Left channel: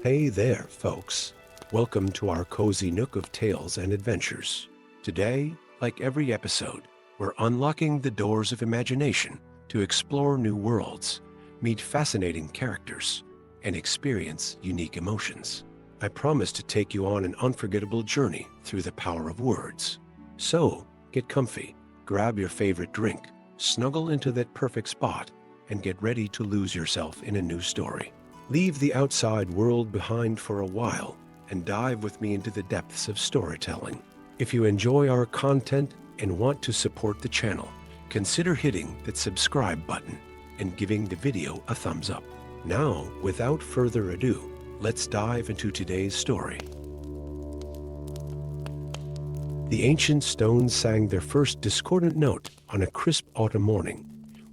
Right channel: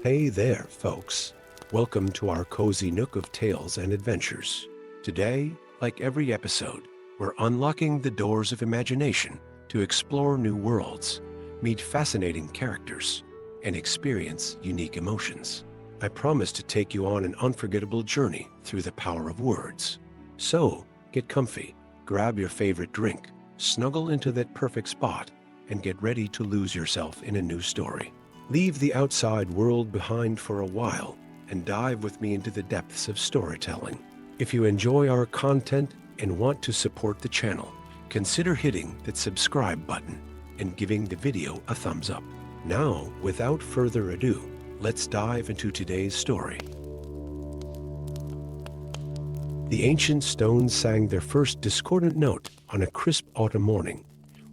Hey there, folks. Welcome to our cozy nook of tales and adventures. Today, like every episode, we're unlocking the doors of imagination to explore new worlds, meet fascinating characters, and experience unique emotions. I promise to take you on an unforgettable journey through the power of words. So, get comfy, grab your favorite drink, snuggle into that perfect spot, and get ready to lose yourself in a new story. Leave the outside world behind for a while and dive with me into the depths of storytelling. If you enjoy our content and want to support the channel, consider hitting that subscribe button and giving the video a thumbs up. Now, without further ado, let's dive into today's story. The ancient stones sang their first discordant note on a crisp autumn morning,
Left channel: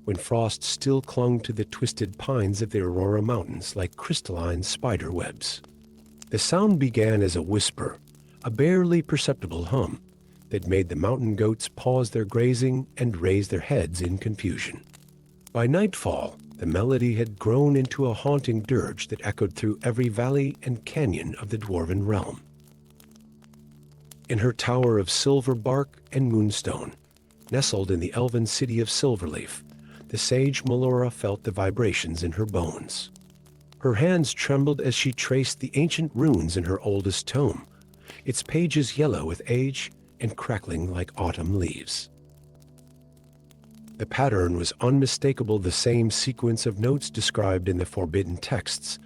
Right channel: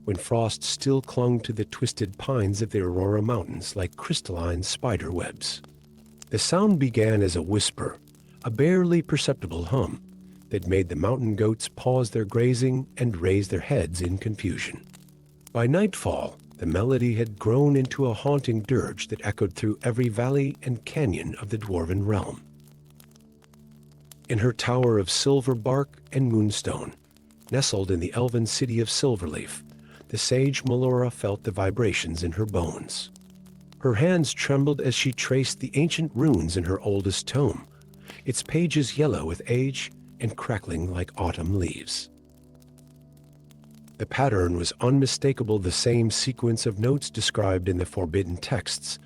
when frost still clung to the twisted pines of the Aurora Mountains like crystalline spider webs. The sound began as a whisper, a barely perceptible hum, that made the mountain goats pause their grazing and raise their heads in confusion. By nightfall, the melody had grown into a haunting dirge that echoed through every valley and canyon of the dwarven realm. In her tower of silver bark and moonstone, nestled in the elven city of Silverleaf, the sage Morther felt the vibrations in her bones. Her hands trembled as she traced the ancient runes in her oldest tome, its pages yellow with age and crackling like autumn leaves. The pattern was unmistakable, the same sequence of notes described in the forbidden texts,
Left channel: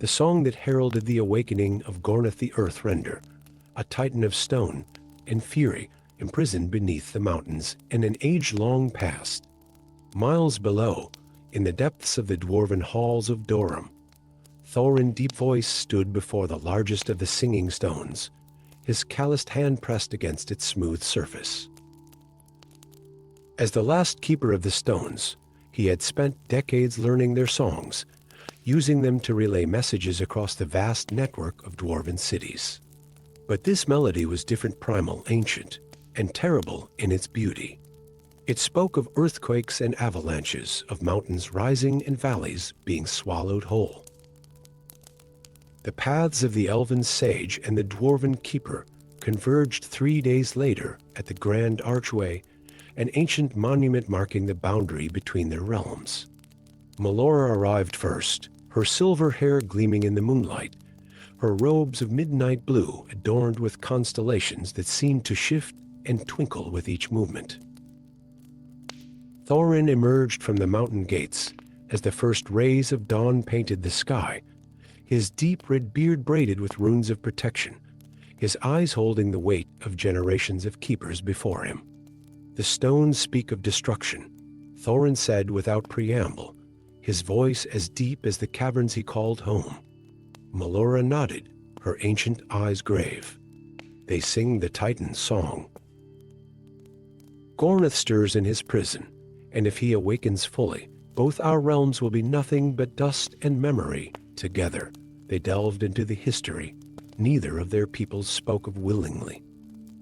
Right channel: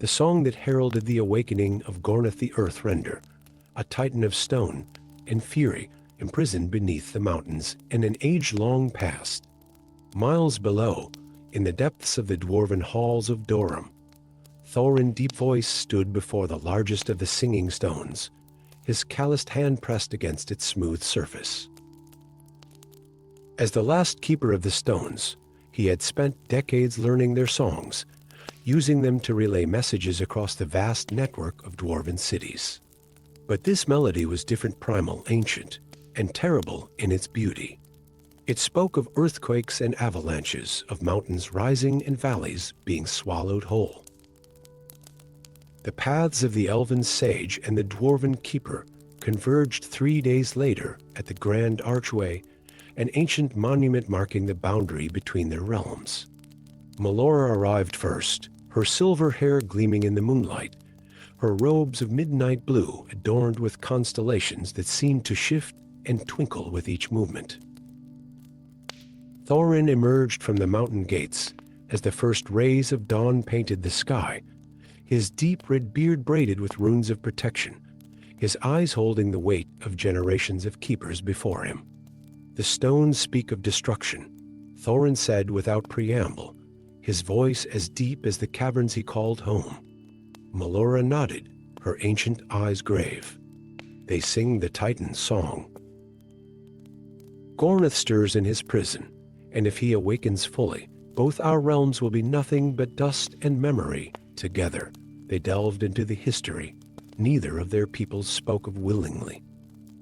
the song that heralded the awakening of Gornith the Earthrender, a titan of stone and fury imprisoned beneath the mountains in an age-long past. Miles below, in the depths of the dwarven halls of Dorum, Thorin Deepvoice stood before the largest of the singing stones, his calloused hand pressed against its smooth surface. As the last keeper of the stones, he had spent decades learning their songs, using them to relay messages across the vast network of dwarven cities. But this melody was different, primal, ancient, and terrible in its beauty. It spoke of earthquakes and avalanches, of mountains rising and valleys being swallowed whole. The paths of the elven sage and the dwarven keeper converged 3 days later at the Grand Archway, an ancient monument marking the boundary between their realms. Morther arrived first, her silver hair gleaming in the moonlight, her robes of midnight blue adorned with constellations that seemed to shift and twinkle with each movement. Thorin emerged from the mountain gates as the first rays of dawn painted the sky, his deep red beard braided with runes of protection, his eyes holding the weight of generations of keepers before him. "The stones speak of destruction," Thorin said without preamble, his voice as deep as the caverns he called home. Morther nodded, her ancient eyes grave. "They sing the Titan's song. Gornith stirs in his prison, and if he awakens fully, both our realms will be nothing but dust and memory together." They delved into the history neither of their peoples spoke of willingly.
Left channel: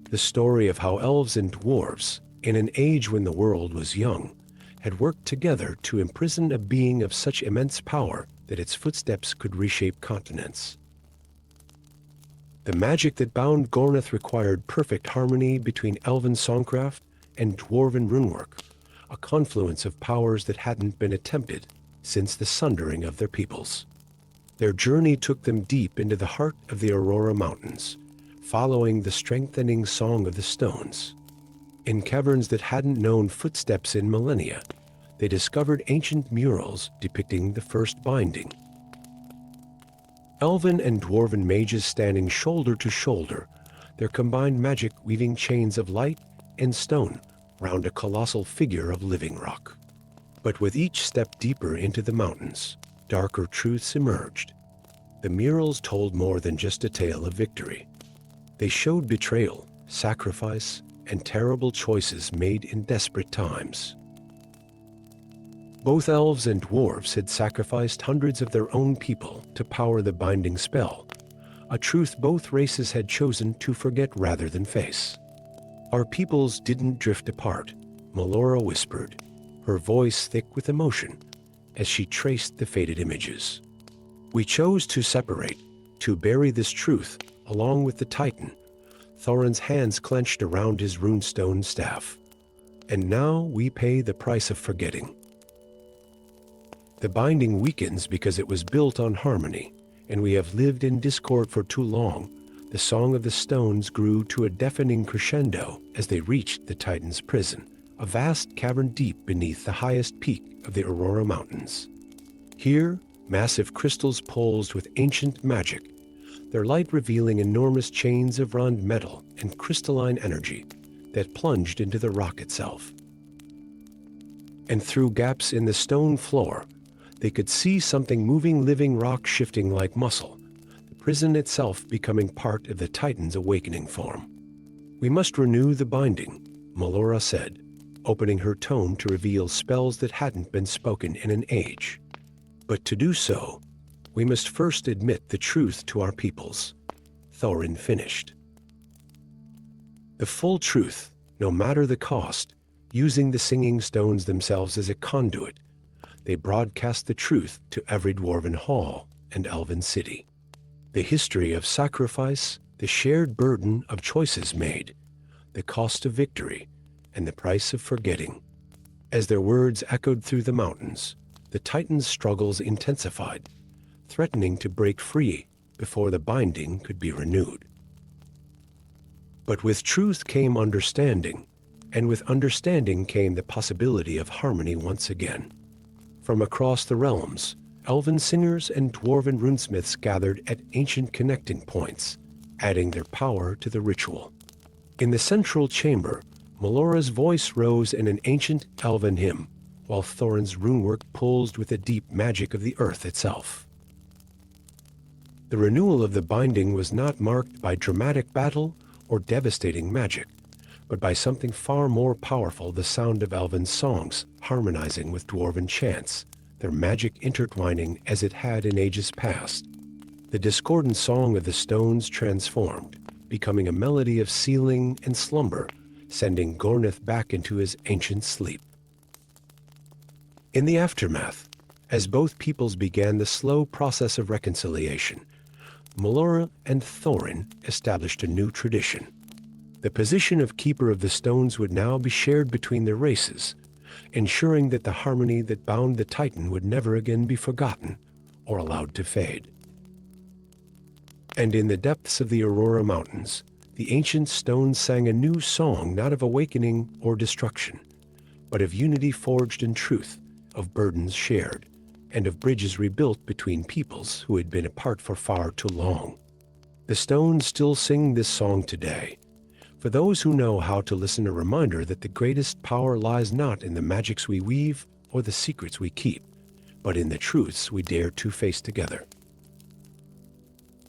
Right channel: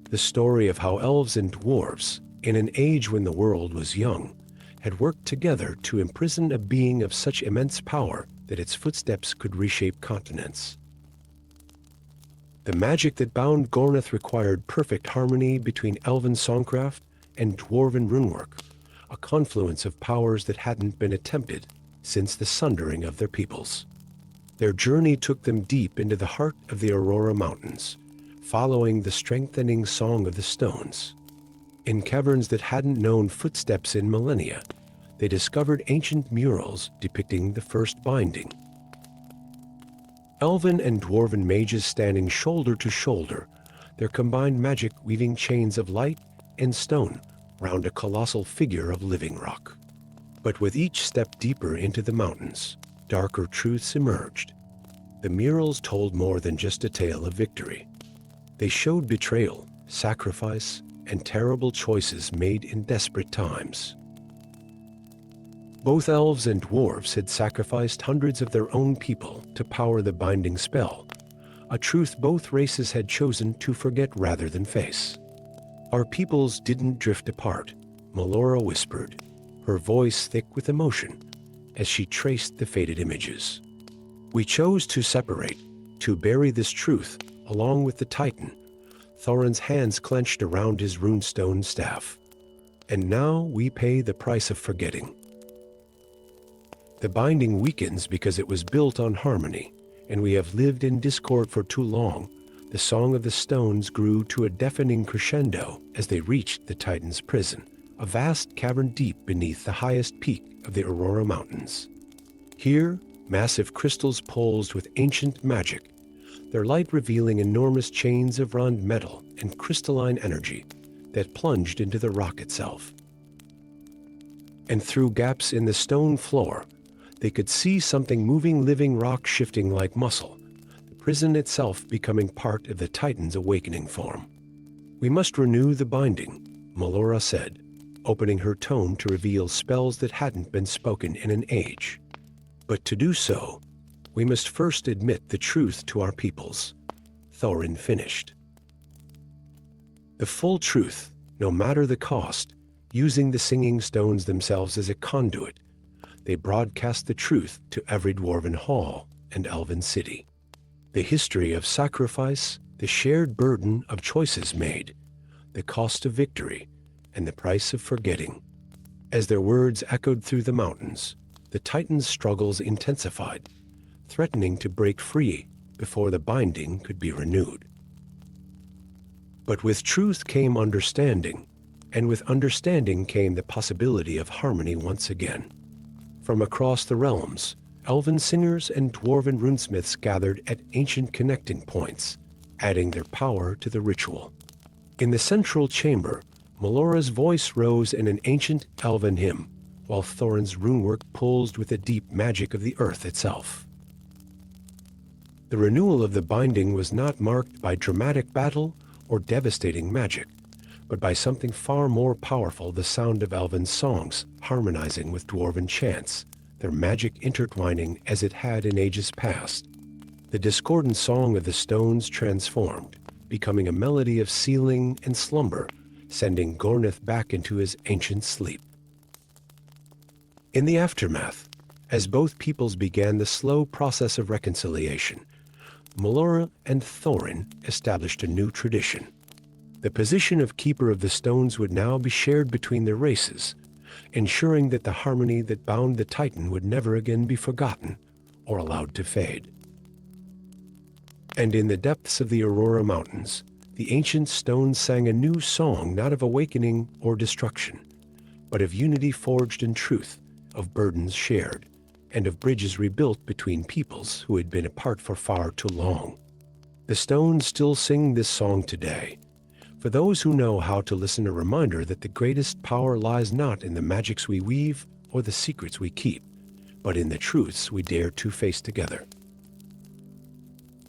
The story of how elves and dwarves, in an age when the world was young, had worked together to imprison a being of such immense power that its footsteps could reshape continents. The magic that bound Gornith required perfect harmony between elven songcraft and dwarven runework, a confluence of powers that hadn't been attempted since the sundering of their peoples. Their journey took them deep into the heart of the Aurora Mountains, following the strengthening song of the stones. In caverns that hadn't known footsteps in millennia, they discovered ancient murals depicting the first binding. Elven and dwarven mages standing shoulder to shoulder, their combined magic weaving chains of light and stone round a colossal figure of living rock. But with each step deeper into the mountains, darker truths emerged. The murals told more than just a tale of victory. They showed betrayal, sacrifice, and terrible choices made in desperate times. Both elves and dwarves had sacrificed hundreds of their own people to power the binding spell, a truth both races had chosen to forget rather than face. "Our peoples didn't drift apart," Morther whispered, her voice thick with emotion, as she traced the faded images. "We chose to separate, To bury this truth, along with the Titan, Thorin's hands clenched around his runestone staff. And now we pay the price of forgetting. The binding weakens because it was built on harmony, and we have lived in discord for too long. The song of the stones grew to a deafening crescendo as they reached the Titan's prison, a vast cavern deep beneath the highest peak of the Aurora Mountains. Here, massive crystals pulsed with ancient magic, their light revealing enormous chains of round metal and crystalline energy that plunged into the rock itself. And through gaps in the stone floor, they could see something moving, living rock shifting like muscle, the prison itself becoming part of the Titan's awakening form. We must renew the binding, Melora said, opening her tome to reveal spells that hadn't been spoken in an age. But to do so, we must first admit the truth to our peoples, Thorin finished. The full truth, no matter the cost, using the singing stones themselves as a conduit, they broadcast the truth to every dwarven hall and elven city. The history of sacrifice, the shared burden of choices made, the cost of victory, and the price of forgetting. As their words echoed through the mountains, the Titan's struggles intensified, threatening to break free before the binding could be renewed. But with truth came understanding, and with understanding came the possibility of harmony once again. From across the realms, elven singers and dwarven runesmiths gathered at ancient connecting points, adding their power to the ritual. In the central chamber, Melora's voice rose in an ancient elven hymn, while Thorin's runework pulsed with the deep magic of the earth itself. The renewal of the binding was not marked by dramatic battle or devastating magic, but by something far more powerful, the sound of elven songs harmonizing with dwarven chants, their magic intertwining as it had in ages past. The discordant song of the stones transformed, becoming a melody of sealing and slumber, sending Gornith back into his ancient sleep. In the aftermath, as both peoples began the slow process of reconciliation, Melora and Thorin established a new tradition. The position of Keeper of the Stones would now be shared between their races, ensuring that the harmony that bound the Titan would never again be forgotten or allowed to fade. And in the depths of the Aurora Mountains, the ancient stones sang a new song, not of awakening or destruction, but of unity forged in truth, of burdens shared, and of bridges rebuilt between peoples who had been apart for far too long. The stones still sing this song today. For those who know how to listen, a reminder that the greatest power lies not in the magics we weave or the secrets we keep, but in the truths we dare to face together.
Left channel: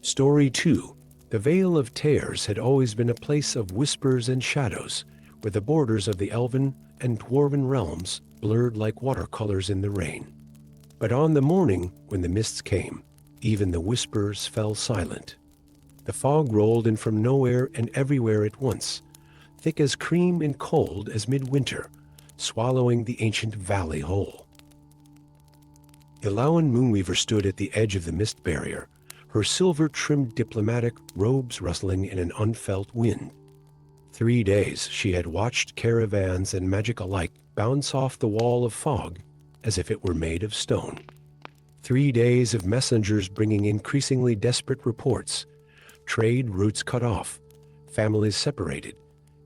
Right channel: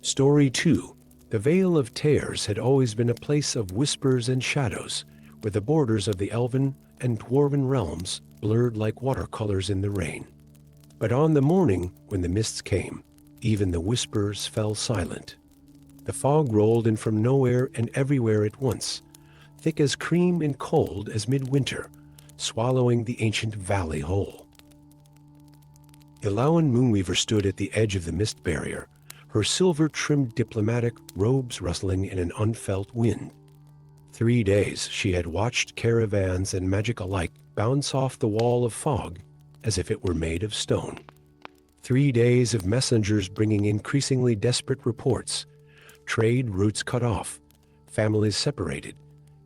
Story 2. The Vale of Tears had always been a place of whispers and shadows, where the borders of the elven and dwarven realms blurred like watercolors in the rain. But on the morning when the mists came, even the whispers fell silent. The fog rolled in from nowhere and everywhere at once, thick as cream and cold as midwinter, swallowing the ancient valley whole. Ilawan Moonweaver stood at the edge of the mist barrier, her silver-trimmed diplomatic robes rustling in an unfelt wind. 3 days she had watched caravans and magic alike bounce off the wall of fog as if it were made of stone. 3 days of messengers bringing increasingly desperate reports, trade routes cut off, families separated,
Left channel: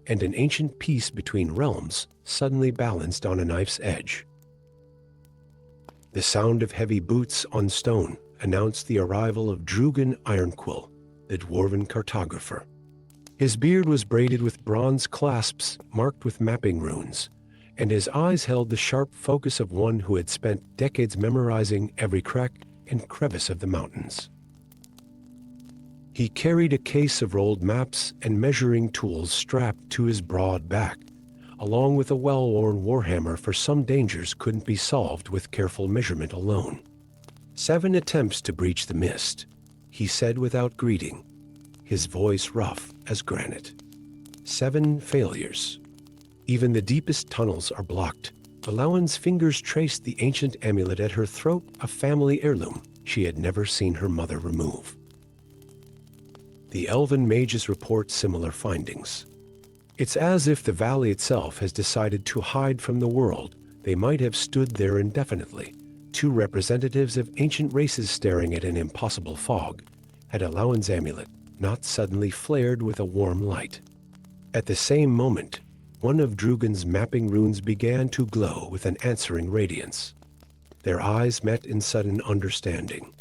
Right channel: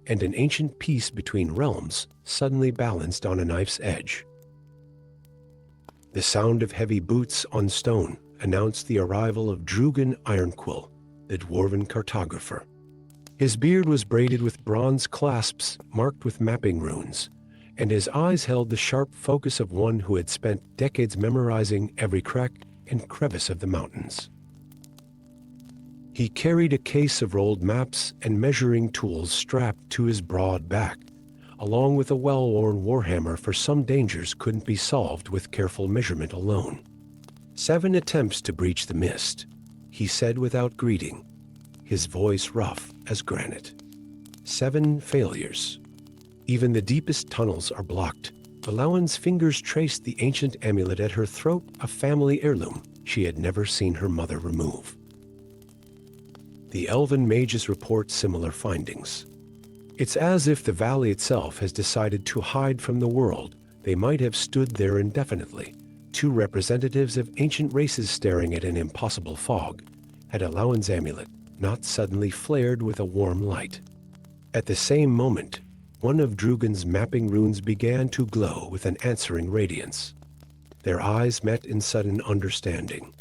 and an ancient peace between realms suddenly balanced on a knife's edge. The sound of heavy boots on stone announced the arrival of Drugan Ironquill, the dwarven cartographer. His beard was braided with bronze clasps marked with mapping runes, and his eyes held the sharp focus of one who had spent decades memorizing every crack and crevice of the mountains. He carried a case of rolled maps and measuring tools strapped to his broad back, along with a well-worn warhammer, for some dangers couldn't be solved with careful measurement alone. 7 attempts to breach the mist, he said without greeting, his voice rough as granite. 7 failures. Even the deepest tunnels are blocked. Ilawan's fingers traced the ancient amulet at her throat, a family heirloom she had never seen her mother remove. The elven mages report similar findings. It's as if the valley itself has decided to hide from the world. They might have stood there indefinitely, two representatives of ancient races staring at an impossible fog, had Elauen's amulet not suddenly flared with a warm light. At the same moment, one of Drugan's mapping runes began to glow with an answering radiance. Their eyes met in sudden understanding.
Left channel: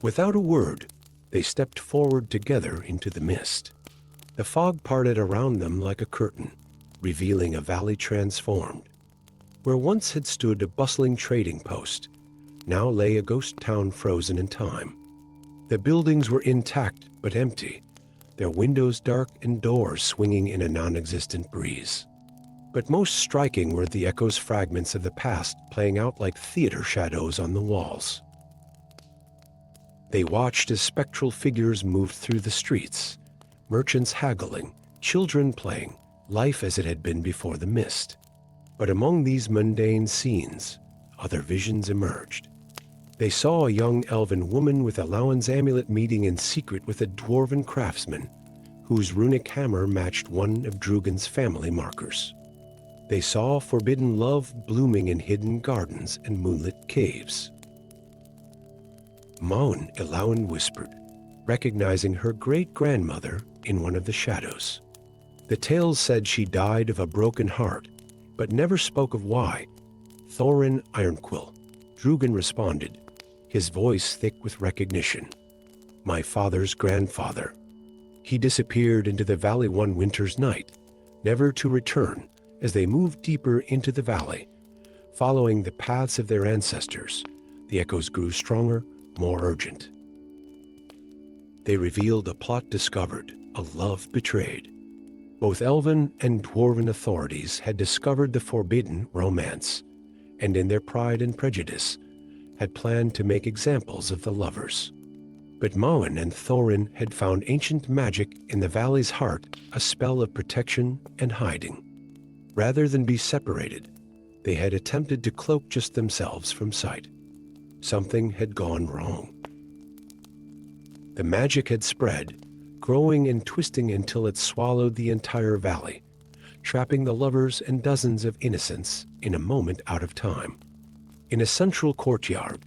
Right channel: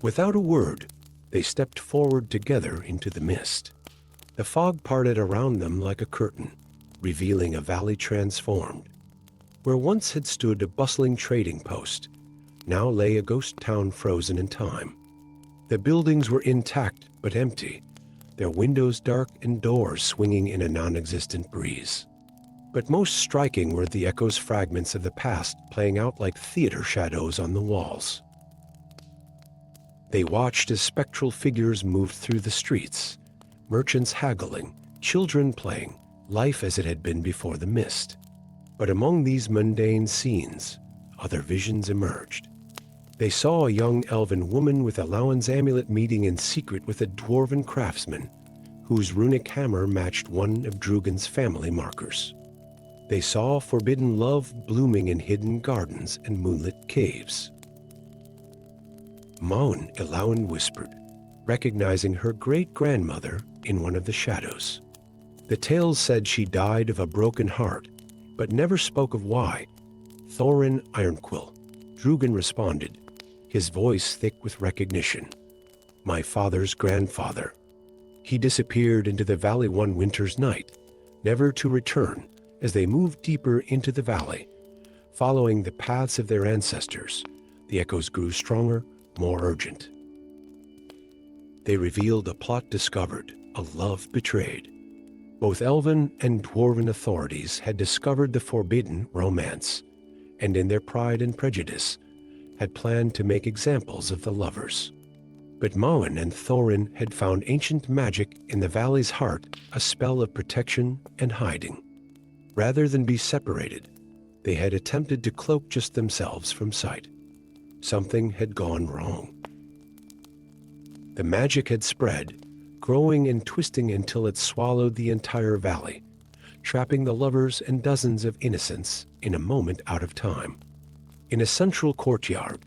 Without a word, they stepped forward together into the mist. The fog parted around them like a curtain, revealing a valley transformed. Where once had stood a bustling trading post, now lay a ghost town frozen in time. The buildings were intact but empty, their windows dark and doors swinging in a non-existent breeze. But most striking were the echoes fragments of the past playing out like theater shadows on the walls. They watched as spectral figures moved through the streets, merchants haggling, children playing, life as it had been before the mist. But among these mundane scenes, other visions emerged. They saw a young elven woman with Elauen's amulet meeting in secret with a dwarven craftsman, whose runic hammer matched one of Drugan's family markers. They saw forbidden love blooming in hidden gardens and moonlit caves. Maun, Elauen whispered, recognizing her great-grandmother in one of the shadows. The tales said she died of a broken heart, but never spoke of why. Thorin Ironquill, Drugan responded, his voice thick with recognition. My father's grandfather. He disappeared into the valley one winter's night, never to return. As they moved deeper into the valley, following the paths of their ancestors, the echoes grew stronger, more urgent. They revealed a plot discovered, a love betrayed. Both elven and dwarven authorities had discovered the forbidden romance, and in their pride and prejudice, had planned to make examples of the lovers. But Maun and Thorin had found ancient magic in the valley's heart, a spell of protection and hiding. Rather than be separated, they had attempted to cloak just themselves from sight. Something had gone wrong. The magic had spread, growing and twisting until it swallowed the entire valley, trapping the lovers and dozens of innocents in a moment out of time. In a central courtyard,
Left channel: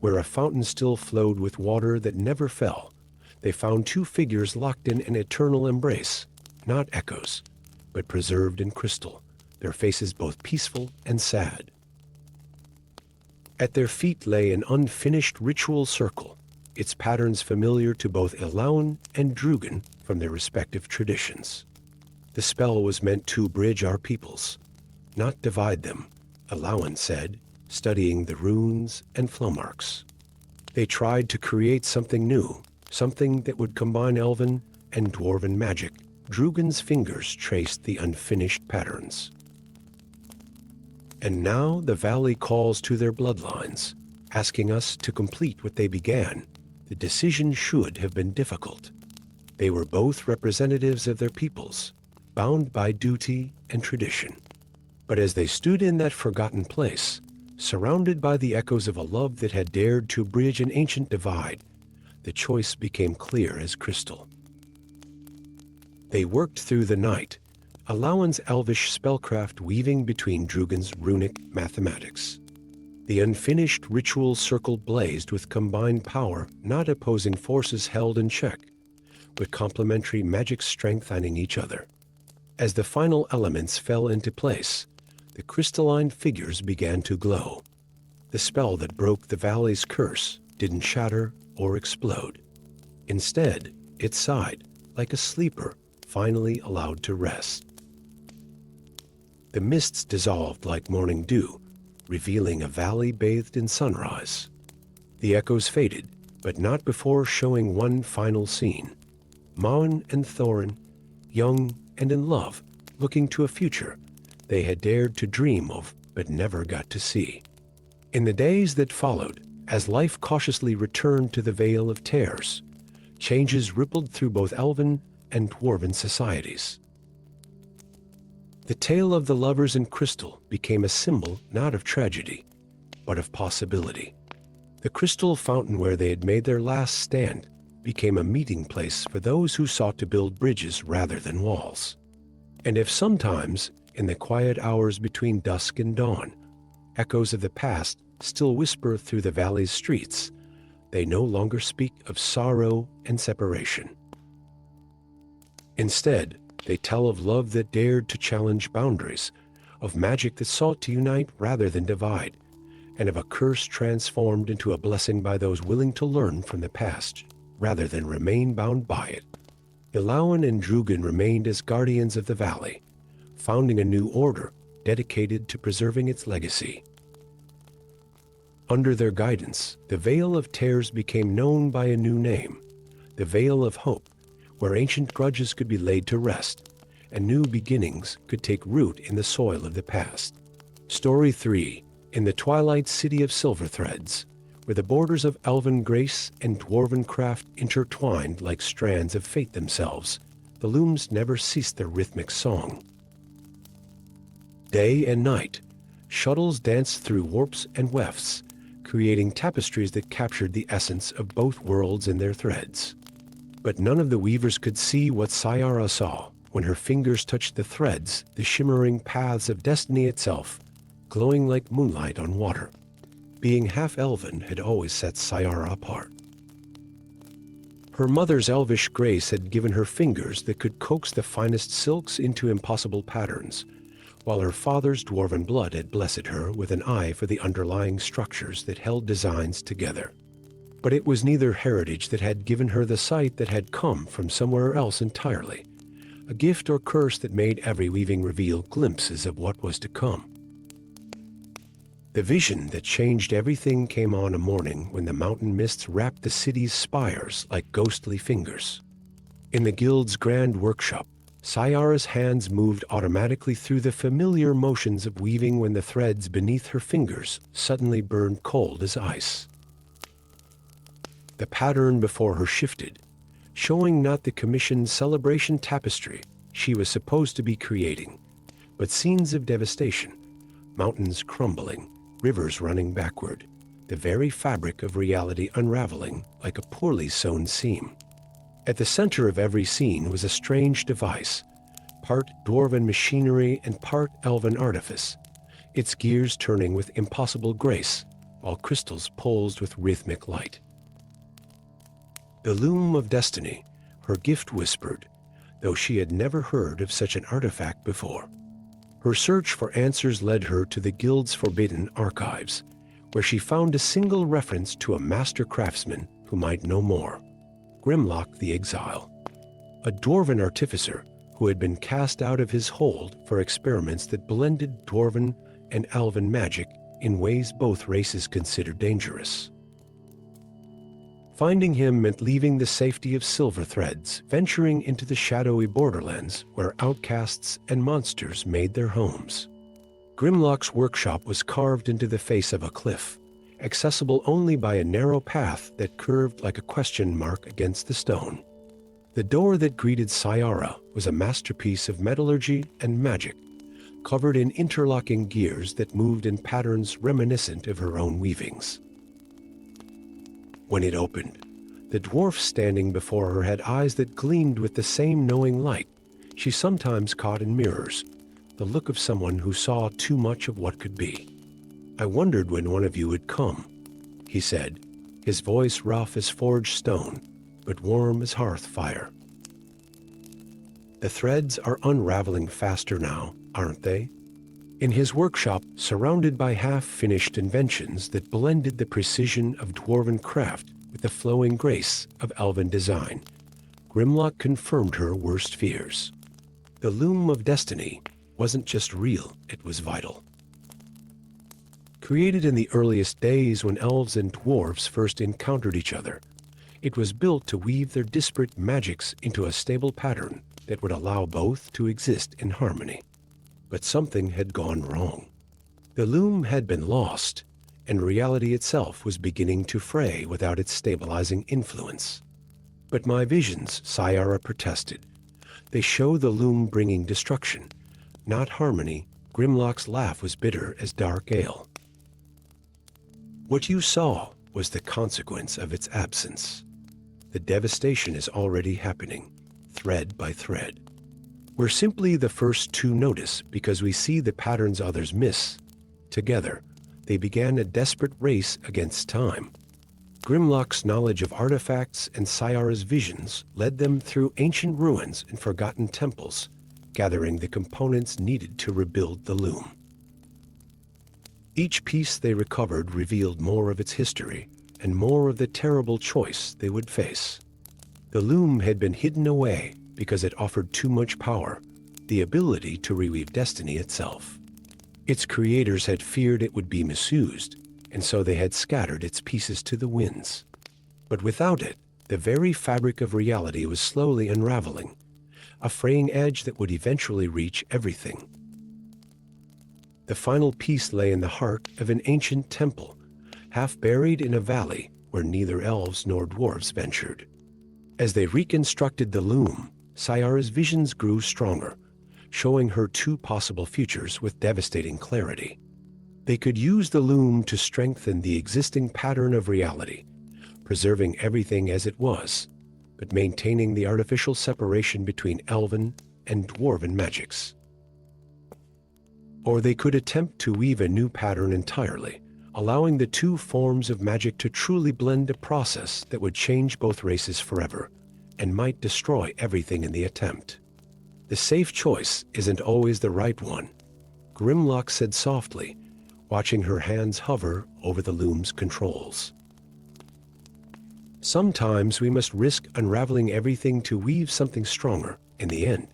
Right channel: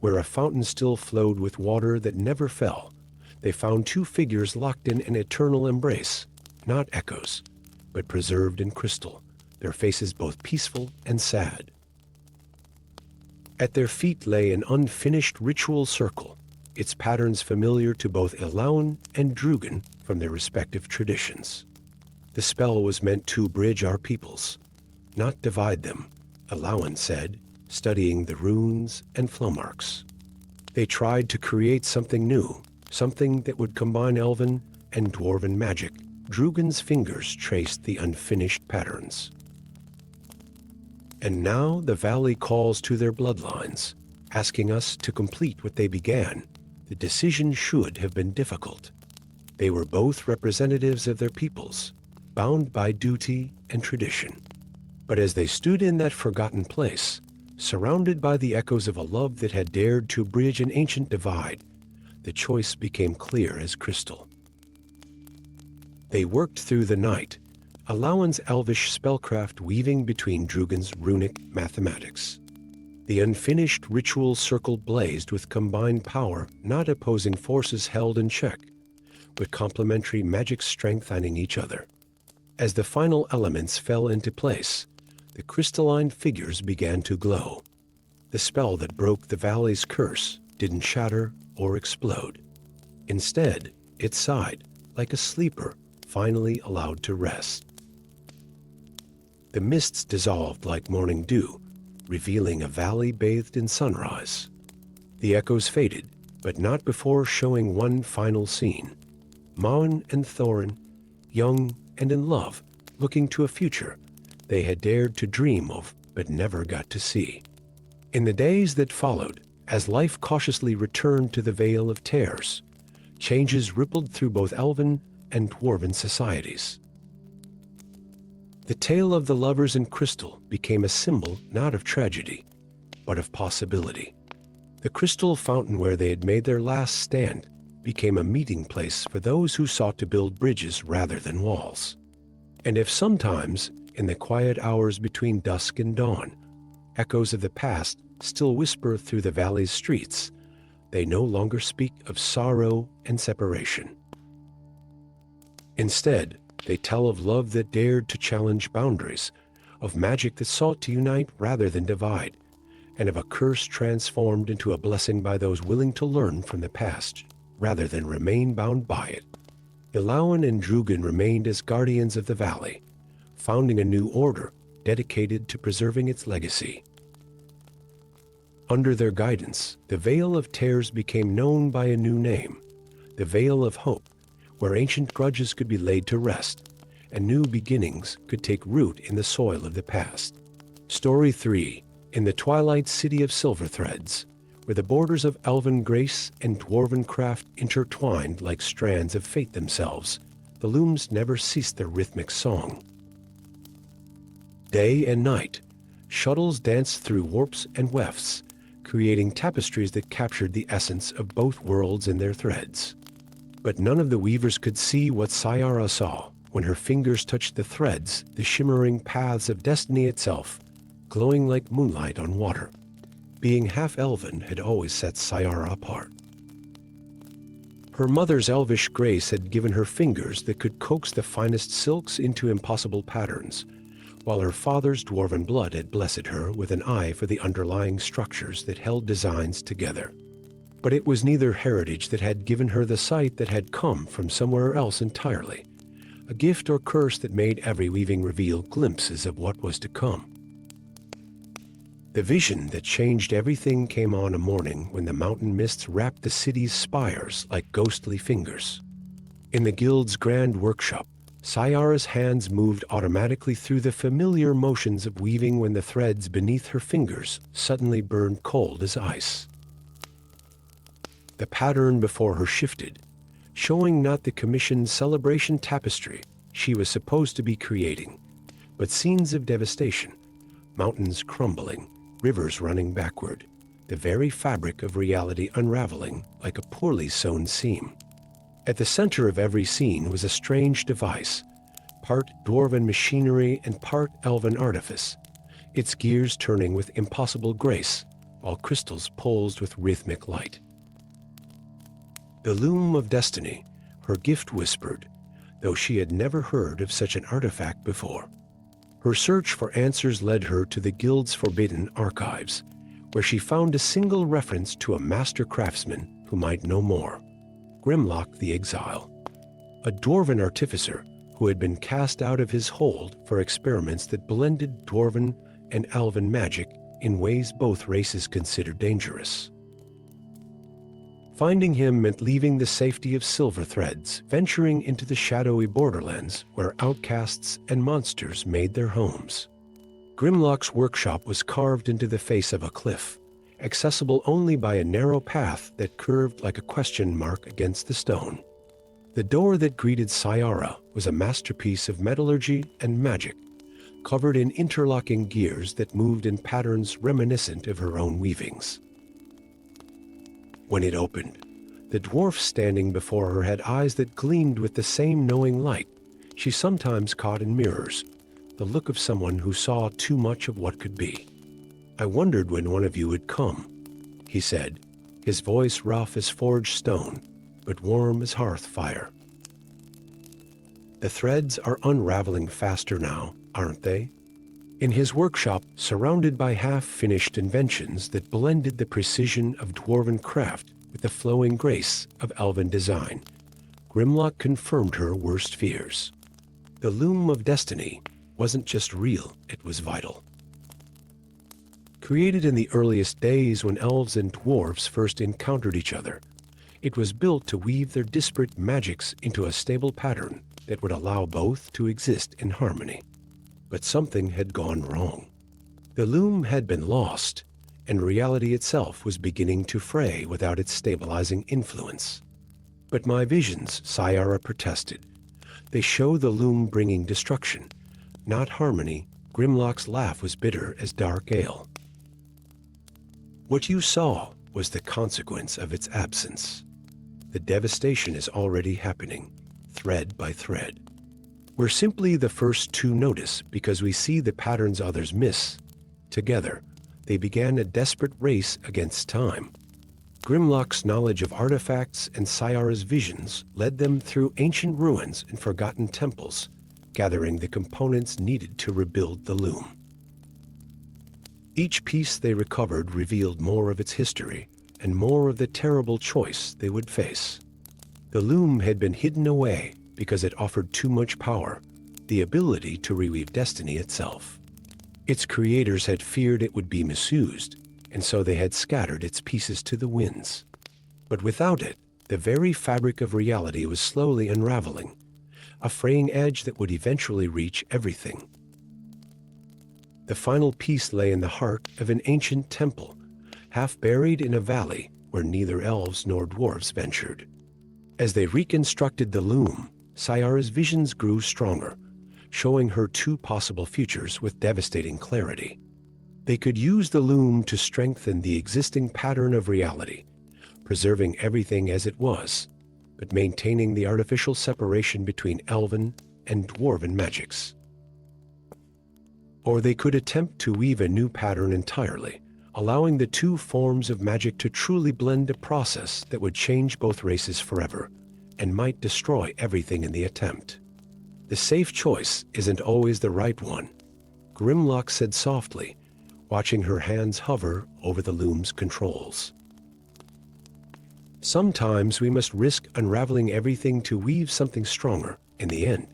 where a fountain still flowed with water that never fell, they found two figures locked in an eternal embrace, not echoes, but preserved in crystal, their faces both peaceful and sad. At their feet lay an unfinished ritual circle, its patterns familiar to both Elauen and Drugan from their respective traditions. The spell was meant to bridge our peoples, not divide them, Elauen said, studying the runes and flow marks. They tried to create something new, something that would combine elven and dwarven magic. Drugan's fingers traced the unfinished patterns. And now the valley calls to their bloodlines, asking us to complete what they began. The decision should have been difficult. They were both representatives of their peoples, bound by duty and tradition. But as they stood in that forgotten place, surrounded by the echoes of a love that had dared to bridge an ancient divide, the choice became clear as crystal. They worked through the night, Elauen's elvish spellcraft weaving between Drugan's runic mathematics. The unfinished ritual circle blazed with combined power, not opposing forces held in check, but complementary magic strengthening each other. As the final elements fell into place, the crystalline figures began to glow. The spell that broke the valley's curse didn't shatter or explode. Instead, it sighed, like a sleeper finally allowed to rest. The mists dissolved like morning dew, revealing a valley bathed in sunrise. The echoes faded, but not before showing one final scene. Maun and Thorin, young and in love, looking to a future they had dared to dream of but never got to see. In the days that followed, as life cautiously returned to the Vale of Tears, changes rippled through both elven and dwarven societies. The tale of the lovers in crystal became a symbol not of tragedy, but of possibility. The crystal fountain where they had made their last stand became a meeting place for those who sought to build bridges rather than walls. And if sometimes, in the quiet hours between dusk and dawn, echoes of the past still whisper through the valley's streets, they no longer speak of sorrow and separation. Instead, they tell of love that dared to challenge boundaries, of magic that sought to unite rather than divide, and of a curse transformed into a blessing by those willing to learn from the past rather than remain bound by it. Ilawan and Drugan remained as guardians of the valley, founding a new order dedicated to preserving its legacy. Under their guidance, the Vale of Tears became known by a new name, the Vale of Hope, where ancient grudges could be laid to rest, and new beginnings could take root in the soil of the past. Story 3. In the twilight city of silver threads, where the borders of elven grace and dwarven craft intertwined like strands of fate themselves, the looms never ceased their rhythmic song. Day and night, shuttles danced through warps and wefts, creating tapestries that captured the essence of both worlds in their threads. But none of the weavers could see what Sayara saw when her fingers touched the threads, the shimmering paths of destiny itself, glowing like moonlight on water. Being half-elven had always set Sayara apart. Her mother's elvish grace had given her fingers that could coax the finest silks into impossible patterns, while her father's dwarven blood had blessed her with an eye for the underlying structures that held designs together. But it was neither heritage that had given her the sight that had come from somewhere else entirely, a gift or curse that made every weaving reveal glimpses of what was to come. The vision that changed everything came on a morning when the mountain mists wrapped the city's spires like ghostly fingers. In the guild's grand workshop, Sayara's hands moved automatically through the familiar motions of weaving when the threads beneath her fingers suddenly burned cold as ice. The pattern before her shifted, showing not the commissioned celebration tapestry she was supposed to be creating, but scenes of devastation, mountains crumbling, rivers running backward, the very fabric of reality unraveling like a poorly sewn seam. At the center of every scene was a strange device, part dwarven machinery and part elven artifice, its gears turning with impossible grace, while crystals pulsed with rhythmic light. The loom of destiny, her gift whispered, though she had never heard of such an artifact before. Her search for answers led her to the guild's forbidden archives, where she found a single reference to a master craftsman who might know more, Grimlock the Exile, a dwarven artificer who had been cast out of his hold for experiments that blended dwarven and elven magic in ways both races considered dangerous. Finding him meant leaving the safety of silver threads, venturing into the shadowy borderlands where outcasts and monsters made their homes. Grimlock's workshop was carved into the face of a cliff, accessible only by a narrow path that curved like a question mark against the stone. The door that greeted Sayara was a masterpiece of metallurgy and magic, covered in interlocking gears that moved in patterns reminiscent of her own weavings. When it opened, the dwarf standing before her had eyes that gleamed with the same knowing light she sometimes caught in mirrors, the look of someone who saw too much of what could be. "I wondered when one of you would come," he said, his voice rough as forged stone, but warm as hearth fire. "The threads are unraveling faster now, aren't they?" In his workshop, surrounded by half-finished inventions that blended the precision of dwarven craft with the flowing grace of elven design, Grimlock confirmed her worst fears. The loom of destiny wasn't just real, it was vital. Created in the earliest days when elves and dwarves first encountered each other, it was built to weave their disparate magics into a stable pattern that would allow both to exist in harmony. But something had gone wrong. The loom had been lost, and reality itself was beginning to fray without its stabilizing influence. "But my visions," Sayara protested. "They show the loom bringing destruction, not harmony." Grimlock's laugh was bitter as dark ale. "What you saw was the consequence of its absence." the devastation is already happening, thread by thread. We're simply the first to notice because we see the patterns others miss. Together, they began a desperate race against time. Grimlock's knowledge of artifacts and Sayara's visions led them through ancient ruins and forgotten temples, gathering the components needed to rebuild the loom. Each piece they recovered revealed more of its history and more of the terrible choice they would face. The loom had been hidden away because it offered too much power, the ability to reweave destiny itself. Its creators had feared it would be misused, and so they had scattered its pieces to the winds. But without it, the very fabric of reality was slowly unraveling, a fraying edge that would eventually reach everything. The final piece lay in the heart of an ancient temple, half buried in a valley where neither elves nor dwarves ventured. As they reconstructed the loom, Sayara's visions grew stronger, showing her two possible futures with devastating clarity. They could use the loom to strengthen the existing pattern of reality, preserving everything as it was, but maintaining the artificial separation between elven and dwarven magics. Or they could attempt to weave a new pattern entirely, allowing the two forms of magic to truly blend, a process that would change both races forever and might destroy everything in the attempt. The safe choice isn't always the right one, Grimlock said softly, watching her hands hover over the loom's controls. Sometimes we must risk unraveling everything to weave something stronger. In the end,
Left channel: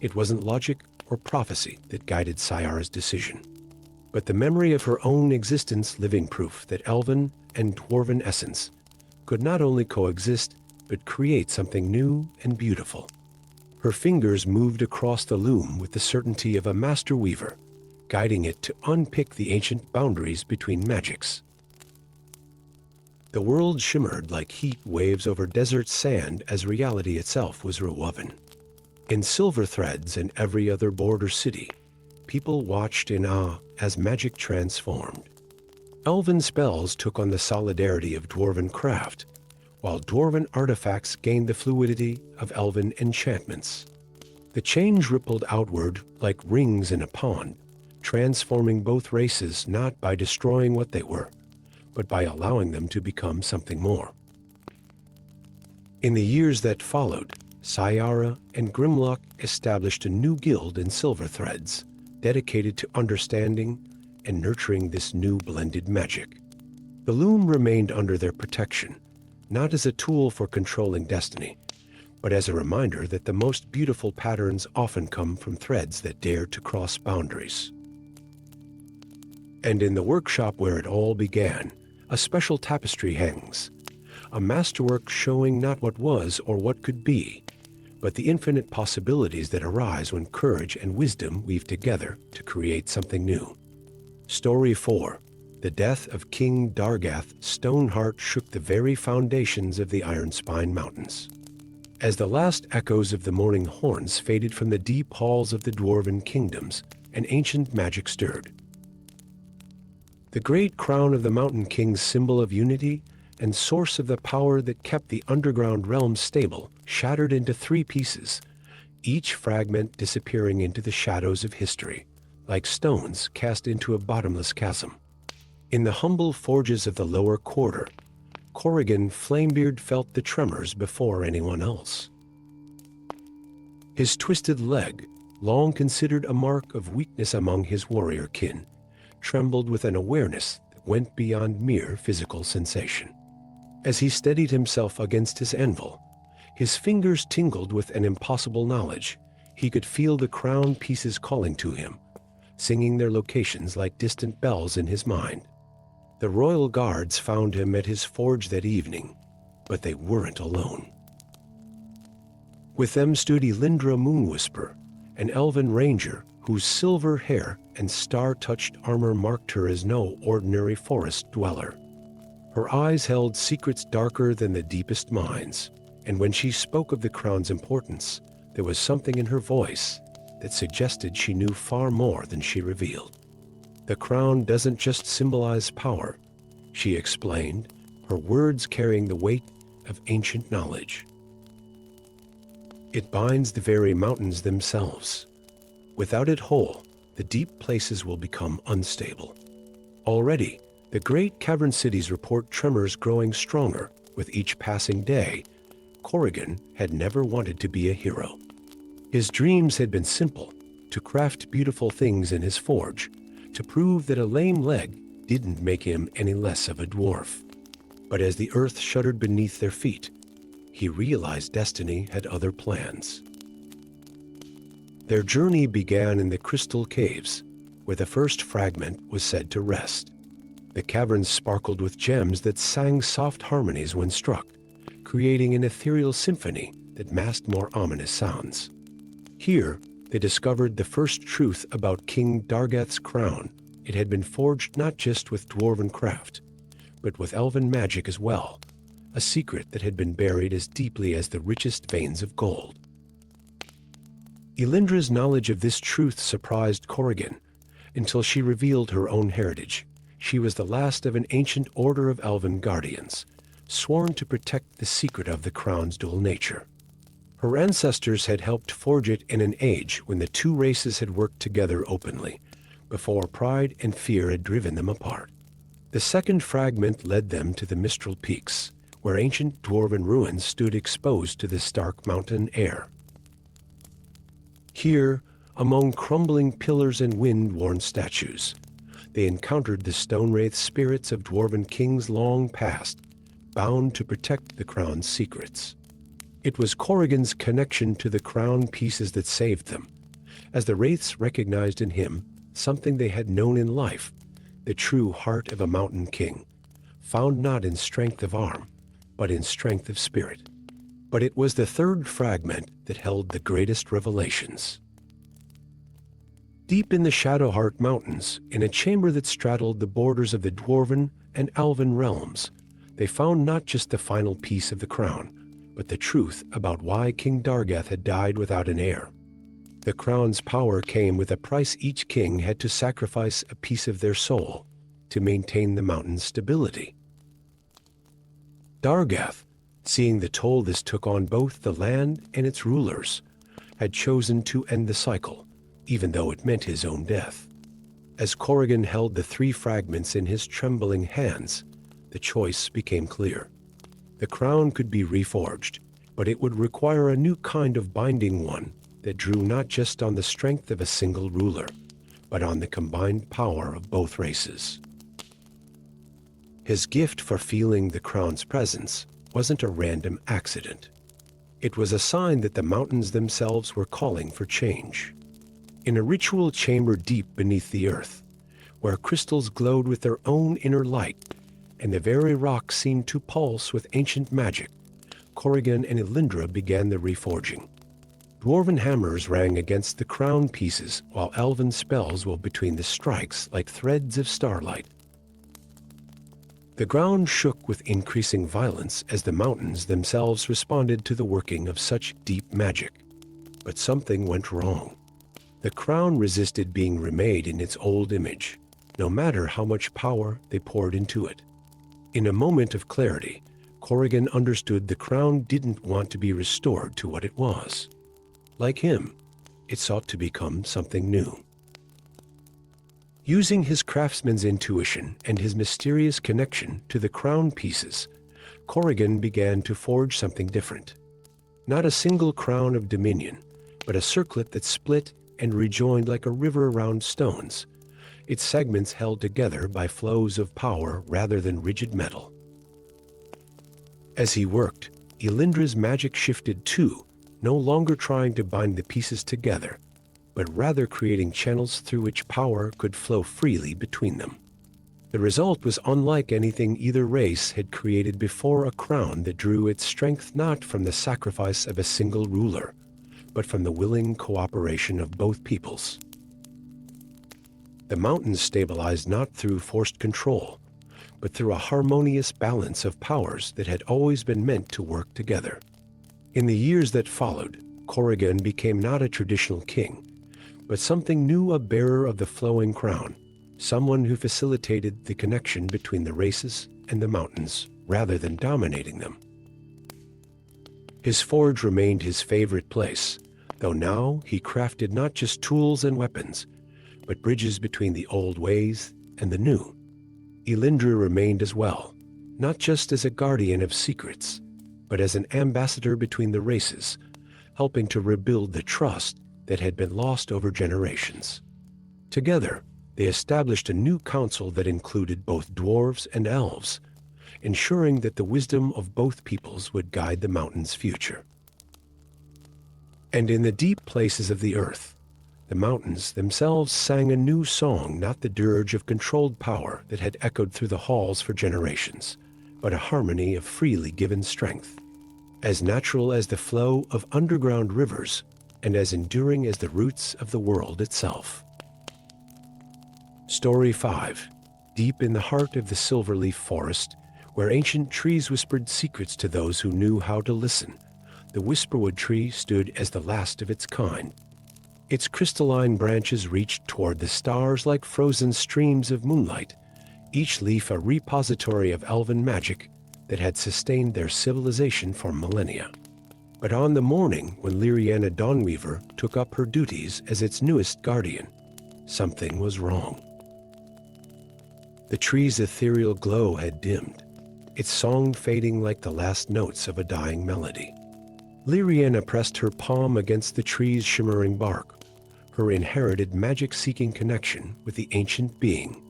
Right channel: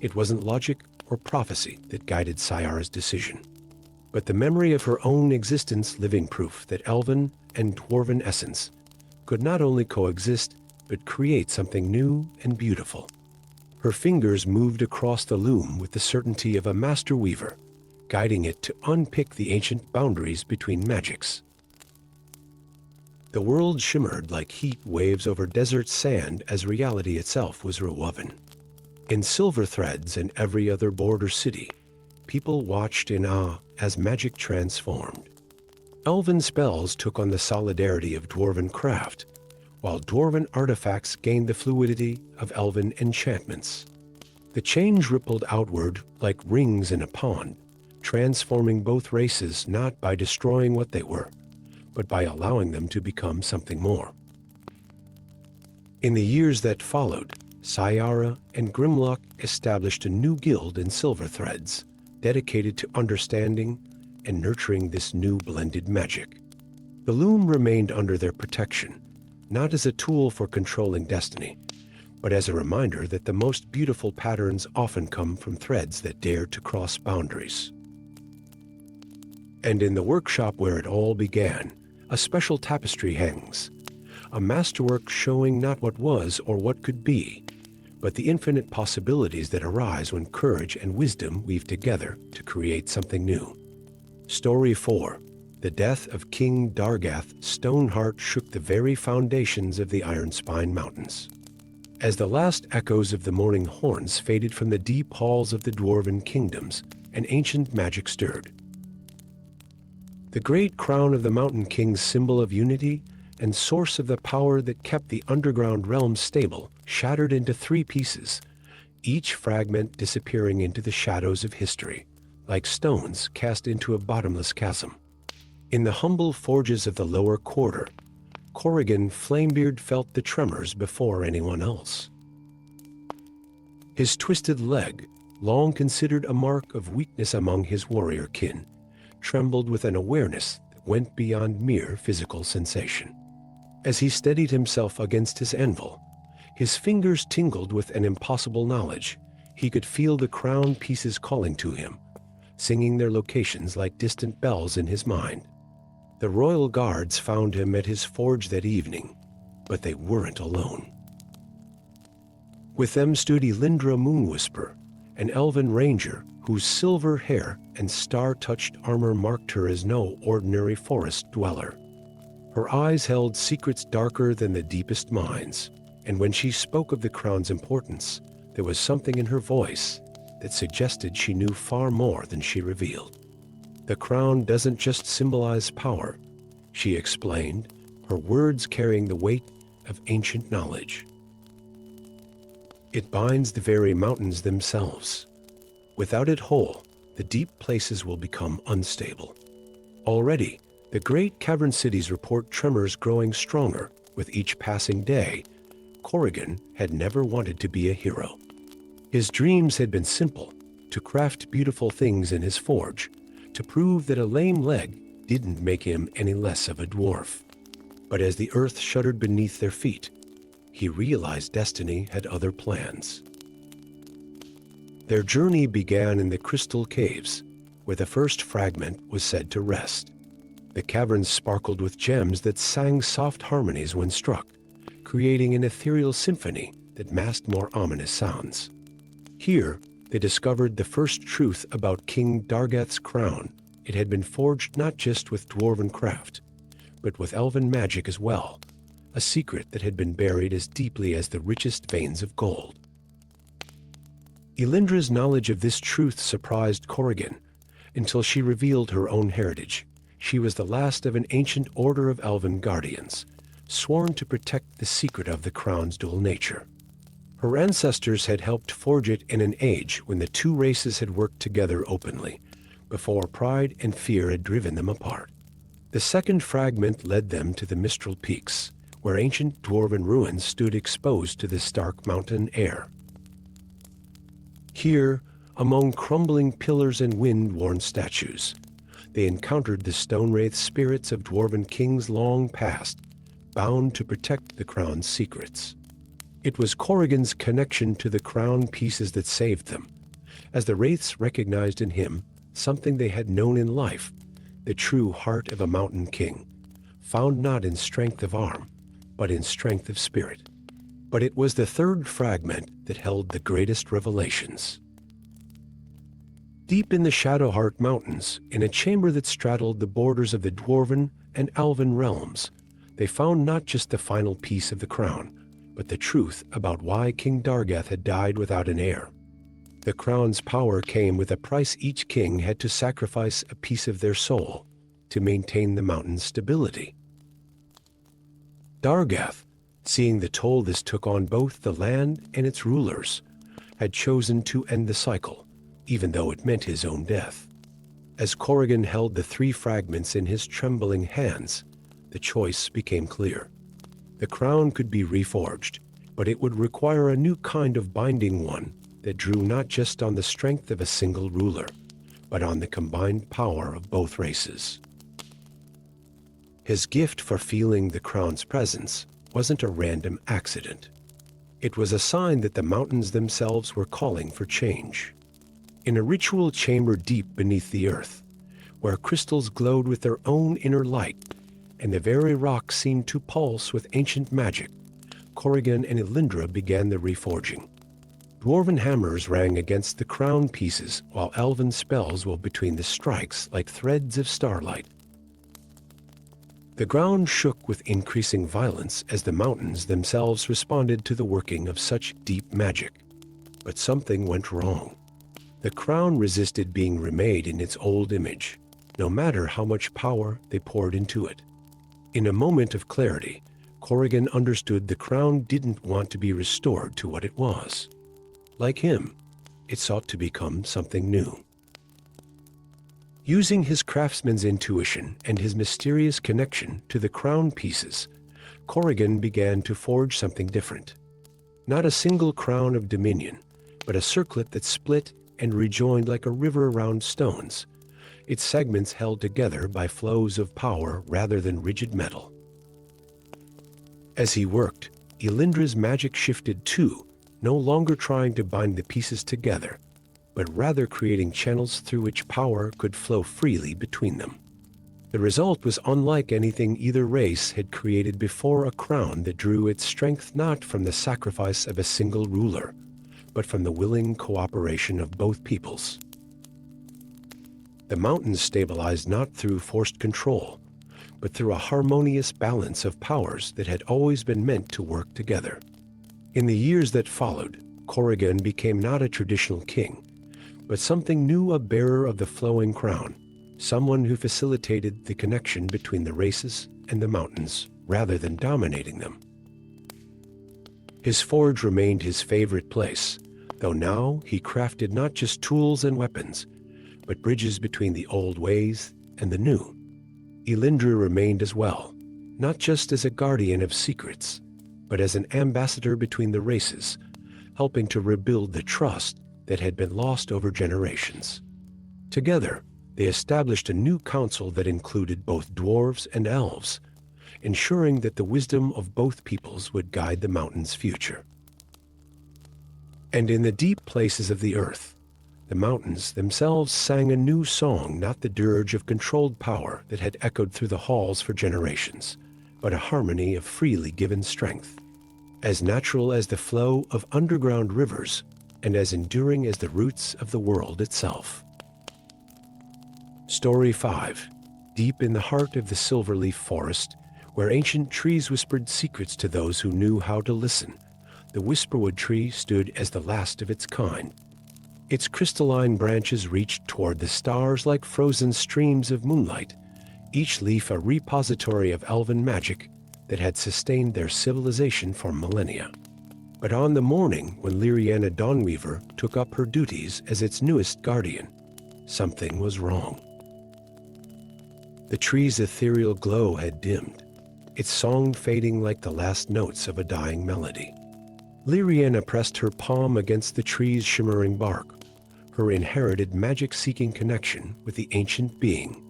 it wasn't logic or prophecy that guided Sayara's decision, but the memory of her own existence, living proof that elven and dwarven essence could not only coexist, but create something new and beautiful. Her fingers moved across the loom with the certainty of a master weaver, guiding it to unpick the ancient boundaries between magics. The world shimmered like heat waves over desert sand as reality itself was rewoven. In silver threads and every other border city, people watched in awe as magic transformed. Elven spells took on the solidarity of dwarven craft, while dwarven artifacts gained the fluidity of elven enchantments. The change rippled outward like rings in a pond, transforming both races not by destroying what they were, but by allowing them to become something more. In the years that followed, Sayara and Grimlock established a new guild in silver threads, dedicated to understanding and nurturing this new blended magic. The loom remained under their protection, not as a tool for controlling destiny, but as a reminder that the most beautiful patterns often come from threads that dare to cross boundaries. And in the workshop where it all began, a special tapestry hangs, a masterwork showing not what was or what could be, but the infinite possibilities that arise when courage and wisdom weave together to create something new. Story 4. The death of King Dargath. Stoneheart shook the very foundations of the Ironspine Mountains. As the last echoes of the morning horns faded from the deep halls of the dwarven kingdoms, an ancient magic stirred. The great crown of the Mountain King's symbol of unity and source of the power that kept the underground realm stable shattered into 3 pieces, each fragment disappearing into the shadows of history, like stones cast into a bottomless chasm. In the humble forges of the lower quarter, Corrigan Flamebeard felt the tremors before anyone else. His twisted leg, long considered a mark of weakness among his warrior kin, trembled with an awareness that went beyond mere physical sensation. As he steadied himself against his anvil, his fingers tingled with an impossible knowledge. He could feel the crown pieces calling to him, singing their locations like distant bells in his mind. The royal guards found him at his forge that evening, but they weren't alone. With them stood Elindra Moonwhisper, an elven ranger whose silver hair and star-touched armor marked her as no ordinary forest dweller. Her eyes held secrets darker than the deepest minds, and when she spoke of the crown's importance, there was something in her voice that suggested she knew far more than she revealed. The crown doesn't just symbolize power, she explained, her words carrying the weight of ancient knowledge. It binds the very mountains themselves. Without it whole, the deep places will become unstable. Already, the great cavern cities report tremors growing stronger with each passing day. Corrigan had never wanted to be a hero. His dreams had been simple: to craft beautiful things in his forge, to prove that a lame leg didn't make him any less of a dwarf. But as the earth shuddered beneath their feet, he realized destiny had other plans. Their journey began in the crystal caves, where the first fragment was said to rest. The caverns sparkled with gems that sang soft harmonies when struck, creating an ethereal symphony that masked more ominous sounds. Here, they discovered the first truth about King Dargath's crown. It had been forged not just with dwarven craft, but with elven magic as well, a secret that had been buried as deeply as the richest veins of gold. Elindra's knowledge of this truth surprised Corrigan until she revealed her own heritage. She was the last of an ancient order of elven guardians, sworn to protect the secret of the crown's dual nature. Her ancestors had helped forge it in an age when the two races had worked together openly, before pride and fear had driven them apart. The second fragment led them to the Mistral Peaks, where ancient dwarven ruins stood exposed to the stark mountain air. Here, among crumbling pillars and wind-worn statues, they encountered the stone-wraith spirits of dwarven kings long past, bound to protect the crown's secrets. It was Corrigan's connection to the crown pieces that saved them, as the wraiths recognized in him something they had known in life, the true heart of a mountain king, found not in strength of arm, but in strength of spirit. But it was the third fragment that held the greatest revelations. Deep in the Shadowheart Mountains, in a chamber that straddled the borders of the dwarven and elven realms, they found not just the final piece of the crown, but the truth about why King Dargath had died without an heir. The crown's power came with a price. Each king had to sacrifice a piece of their soul to maintain the mountain's stability. Dargath, seeing the toll this took on both the land and its rulers, had chosen to end the cycle, even though it meant his own death. As Corrigan held the three fragments in his trembling hands, the choice became clear. The crown could be reforged, but it would require a new kind of binding one that drew not just on the strength of a single ruler, but on the combined power of both races. His gift for feeling the crown's presence wasn't a random accident. It was a sign that the mountains themselves were calling for change. In a ritual chamber deep beneath the earth, where crystals glowed with their own inner light, and the very rock seemed to pulse with ancient magic, Corrigan and Elindra began the reforging. Dwarven hammers rang against the crown pieces, while elven spells wove between the strikes like threads of starlight. The ground shook with increasing violence as the mountains themselves responded to the working of such deep magic. But something went wrong. The crown resisted being remade in its old image, no matter how much power they poured into it. In a moment of clarity, Corrigan understood the crown didn't want to be restored to what it was. Like him, it sought to become something new. Using his craftsman's intuition and his mysterious connection to the crown pieces, Corrigan began to forge something different. Not a single crown of dominion, but a circlet that split and rejoined like a river around stones, its segments held together by flows of power rather than rigid metal. As he worked, Elindra's magic shifted too, no longer trying to bind the pieces together, but rather creating channels through which power could flow freely between them. The result was unlike anything either race had created before, a crown that drew its strength not from the sacrifice of a single ruler, but from the willing cooperation of both peoples. The mountains stabilized not through forced control, but through a harmonious balance of powers that had always been meant to work together. In the years that followed, Corrigan became not a traditional king, but something new, a bearer of the flowing crown, someone who facilitated the connection between the races and the mountains rather than dominating them. His forge remained his favorite place, though now he crafted not just tools and weapons, but bridges between the old ways and the new. Elindra remained as well, not just as a guardian of secrets, but as an ambassador between the races, helping to rebuild the trust that had been lost over generations. Together, they established a new council that included both dwarves and elves, ensuring that the wisdom of both peoples would guide the mountain's future. And in the deep places of the earth, the mountains themselves sang a new song, not the dirge of controlled power that had echoed through the halls for generations, but a harmony of freely given strength, as natural as the flow of underground rivers and as enduring as the roots of the world itself. Story 5. Deep in the heart of the silverleaf forest, where ancient trees whispered secrets to those who knew how to listen, the whisperwood tree stood as the last of its kind. Its crystalline branches reached toward the stars like frozen streams of moonlight, each leaf a repository of elven magic that had sustained their civilization for millennia. But on the morning when Lyriana Dawnweaver took up her duties as its newest guardian, something was wrong. The tree's ethereal glow had dimmed, its song fading like the last notes of a dying melody. Lyriana pressed her palm against the tree's shimmering bark, her inherited magic-seeking connection with the ancient being.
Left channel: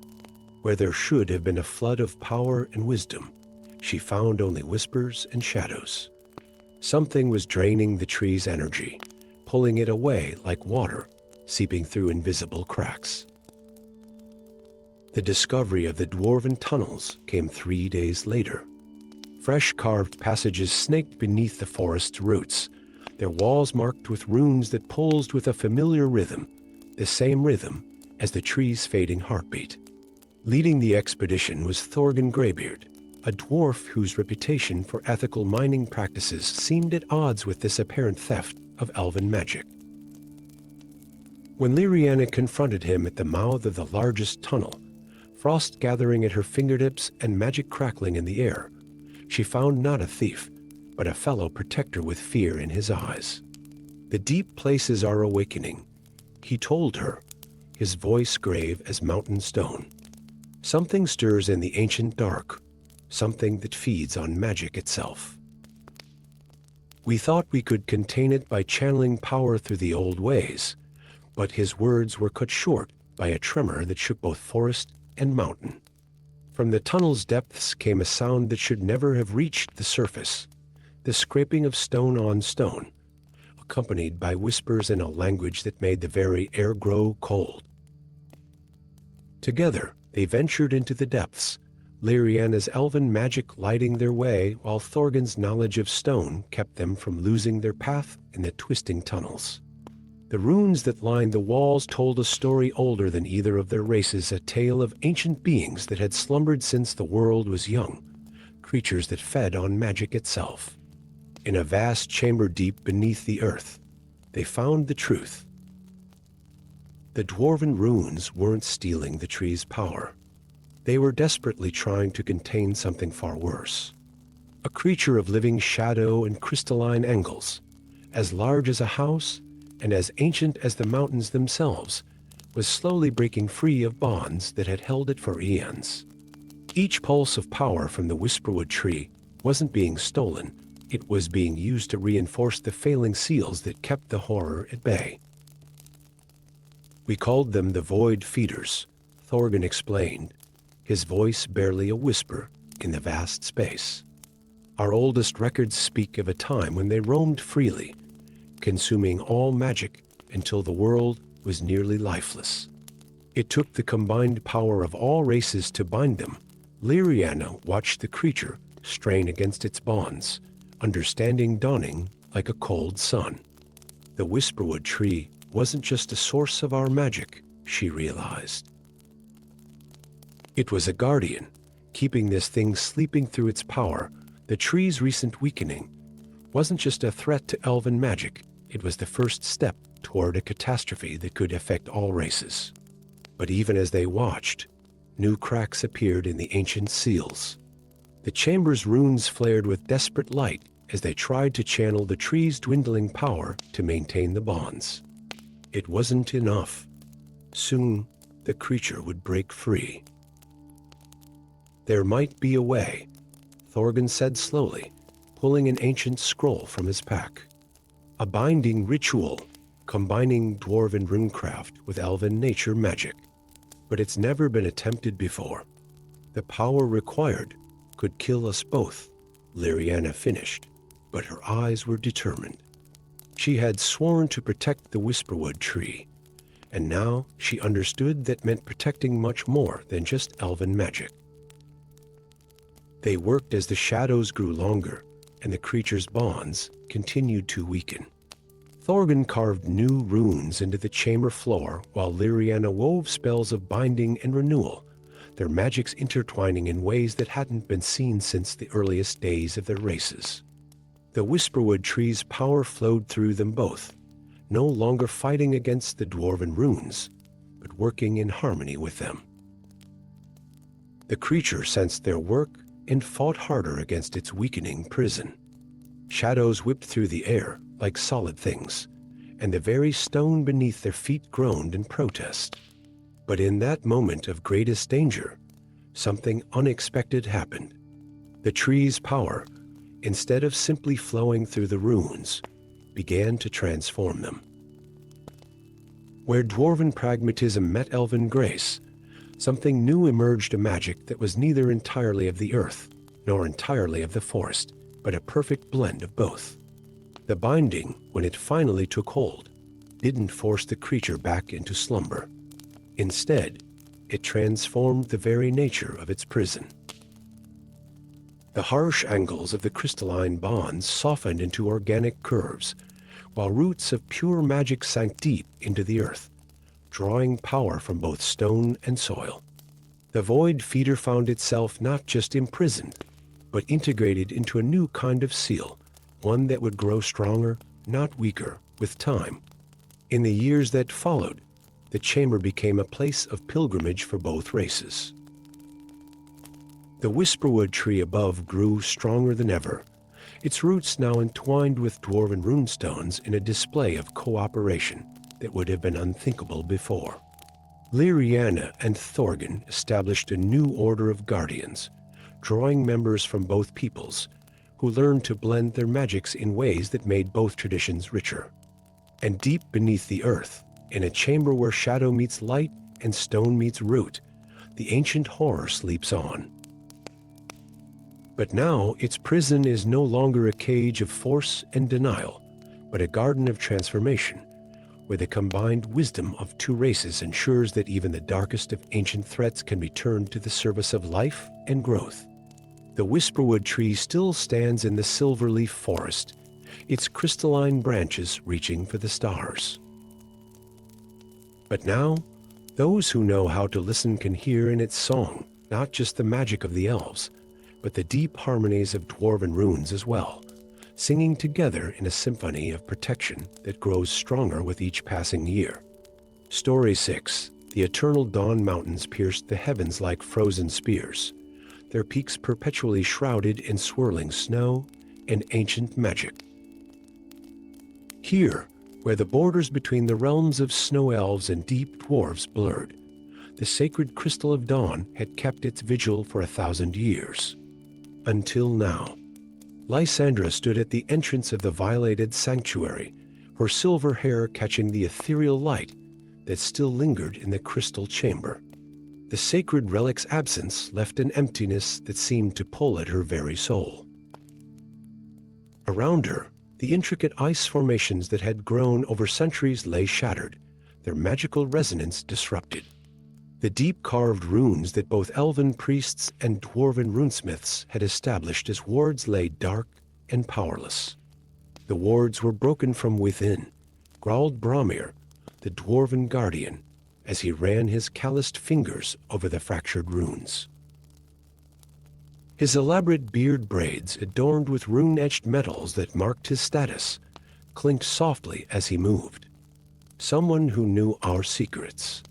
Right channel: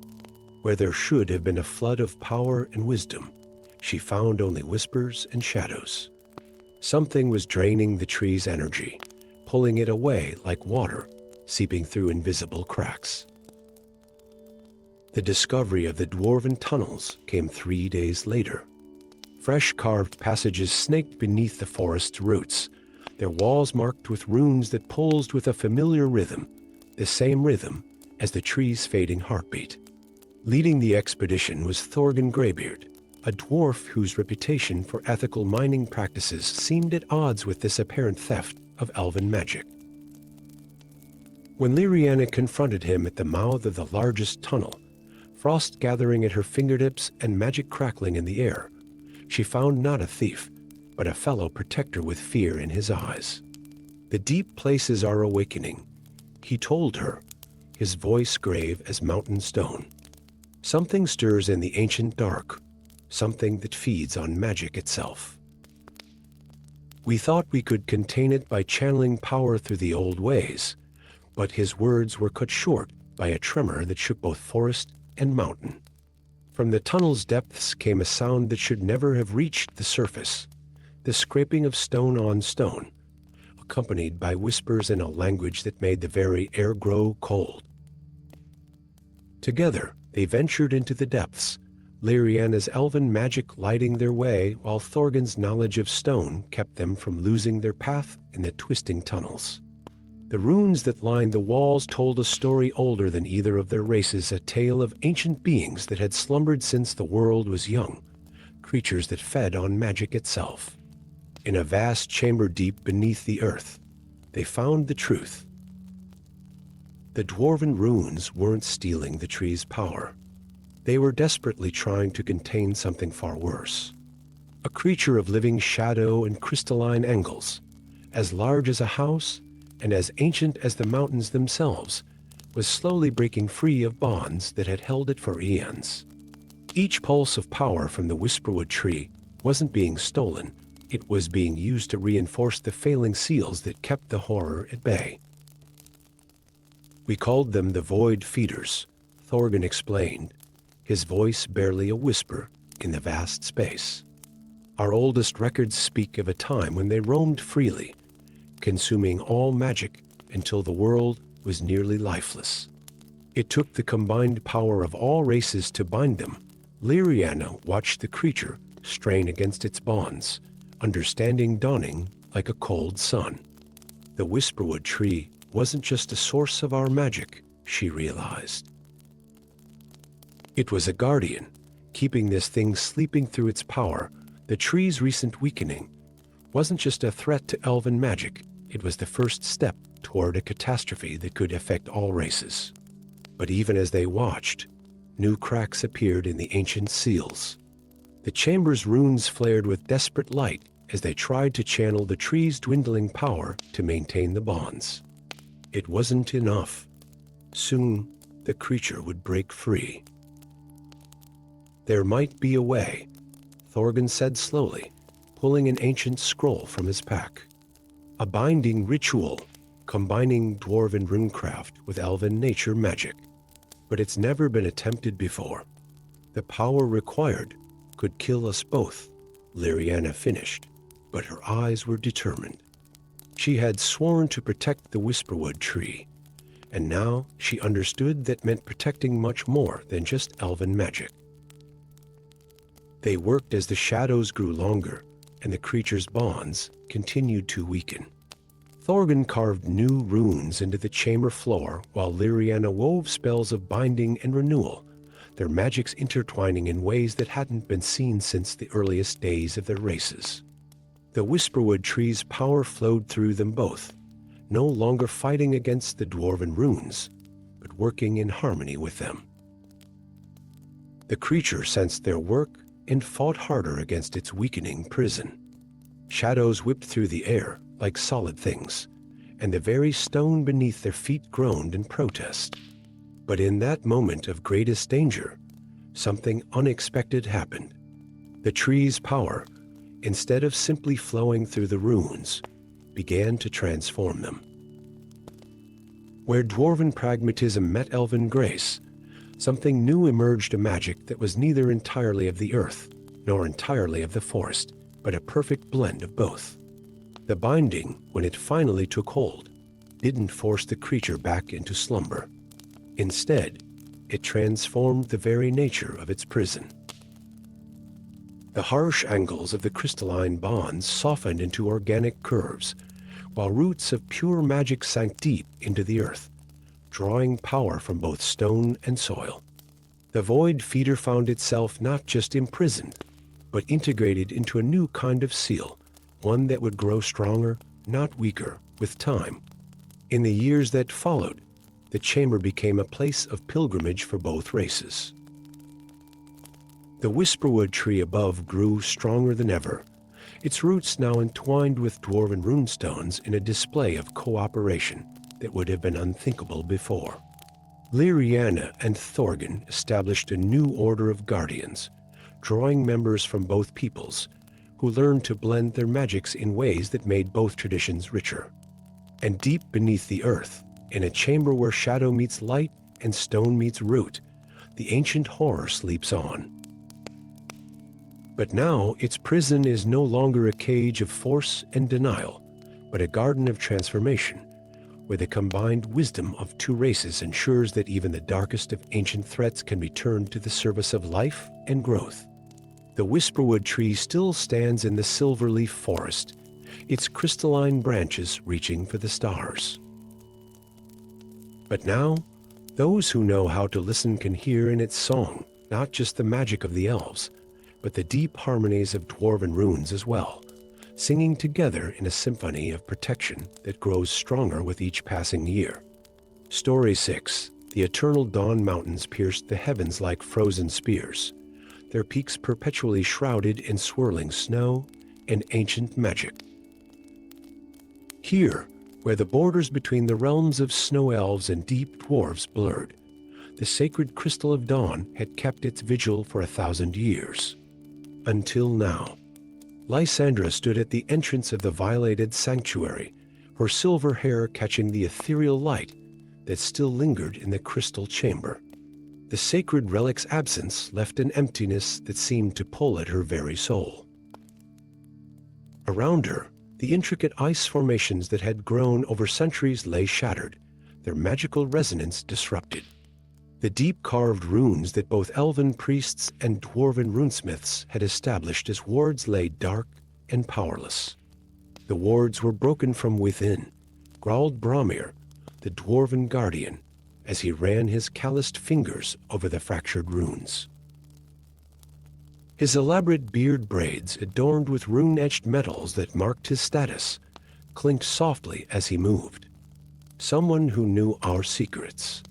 Where there should have been a flood of power and wisdom, she found only whispers and shadows. Something was draining the tree's energy, pulling it away like water, seeping through invisible cracks. The discovery of the dwarven tunnels came 3 days later. Fresh carved passages snaked beneath the forest's roots, their walls marked with runes that pulsed with a familiar rhythm, the same rhythm as the tree's fading heartbeat. Leading the expedition was Thorgan Greybeard, a dwarf whose reputation for ethical mining practices seemed at odds with this apparent theft of elven magic. When Lyriana confronted him at the mouth of the largest tunnel, frost gathering at her fingertips and magic crackling in the air, she found not a thief, but a fellow protector with fear in his eyes. "The deep places are awakening," he told her, his voice grave as mountain stone. "Something stirs in the ancient dark, something that feeds on magic itself. We thought we could contain it by channeling power through the old ways, but his words were cut short by a tremor that shook both forest and mountain. From the tunnel's depths came a sound that should never have reached the surface, the scraping of stone on stone, accompanied by whispers in a language that made the very air grow cold. Together, they ventured into the depths, Lyriana's elven magic lighting their way while Thorgan's knowledge of stone kept them from losing their path in the twisting tunnels. The runes that lined the walls told a story older than either of their races, a tale of ancient beings that had slumbered since the world was young, creatures that fed on magic itself. In a vast chamber deep beneath the earth, they found the truth. The dwarven runes weren't stealing the tree's power. They were desperately trying to contain something far worse. A creature of living shadow and crystalline angles, as large as a house and as ancient as the mountains themselves, was slowly breaking free of bonds that had held it for eons. Each pulse of power from the whisperwood tree wasn't being stolen, it was being used to reinforce the failing seals that kept the horror at bay. "We called them the Void Feeders," Thorgan explained, his voice barely a whisper in the vast space. "Our oldest records speak of a time when they roamed freely, consuming all magic until the world was nearly lifeless. It took the combined power of all races to bind them." Lyriana watched the creature strain against its bonds, understanding dawning like a cold sun. The whisperwood tree wasn't just a source of our magic, she realized. It was a guardian, keeping this thing sleeping through its power. The tree's recent weakening wasn't just a threat to elven magic, it was the first step toward a catastrophe that could affect all races. But even as they watched, new cracks appeared in the ancient seals. The chamber's runes flared with desperate light as they tried to channel the tree's dwindling power to maintain the bonds. It wasn't enough. Soon, the creature would break free. "There might be a way," Thorgan said slowly, pulling an ancient scroll from his pack. "A binding ritual, combining dwarven runecraft with elven nature magic. But it's never been attempted before. The power required could kill us both," Liriana finished, but her eyes were determined. She had sworn to protect the whisperwood tree, and now she understood that meant protecting much more than just elven magic. They worked as the shadows grew longer, and the creature's bonds continued to weaken. Thorgan carved new runes into the chamber floor while Liriana wove spells of binding and renewal, their magics intertwining in ways that hadn't been seen since the earliest days of their races. The whisperwood tree's power flowed through them both, no longer fighting against the dwarven runes, but working in harmony with them. The creature sensed their work and fought harder against its weakening prison. Shadows whipped through the air like solid things, and the very stone beneath their feet groaned in protest. But in that moment of greatest danger, something unexpected happened. The tree's power, instead of simply flowing through the runes, began to transform them. Where dwarven pragmatism met elven grace, something new emerged, a magic that was neither entirely of the earth nor entirely of the forest, but a perfect blend of both. The binding, when it finally took hold, didn't force the creature back into slumber. Instead, it transformed the very nature of its prison. The harsh angles of the crystalline bonds softened into organic curves, while roots of pure magic sank deep into the earth, drawing power from both stone and soil. The void feeder found itself not just imprisoned, but integrated into a new kind of seal, one that would grow stronger, not weaker, with time. In the years that followed, the chamber became a place of pilgrimage for both races. The whisperwood tree above grew stronger than ever, its roots now entwined with dwarven runestones in a display of cooperation that would have been unthinkable before. Liriana and Thorgan established a new order of guardians, drawing members from both peoples, who learned to blend their magics in ways that made both traditions richer. And deep beneath the earth, in a chamber where shadow meets light and stone meets root, the ancient horror sleeps on. But now its prison is no longer a cage of force and denial, but a garden of transformation, where the combined wisdom of two races ensures that even the darkest of ancient threats can be turned to the service of life and growth. The whisperwood tree still stands in the silverleaf forest, its crystalline branches reaching for the stars. But now, those who know how to listen can hear in its song not just the magic of the elves, but the deep harmonies of dwarven runes as well, singing together in a symphony of protection that grows stronger with each passing year. Story 6. The eternal dawn mountains pierced the heavens like frozen spears, their peaks perpetually shrouded in swirling snow and ancient magic. Here, where the borders between the realms of snow elves and deep dwarves blurred, the sacred crystal of dawn had kept its vigil for 1,000 years. Until now. Lysandra stood at the entrance of the violated sanctuary, her silver hair catching the ethereal light that still lingered in the crystal chamber. The sacred relic's absence left an emptiness that seemed to pull at her very soul. Around her, the intricate ice formations that had grown over centuries lay shattered, their magical resonance disrupted. The deep-carved runes that both elven priests and dwarven runesmiths had established as wards lay dark and powerless. The wards were broken from within, growled Bromir, the dwarven guardian, as he ran his calloused fingers over the fractured runes. His elaborate beard braids, adorned with rune-etched metals that marked his status, clinked softly as he moved. Someone who knew our secrets.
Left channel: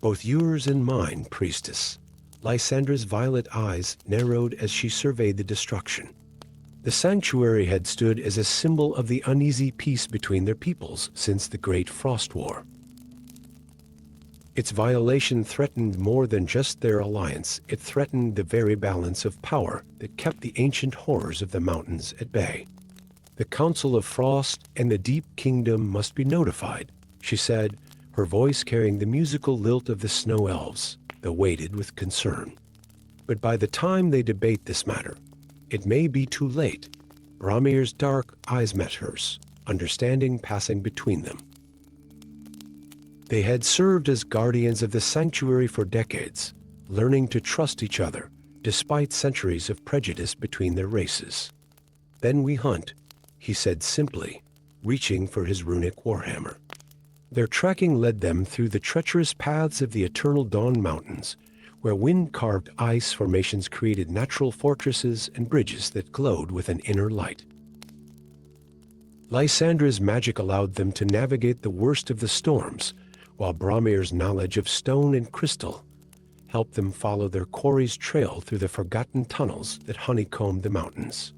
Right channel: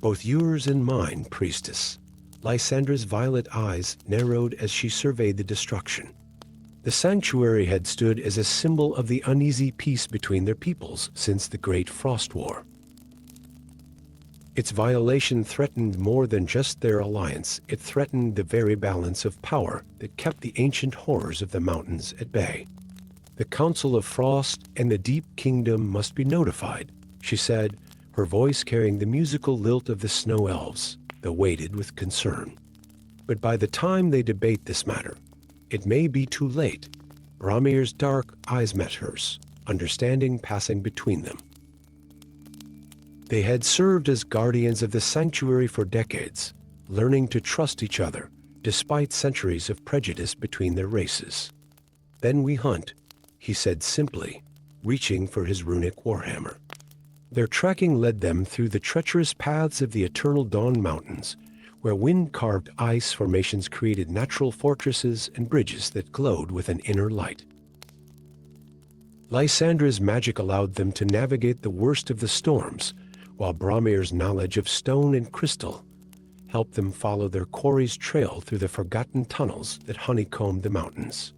Both yours and mine, priestess. Lysandra's violet eyes narrowed as she surveyed the destruction. The sanctuary had stood as a symbol of the uneasy peace between their peoples since the Great Frost War. Its violation threatened more than just their alliance, it threatened the very balance of power that kept the ancient horrors of the mountains at bay. "The Council of Frost and the Deep Kingdom must be notified," she said, her voice carrying the musical lilt of the snow elves, though weighted with concern. "But by the time they debate this matter, it may be too late." Bramir's dark eyes met hers, understanding passing between them. They had served as guardians of the sanctuary for decades, learning to trust each other, despite centuries of prejudice between their races. "Then we hunt," he said simply, reaching for his runic warhammer. Their tracking led them through the treacherous paths of the eternal Dawn Mountains, where wind-carved ice formations created natural fortresses and bridges that glowed with an inner light. Lysandra's magic allowed them to navigate the worst of the storms, while Bramir's knowledge of stone and crystal helped them follow their quarry's trail through the forgotten tunnels that honeycombed the mountains.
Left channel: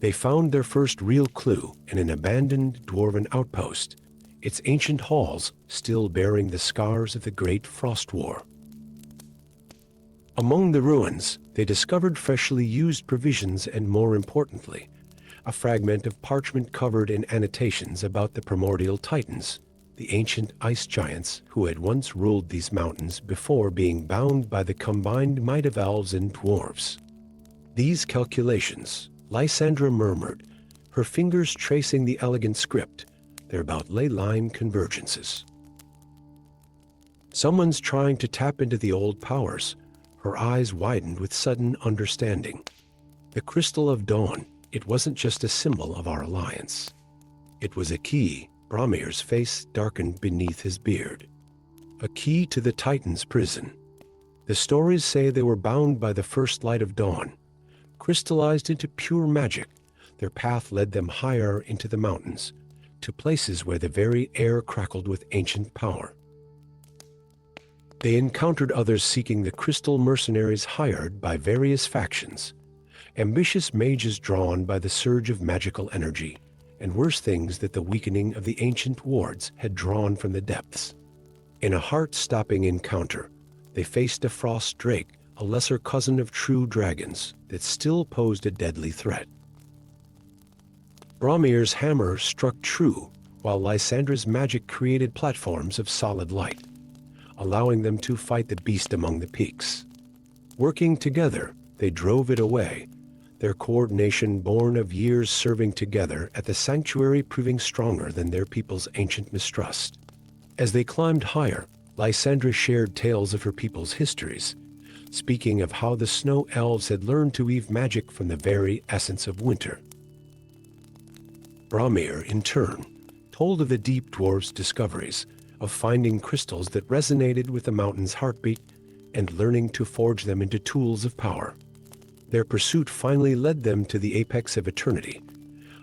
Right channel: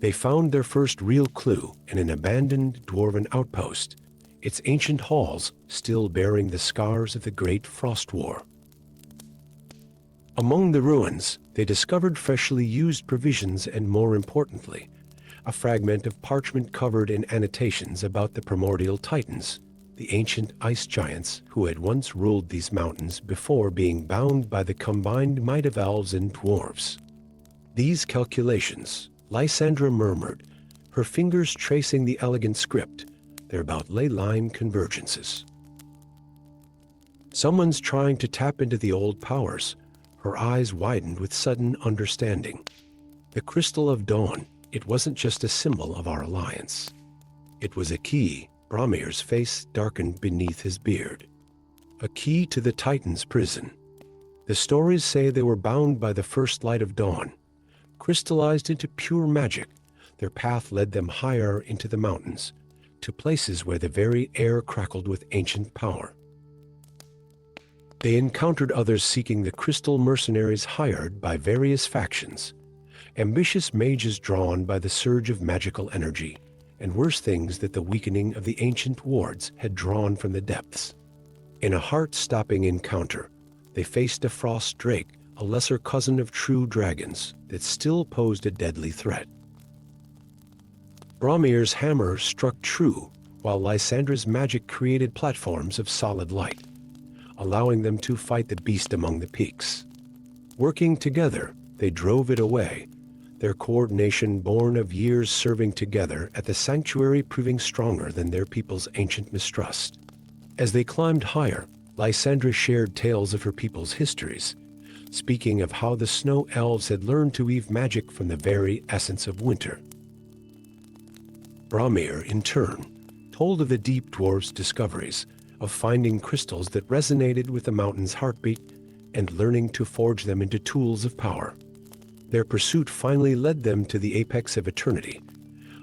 They found their first real clue in an abandoned dwarven outpost, its ancient halls still bearing the scars of the Great Frost War. Among the ruins, they discovered freshly used provisions and, more importantly, a fragment of parchment covered in annotations about the primordial titans, the ancient ice giants who had once ruled these mountains before being bound by the combined might of elves and dwarves. "These calculations," Lysandra murmured, her fingers tracing the elegant script, "they're about ley line convergences. Someone's trying to tap into the old powers." Her eyes widened with sudden understanding. "The Crystal of Dawn, it wasn't just a symbol of our alliance. It was a key." Bramir's face darkened beneath his beard. "A key to the Titan's prison. The stories say they were bound by the first light of dawn. Crystallized into pure magic, their path led them higher into the mountains, to places where the very air crackled with ancient power. They encountered others seeking the crystal, mercenaries hired by various factions, ambitious mages drawn by the surge of magical energy, and worse things that the weakening of the ancient wards had drawn from the depths. In a heart-stopping encounter, they faced a frost drake, a lesser cousin of true dragons, that still posed a deadly threat. Bramir's hammer struck true, while Lysandra's magic created platforms of solid light, allowing them to fight the beast among the peaks. Working together, they drove it away, their coordination born of years serving together at the sanctuary proving stronger than their people's ancient mistrust. As they climbed higher, Lysandra shared tales of her people's histories, speaking of how the snow elves had learned to weave magic from the very essence of winter. Bramir, in turn, told of the deep dwarves' discoveries, of finding crystals that resonated with the mountain's heartbeat and learning to forge them into tools of power. Their pursuit finally led them to the apex of eternity,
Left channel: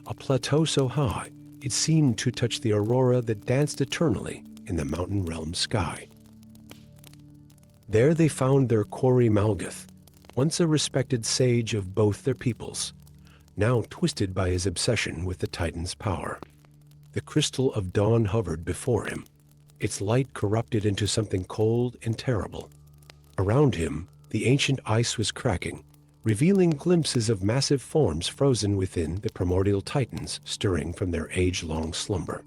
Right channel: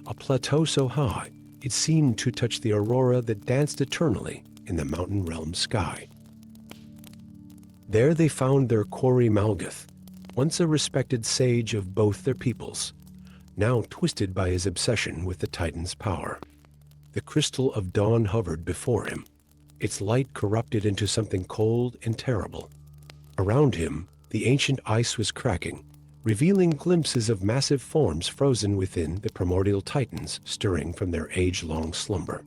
a plateau so high it seemed to touch the aurora that danced eternally in the mountain realm sky. There they found their quarry Malgath, once a respected sage of both their peoples, now twisted by his obsession with the Titan's power. The crystal of dawn hovered before him, its light corrupted into something cold and terrible. Around him, the ancient ice was cracking, revealing glimpses of massive forms frozen within the primordial titans stirring from their age-long slumber.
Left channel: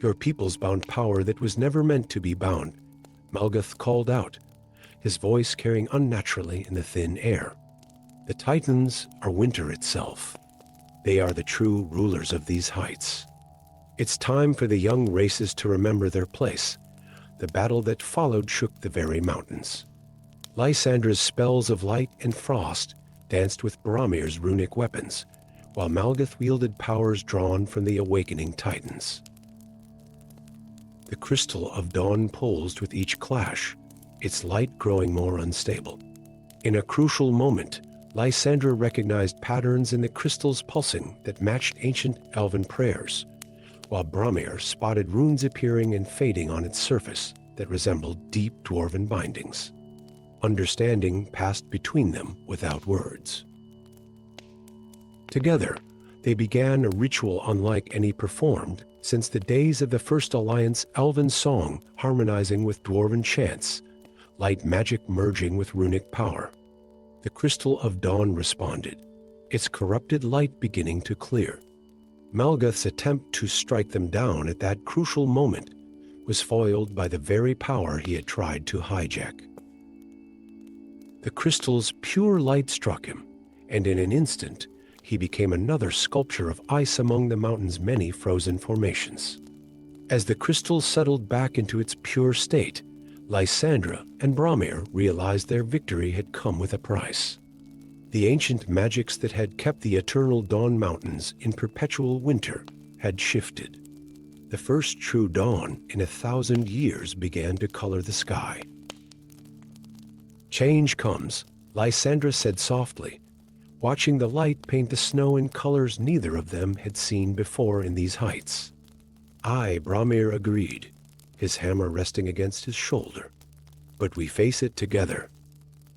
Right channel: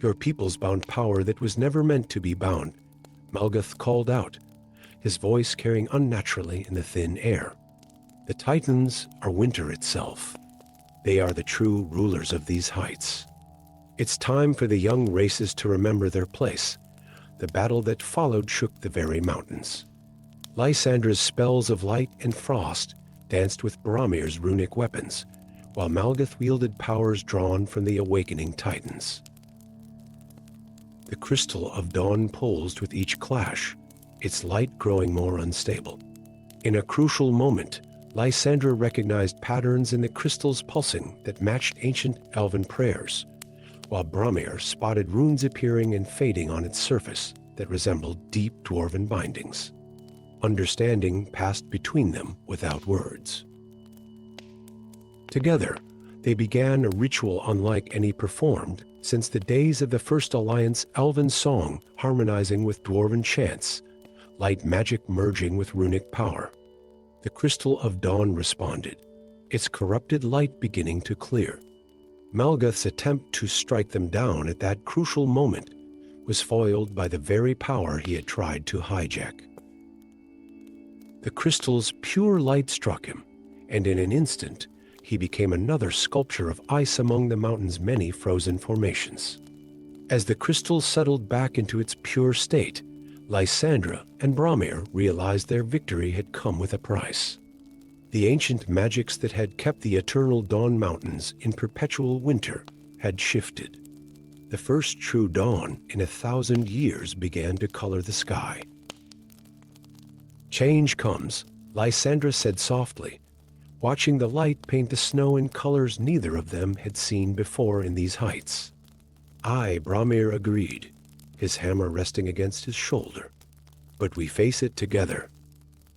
"Your peoples bound power that was never meant to be bound," Malgath called out, his voice carrying unnaturally in the thin air. "The titans are winter itself. They are the true rulers of these heights. It's time for the young races to remember their place. The battle that followed shook the very mountains." Lysandra's spells of light and frost danced with Bramir's runic weapons, while Malgath wielded powers drawn from the awakening titans. The crystal of dawn pulsed with each clash, its light growing more unstable. In a crucial moment, Lysandra recognized patterns in the crystal's pulsing that matched ancient elven prayers, while Bramir spotted runes appearing and fading on its surface that resembled deep dwarven bindings. Understanding passed between them without words. Together, they began a ritual unlike any performed since the days of the First Alliance elven song harmonizing with dwarven chants, light magic merging with runic power. The Crystal of Dawn responded, its corrupted light beginning to clear. Malgoth's attempt to strike them down at that crucial moment was foiled by the very power he had tried to hijack. The crystal's pure light struck him, and in an instant, he became another sculpture of ice among the mountain's many frozen formations. As the crystal settled back into its pure state, Lysandra and Bromir realized their victory had come with a price. The ancient magics that had kept the eternal dawn mountains in perpetual winter had shifted. The first true dawn in 1,000 years began to color the sky. Change comes, Lysandra said softly, watching the light paint the snow in colors neither of them had seen before in these heights. Aye, Bromir agreed, his hammer resting against his shoulder. But we face it together.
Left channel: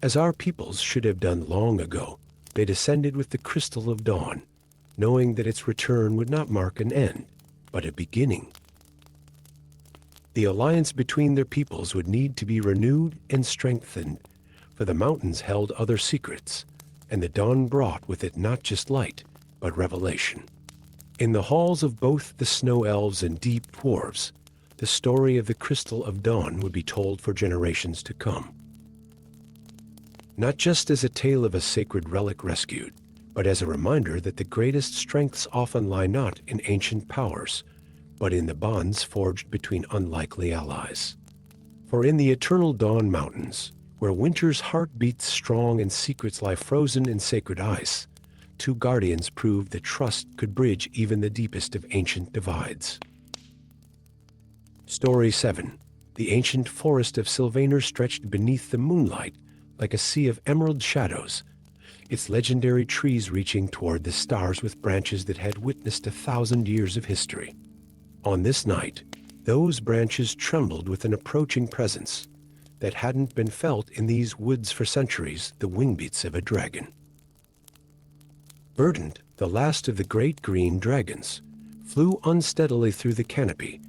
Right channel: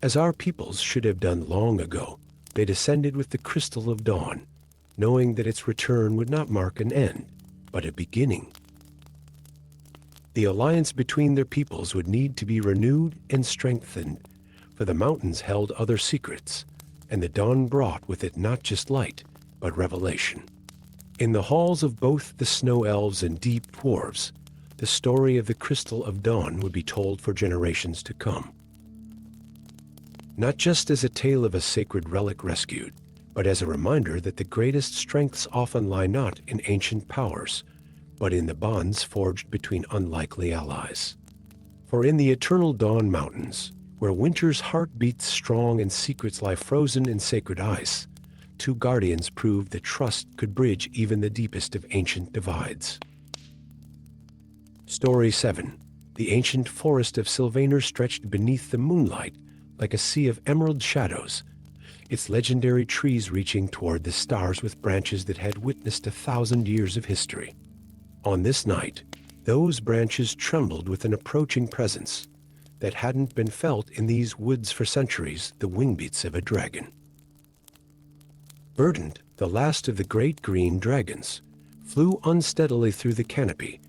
As our peoples should have done long ago, they descended with the Crystal of Dawn, knowing that its return would not mark an end, but a beginning. The alliance between their peoples would need to be renewed and strengthened, for the mountains held other secrets, and the dawn brought with it not just light, but revelation. In the halls of both the Snow Elves and Deep Dwarves, the story of the Crystal of Dawn would be told for generations to come. Not just as a tale of a sacred relic rescued, but as a reminder that the greatest strengths often lie not in ancient powers, but in the bonds forged between unlikely allies. For in the eternal Dawn Mountains, where winter's heart beats strong and secrets lie frozen in sacred ice, two guardians proved that trust could bridge even the deepest of ancient divides. Story 7. The ancient forest of Sylvaner stretched beneath the moonlight like a sea of emerald shadows, its legendary trees reaching toward the stars with branches that had witnessed 1,000 years of history. On this night, those branches trembled with an approaching presence that hadn't been felt in these woods for centuries, the wingbeats of a dragon. Verdant, the last of the great green dragons, flew unsteadily through the canopy,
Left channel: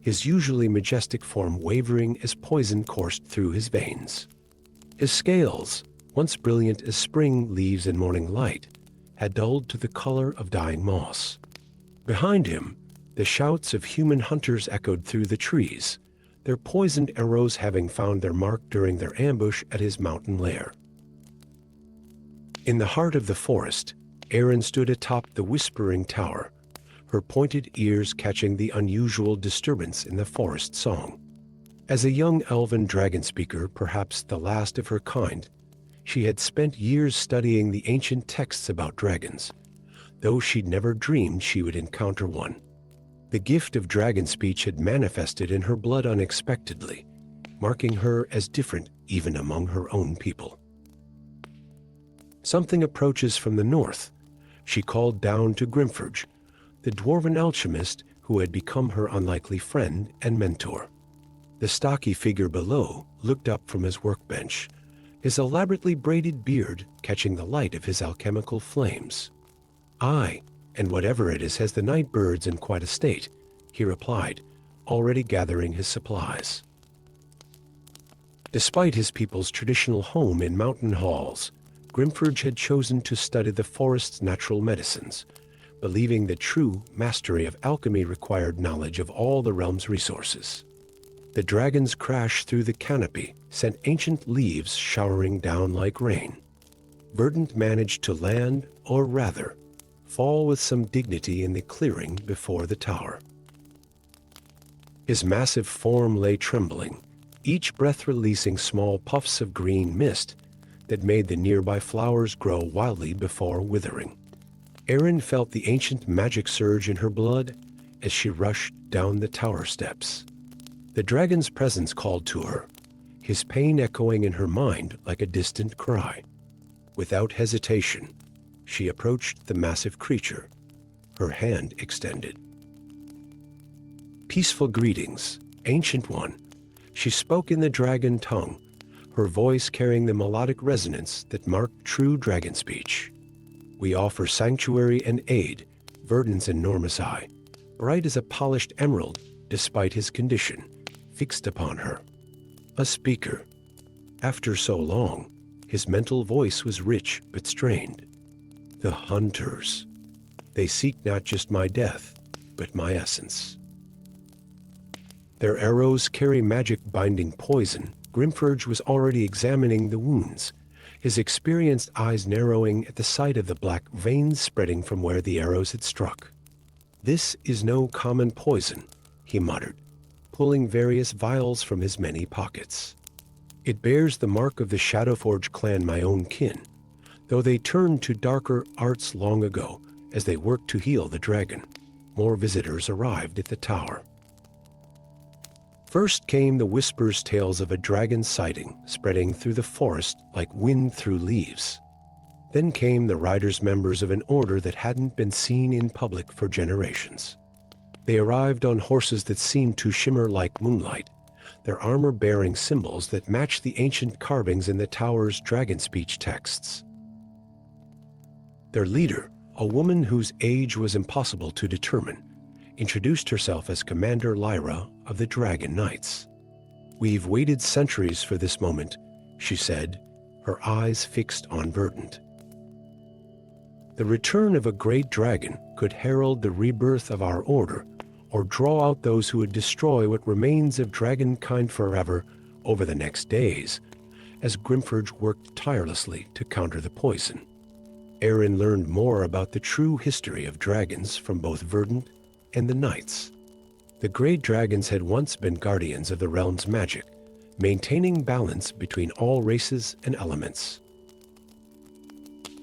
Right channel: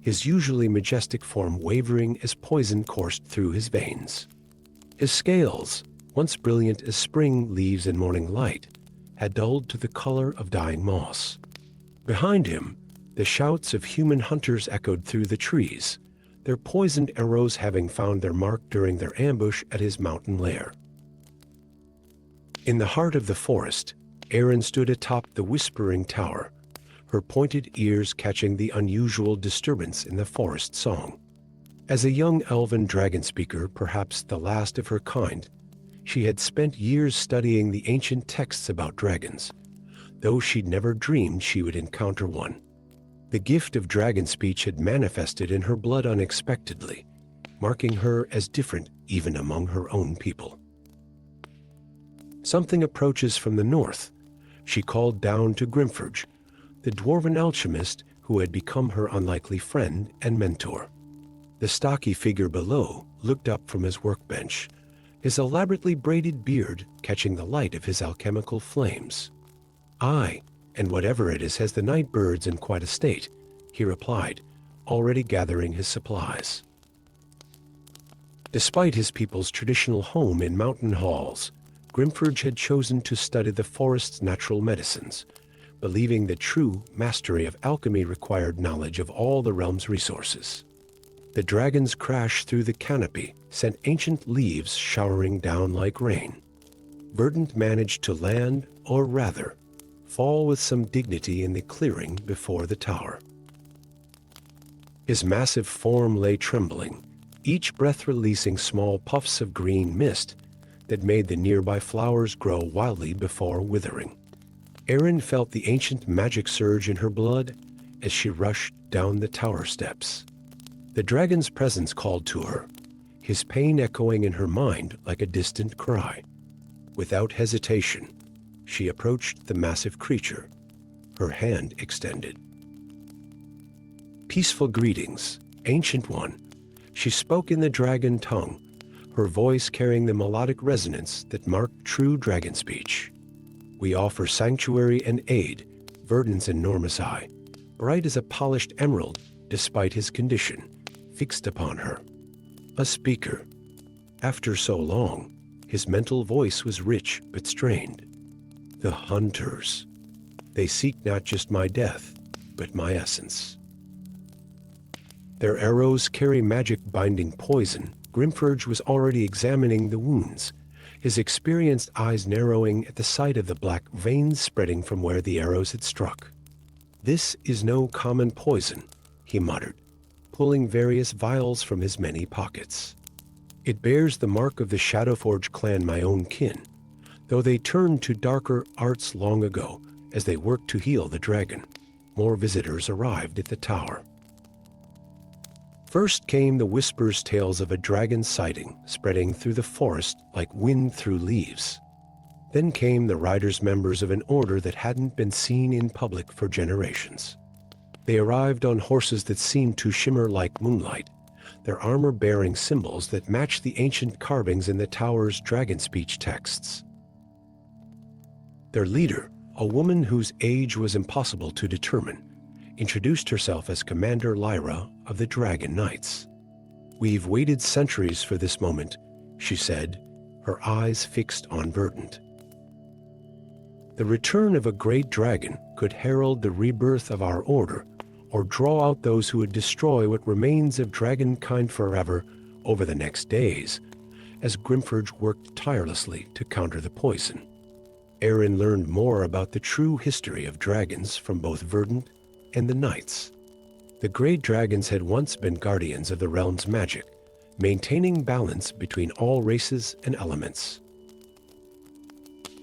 his usually majestic form wavering as poison coursed through his veins. His scales, once brilliant as spring leaves in morning light, had dulled to the color of dying moss. Behind him, the shouts of human hunters echoed through the trees, their poisoned arrows having found their mark during their ambush at his mountain lair. In the heart of the forest, Erin stood atop the whispering tower, her pointed ears catching the unusual disturbance in the forest song. As a young elven dragon speaker, perhaps the last of her kind, she had spent years studying the ancient texts about dragons, though she'd never dreamed she would encounter one. The gift of dragon speech had manifested in her blood unexpectedly, marking her as different even among her own people. Something approaches from the north, she called down to Grimforge, the dwarven alchemist who had become her unlikely friend and mentor. The stocky figure below looked up from his workbench, his elaborately braided beard catching the light of his alchemical flames. "Aye, and whatever it is has the night birds in quite a state," he replied, already gathering his supplies. Despite his people's traditional home in mountain halls, Grimforge had chosen to study the forest's natural medicines, believing that true mastery of alchemy required knowledge of all the realm's resources. The dragon's crash through the canopy sent ancient leaves showering down like rain. Verdant managed to land, or rather, fall with some dignity in the clearing before the tower. His massive form lay trembling, each breath releasing small puffs of green mist that made the nearby flowers grow wildly before withering. Erin felt the ancient magic surge in her blood as she rushed down the tower steps. The dragon's presence called to her, his pain echoing in her mind like a distant cry. Without hesitation, she approached the massive creature, her hand extended. "Peaceful greetings, Ancient One," she spoke in the dragon tongue, her voice carrying the melodic resonance that marked true dragon speech. We offer sanctuary and aid, Verdant's enormous eye, bright as a polished emerald, despite his condition, fixed upon her. A speaker. After so long, his mental voice was rich but strained. The hunters. They seek not just my death, but my essence. Their arrows carry magic binding poison. Grimfurge was already examining the wounds, his experienced eyes narrowing at the sight of the black veins spreading from where the arrows had struck. This is no common poison, he muttered, pulling various vials from his many pockets. It bears the mark of the Shadowforge clan, my own kin, though they turned to darker arts long ago as they worked to heal the dragon. More visitors arrived at the tower. First came the whispers tales of a dragon sighting spreading through the forest like wind through leaves. Then came the riders, members of an order that hadn't been seen in public for generations. They arrived on horses that seemed to shimmer like moonlight, their armor bearing symbols that matched the ancient carvings in the tower's dragon speech texts. Their leader, a woman whose age was impossible to determine, introduced herself as Commander Lyra of the Dragon Knights. "We've waited centuries for this moment," she said, her eyes fixed on Verdant. The return of a great dragon could herald the rebirth of our order, or draw out those who would destroy what remains of dragonkind forever over the next days, as Grimfurge worked tirelessly to counter the poison. Aaron learned more about the true history of dragons from both Verdant and the Knights. The great dragons had once been guardians of the realm's magic, maintaining balance between all races and elements.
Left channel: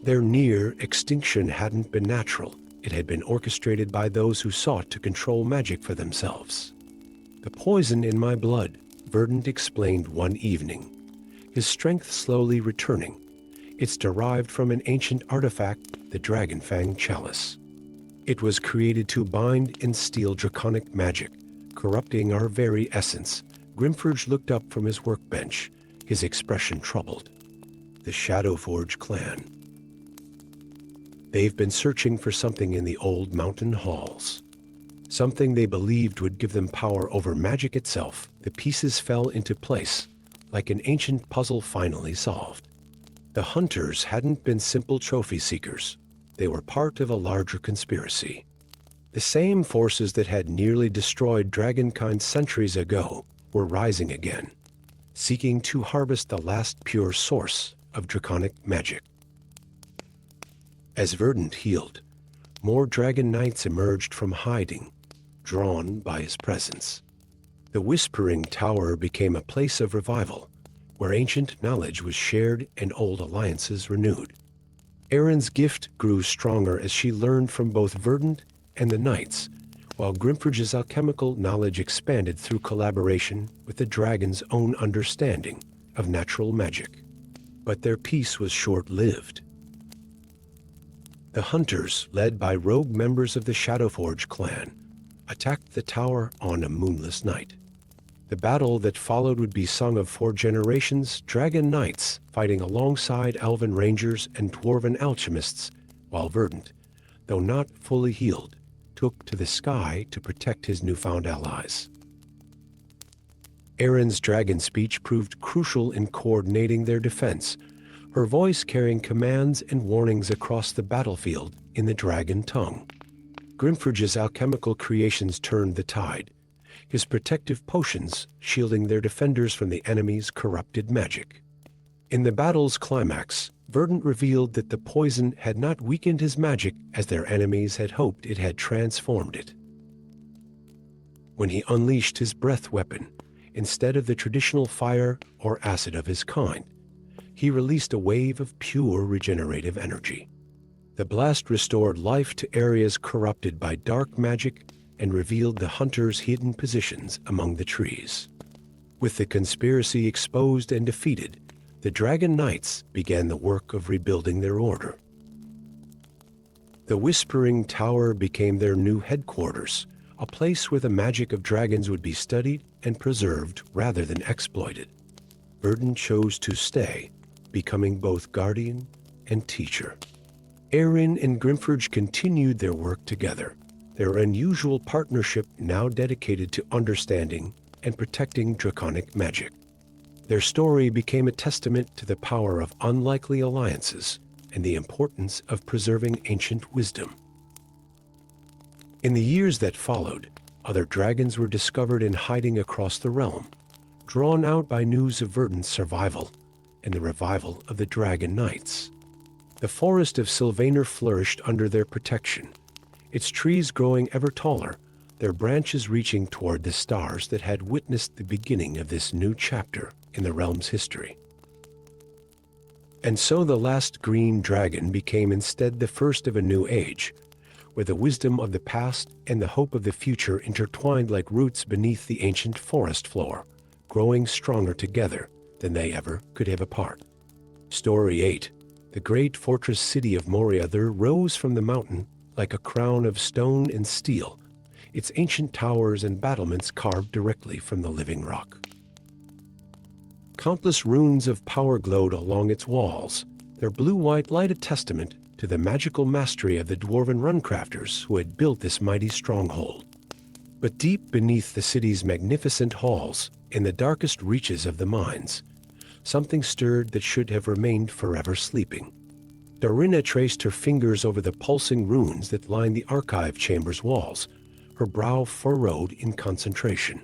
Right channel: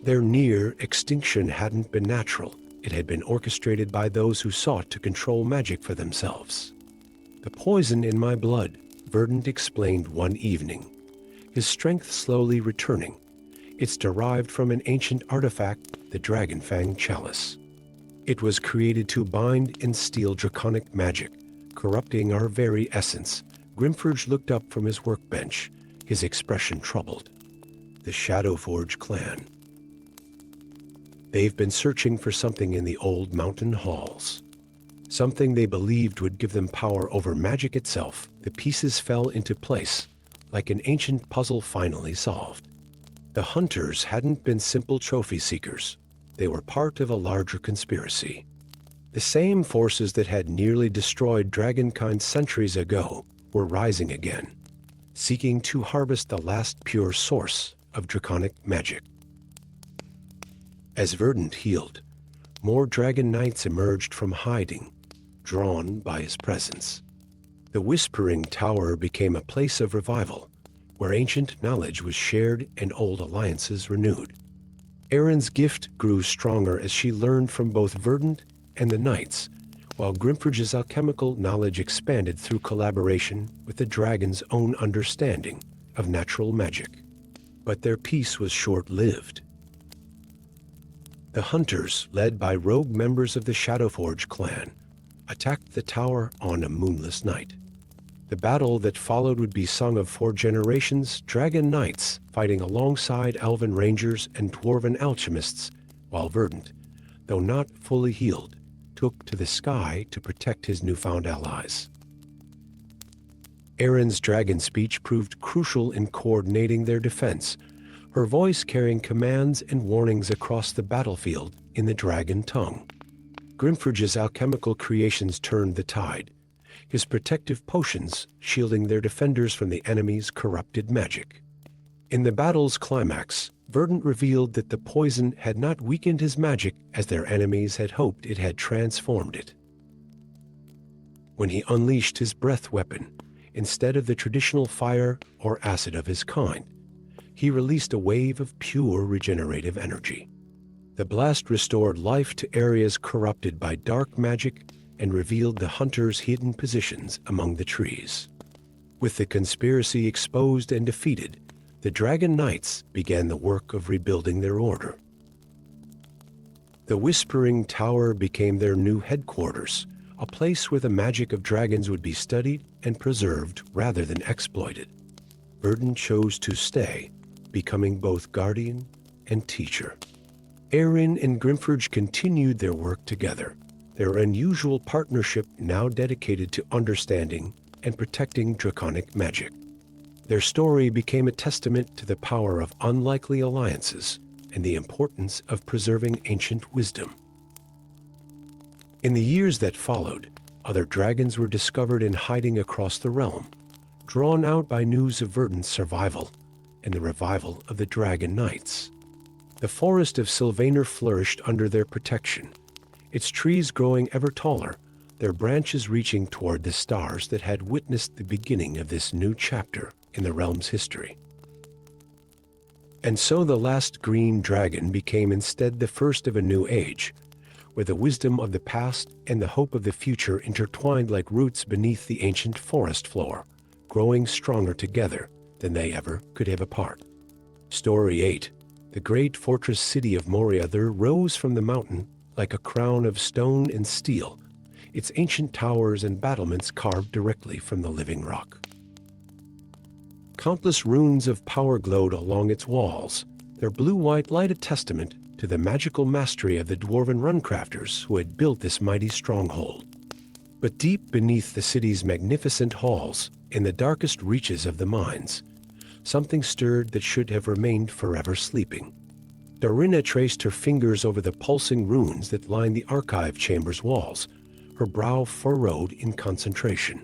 Their near extinction hadn't been natural. It had been orchestrated by those who sought to control magic for themselves. "The poison in my blood," Verdant explained one evening, his strength slowly returning. "It's derived from an ancient artifact, the Dragonfang Chalice. It was created to bind and steal draconic magic, corrupting our very essence." Grimfurge looked up from his workbench, his expression troubled. "The Shadowforge clan. They've been searching for something in the old mountain halls. Something they believed would give them power over magic itself." The pieces fell into place, like an ancient puzzle finally solved. The hunters hadn't been simple trophy seekers. They were part of a larger conspiracy. The same forces that had nearly destroyed dragonkind centuries ago were rising again, seeking to harvest the last pure source of draconic magic. As Verdant healed, more dragon knights emerged from hiding, drawn by his presence. The Whispering Tower became a place of revival, where ancient knowledge was shared and old alliances renewed. Erin's gift grew stronger as she learned from both Verdant and the Knights, while Grimfurge's alchemical knowledge expanded through collaboration with the dragon's own understanding of natural magic. But their peace was short-lived. The hunters, led by rogue members of the Shadowforge clan, attacked the tower on a moonless night. The battle that followed would be sung of for generations, dragon knights fighting alongside elven rangers and dwarven alchemists, while Verdant, though not fully healed, took to the sky to protect his newfound allies. Erin's dragon speech proved crucial in coordinating their defense, her voice carrying commands and warnings across the battlefield in the dragon tongue. Grimfurge's alchemical creations turned the tide, his protective potions shielding their defenders from the enemy's corrupted magic. In the battle's climax, Verdant revealed that the poison had not weakened his magic as their enemies had hoped. It had transformed it. When he unleashed his breath weapon, instead of the traditional fire or acid of his kind, he released a wave of pure regenerative energy. The blast restored life to areas corrupted by dark magic and revealed the hunters' hidden positions among the trees. With the conspiracy exposed and defeated, the Dragon Knights began the work of rebuilding their order. The Whispering Tower became their new headquarters, a place where the magic of dragons would be studied and preserved rather than exploited. Verdant chose to stay, becoming both guardian and teacher. Erin and Grimforge continued their work together, their unusual partnership now dedicated to understanding and protecting draconic magic. Their story became a testament to the power of unlikely alliances and the importance of preserving ancient wisdom. In the years that followed, other dragons were discovered in hiding across the realm, drawn out by news of Verdant's survival and the revival of the Dragon Knights. The forest of Sylvaner flourished under their protection, its trees growing ever taller, their branches reaching toward the stars that had witnessed the beginning of this new chapter in the realm's history. And so the last green dragon became instead the first of a new age, where the wisdom of the past and the hope of the future intertwined like roots beneath the ancient forest floor, growing stronger together than they ever could have apart. Story 8. The great fortress city of Morther rose from the mountain like a crown of stone and steel, its ancient towers and battlements carved directly from the living rock. Countless runes of power glowed along its walls, their blue-white light a testament to the magical mastery of the dwarven runcrafters who had built this mighty stronghold. But deep beneath the city's magnificent halls, in the darkest reaches of the mines, something stirred that should have remained forever sleeping. Darina traced her fingers over the pulsing runes that lined the archive chamber's walls, her brow furrowed in concentration.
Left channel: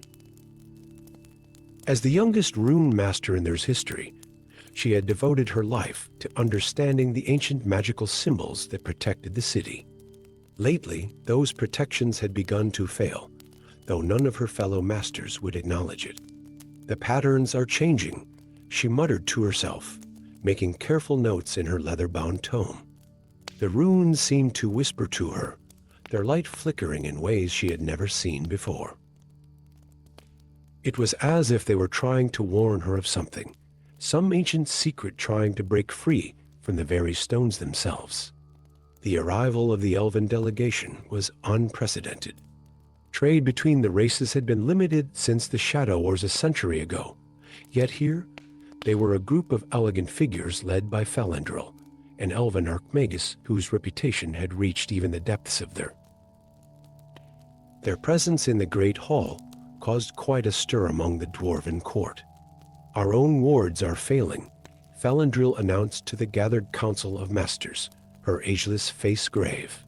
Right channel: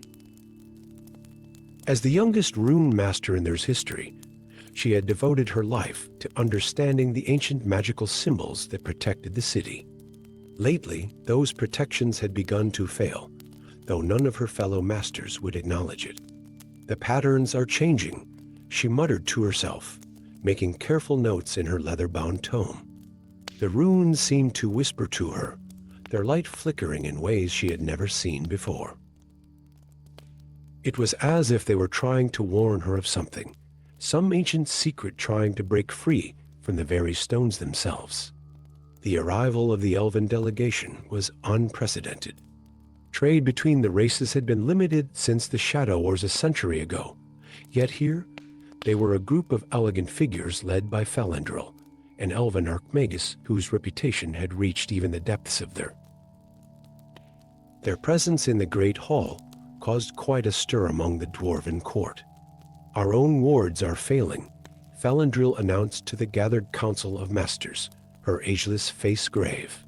As the youngest rune master in their history, she had devoted her life to understanding the ancient magical symbols that protected the city. Lately, those protections had begun to fail, though none of her fellow masters would acknowledge it. The patterns are changing, she muttered to herself, making careful notes in her leather-bound tome. The runes seemed to whisper to her, their light flickering in ways she had never seen before. It was as if they were trying to warn her of something, some ancient secret trying to break free from the very stones themselves. The arrival of the elven delegation was unprecedented. Trade between the races had been limited since the Shadow Wars a century ago, yet here they were a group of elegant figures led by Felendril, an elven archmagus whose reputation had reached even the depths of their presence in the Great Hall caused quite a stir among the dwarven court. "Our own wards are failing," Felendril announced to the gathered council of masters, her ageless face grave.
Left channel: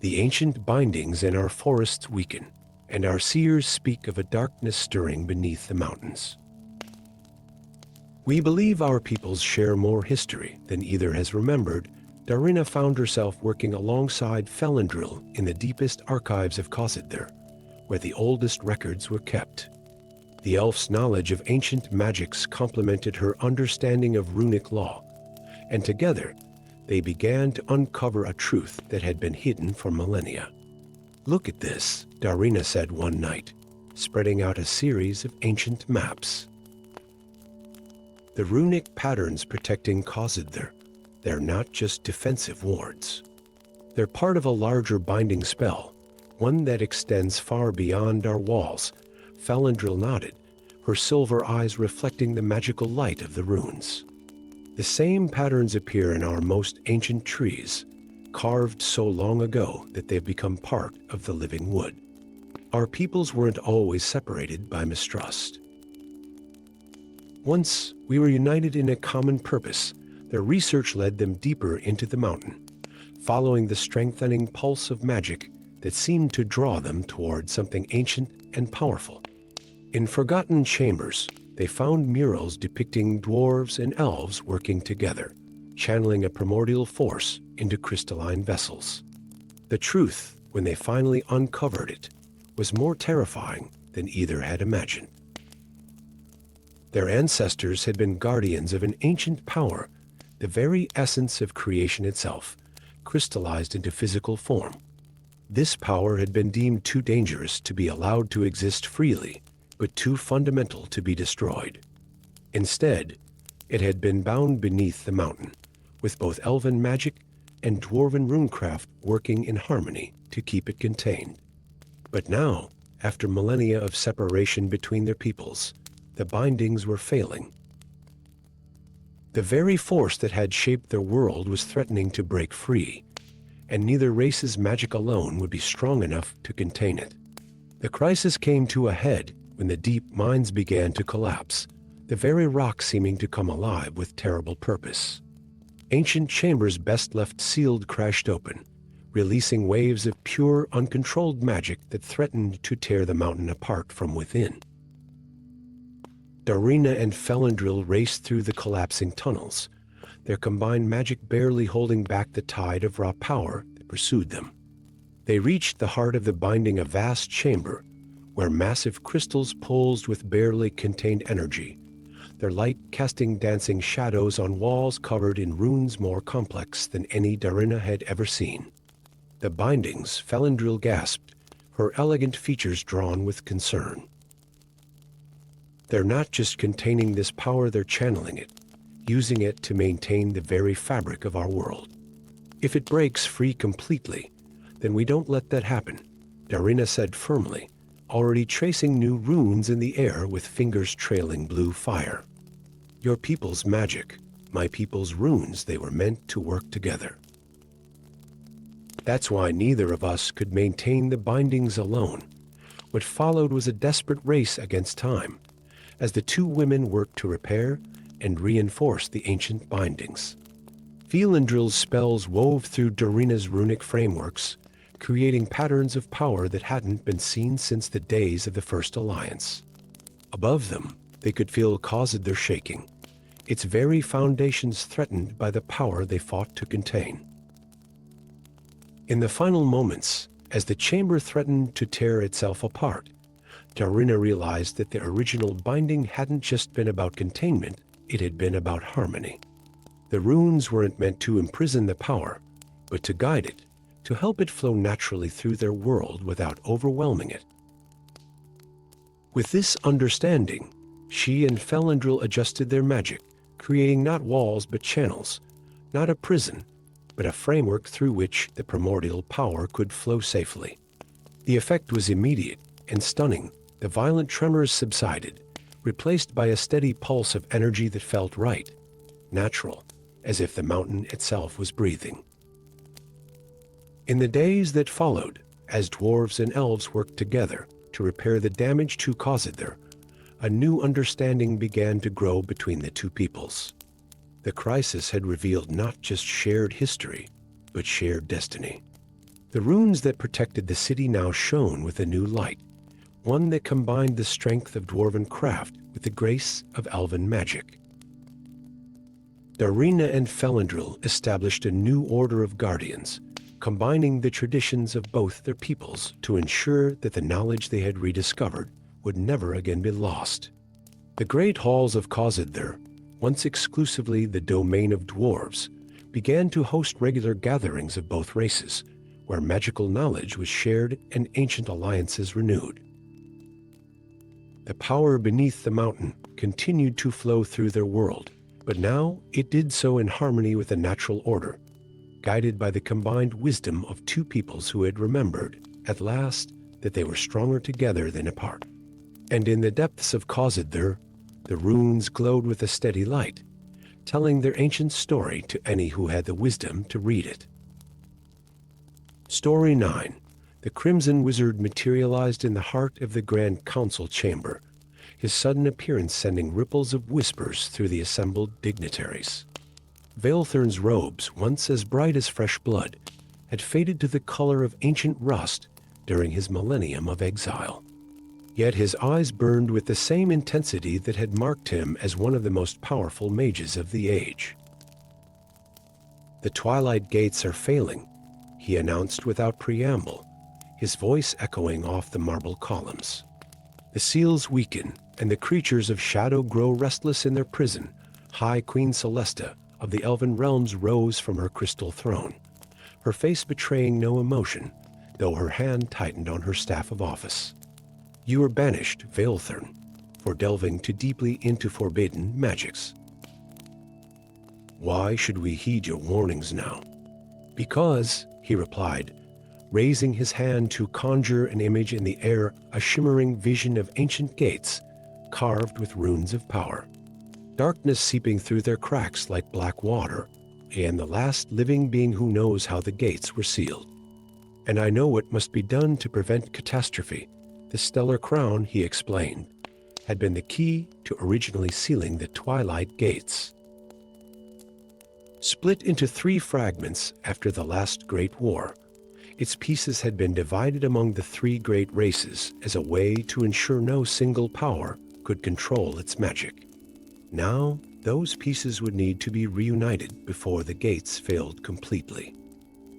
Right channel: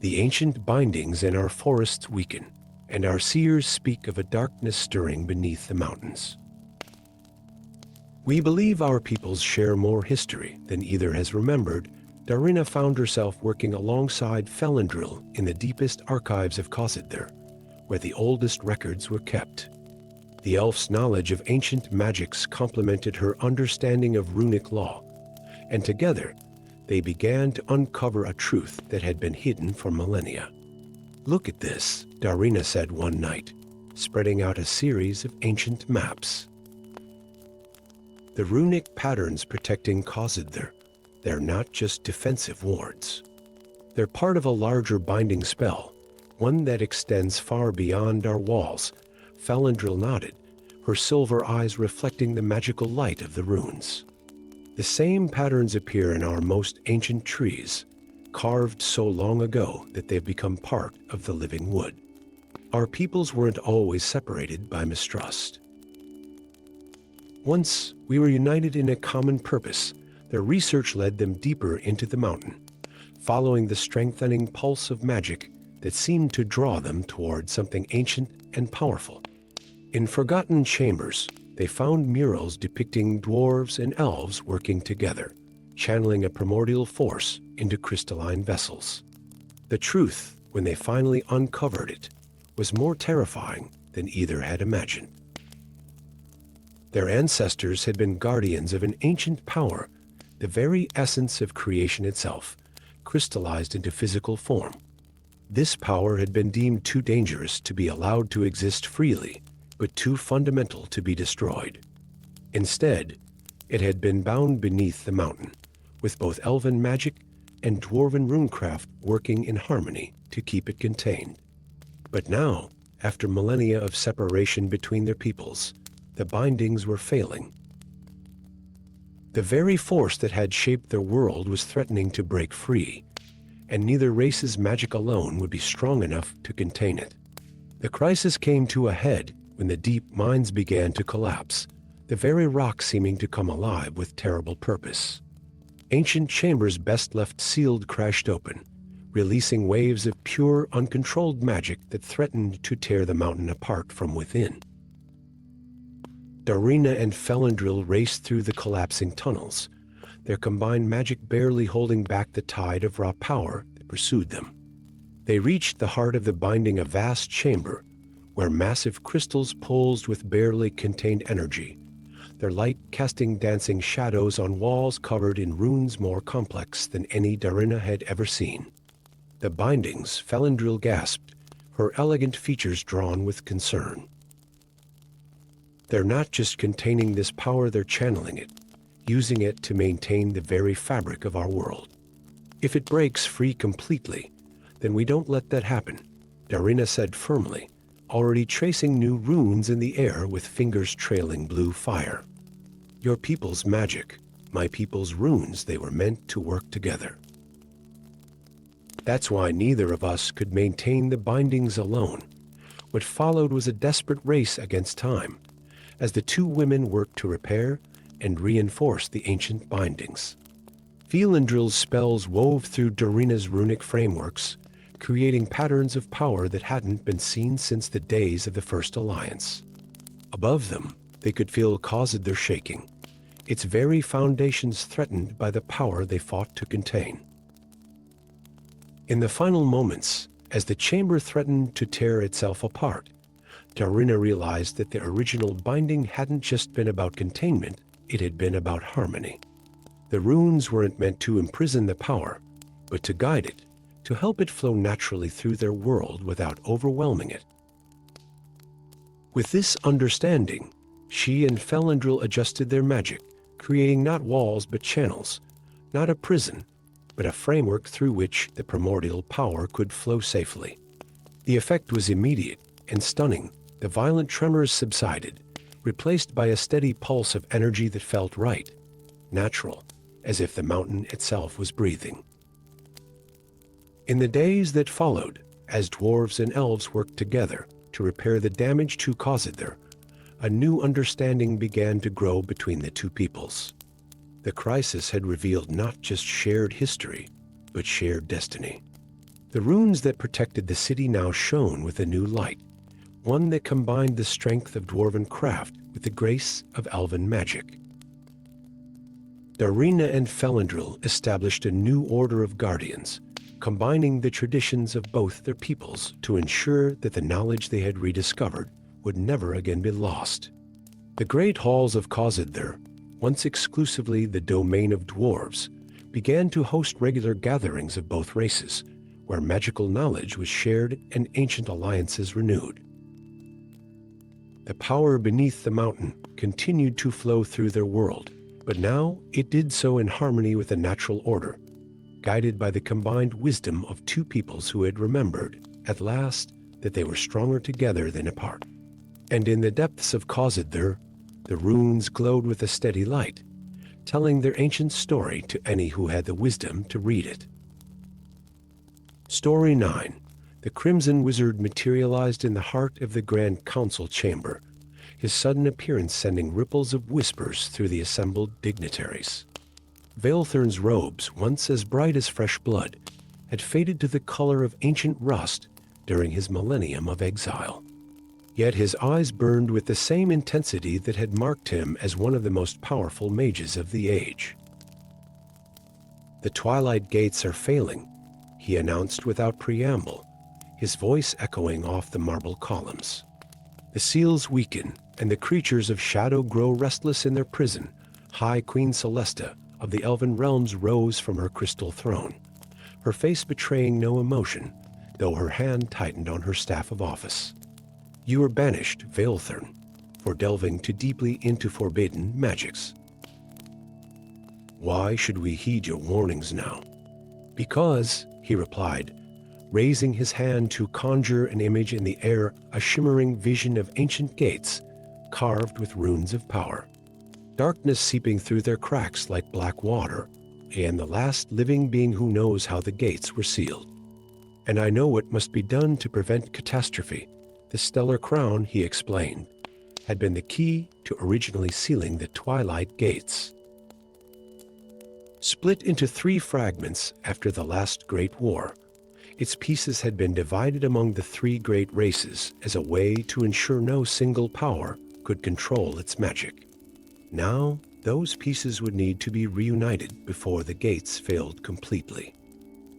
"The ancient bindings in our forests weaken, and our seers speak of a darkness stirring beneath the mountains. We believe our peoples share more history than either has remembered." Darina found herself working alongside Felendril in the deepest archives of Khazad, where the oldest records were kept. The elf's knowledge of ancient magics complemented her understanding of runic law, and together they began to uncover a truth that had been hidden for millennia. "Look at this," Darina said one night, spreading out a series of ancient maps. "The runic patterns protecting Khazad, they're not just defensive wards. They're part of a larger binding spell, one that extends far beyond our walls." Felendril nodded, her silver eyes reflecting the magical light of the runes. "The same patterns appear in our most ancient trees, carved so long ago that they've become part of the living wood. Our peoples weren't always separated by mistrust. Once we were united in a common purpose. Their research led them deeper into the mountain, following the strengthening pulse of magic that seemed to draw them toward something ancient and powerful. In forgotten chambers, they found murals depicting dwarves and elves working together, channeling a primordial force into crystalline vessels. The truth, when they finally uncovered it, was more terrifying than either had imagined. Their ancestors had been guardians of an ancient power, the very essence of creation itself, crystallized into physical form. This power had been deemed too dangerous to be allowed to exist freely, but too fundamental to be destroyed. Instead, it had been bound beneath the mountain, with both elven magic and dwarven runecraft working in harmony to keep it contained. But now, after millennia of separation between their peoples, the bindings were failing. The very force that had shaped their world was threatening to break free, and neither race's magic alone would be strong enough to contain it. The crisis came to a head when the deep mines began to collapse, the very rock seeming to come alive with terrible purpose. Ancient chambers best left sealed crashed open, releasing waves of pure, uncontrolled magic that threatened to tear the mountain apart from within. Darina and Felindril raced through the collapsing tunnels, their combined magic barely holding back the tide of raw power that pursued them. They reached the heart of the binding, a vast chamber, where massive crystals pulsed with barely contained energy, their light casting dancing shadows on walls covered in runes more complex than any Darina had ever seen. The bindings, Felindril gasped, her elegant features drawn with concern. They're not just containing this power, they're channeling it, using it to maintain the very fabric of our world. If it breaks free completely, then we don't let that happen, Darina said firmly, already tracing new runes in the air with fingers trailing blue fire. Your people's magic, my people's runes, they were meant to work together. That's why neither of us could maintain the bindings alone. What followed was a desperate race against time, as the two women worked to repair and reinforce the ancient bindings. Felindril's spells wove through Darina's runic frameworks, creating patterns of power that hadn't been seen since the days of the First Alliance. Above them, they could feel Khazad shaking, its very foundations threatened by the power they fought to contain. In the final moments, as the chamber threatened to tear itself apart, Darina realized that the original binding hadn't just been about containment, it had been about harmony. The runes weren't meant to imprison the power, but to guide it, to help it flow naturally through their world without overwhelming it. With this understanding, she and Felindril adjusted their magic, creating not walls but channels, not a prison, but a framework through which the primordial power could flow safely. The effect was immediate and stunning. The violent tremors subsided, replaced by a steady pulse of energy that felt right, natural, as if the mountain itself was breathing. In the days that followed, as dwarves and elves worked together to repair the damage to Khazad, a new understanding began to grow between the two peoples. The crisis had revealed not just shared history, but shared destiny. The runes that protected the city now shone with a new light, one that combined the strength of dwarven craft with the grace of elven magic. Darina and Felindril established a new order of guardians, combining the traditions of both their peoples to ensure that the knowledge they had rediscovered would never again be lost. The great halls of Khazad, once exclusively the domain of dwarves, began to host regular gatherings of both races, where magical knowledge was shared and ancient alliances renewed. The power beneath the mountain continued to flow through their world, but now it did so in harmony with the natural order, guided by the combined wisdom of two peoples who had remembered, at last, that they were stronger together than apart. And in the depths of Khazad, the runes glowed with a steady light, telling their ancient story to any who had the wisdom to read it. Story 9. The Crimson Wizard materialized in the heart of the Grand Council chamber, his sudden appearance sending ripples of whispers through the assembled dignitaries. Vaelthern's robes, once as bright as fresh blood, had faded to the color of ancient rust during his millennium of exile. Yet his eyes burned with the same intensity that had marked him as one of the most powerful mages of the age. "The twilight gates are failing," he announced without preamble, his voice echoing off the marble columns. "The seals weaken, and the creatures of shadow grow restless in their prison." High Queen Celesta of the Elven realms rose from her crystal throne, her face betraying no emotion, though her hand tightened on her staff of office. "You are banished, Vaelthern, for delving too deeply into forbidden magics." "Why should we heed your warnings now?" "Because," he replied, raising his hand to conjure an image in the air, a shimmering vision of ancient gates carved with runes of power. darkness seeping through their cracks like black water. I am the last living being who knows how the gates were sealed. And I know what must be done to prevent catastrophe. The stellar crown, he explained, had been the key to originally sealing the twilight gates. Split into 3 fragments after the last Great War, its pieces had been divided among the 3 great races as a way to ensure no single power could control its magic. Now, those pieces would need to be reunited before the gates failed completely.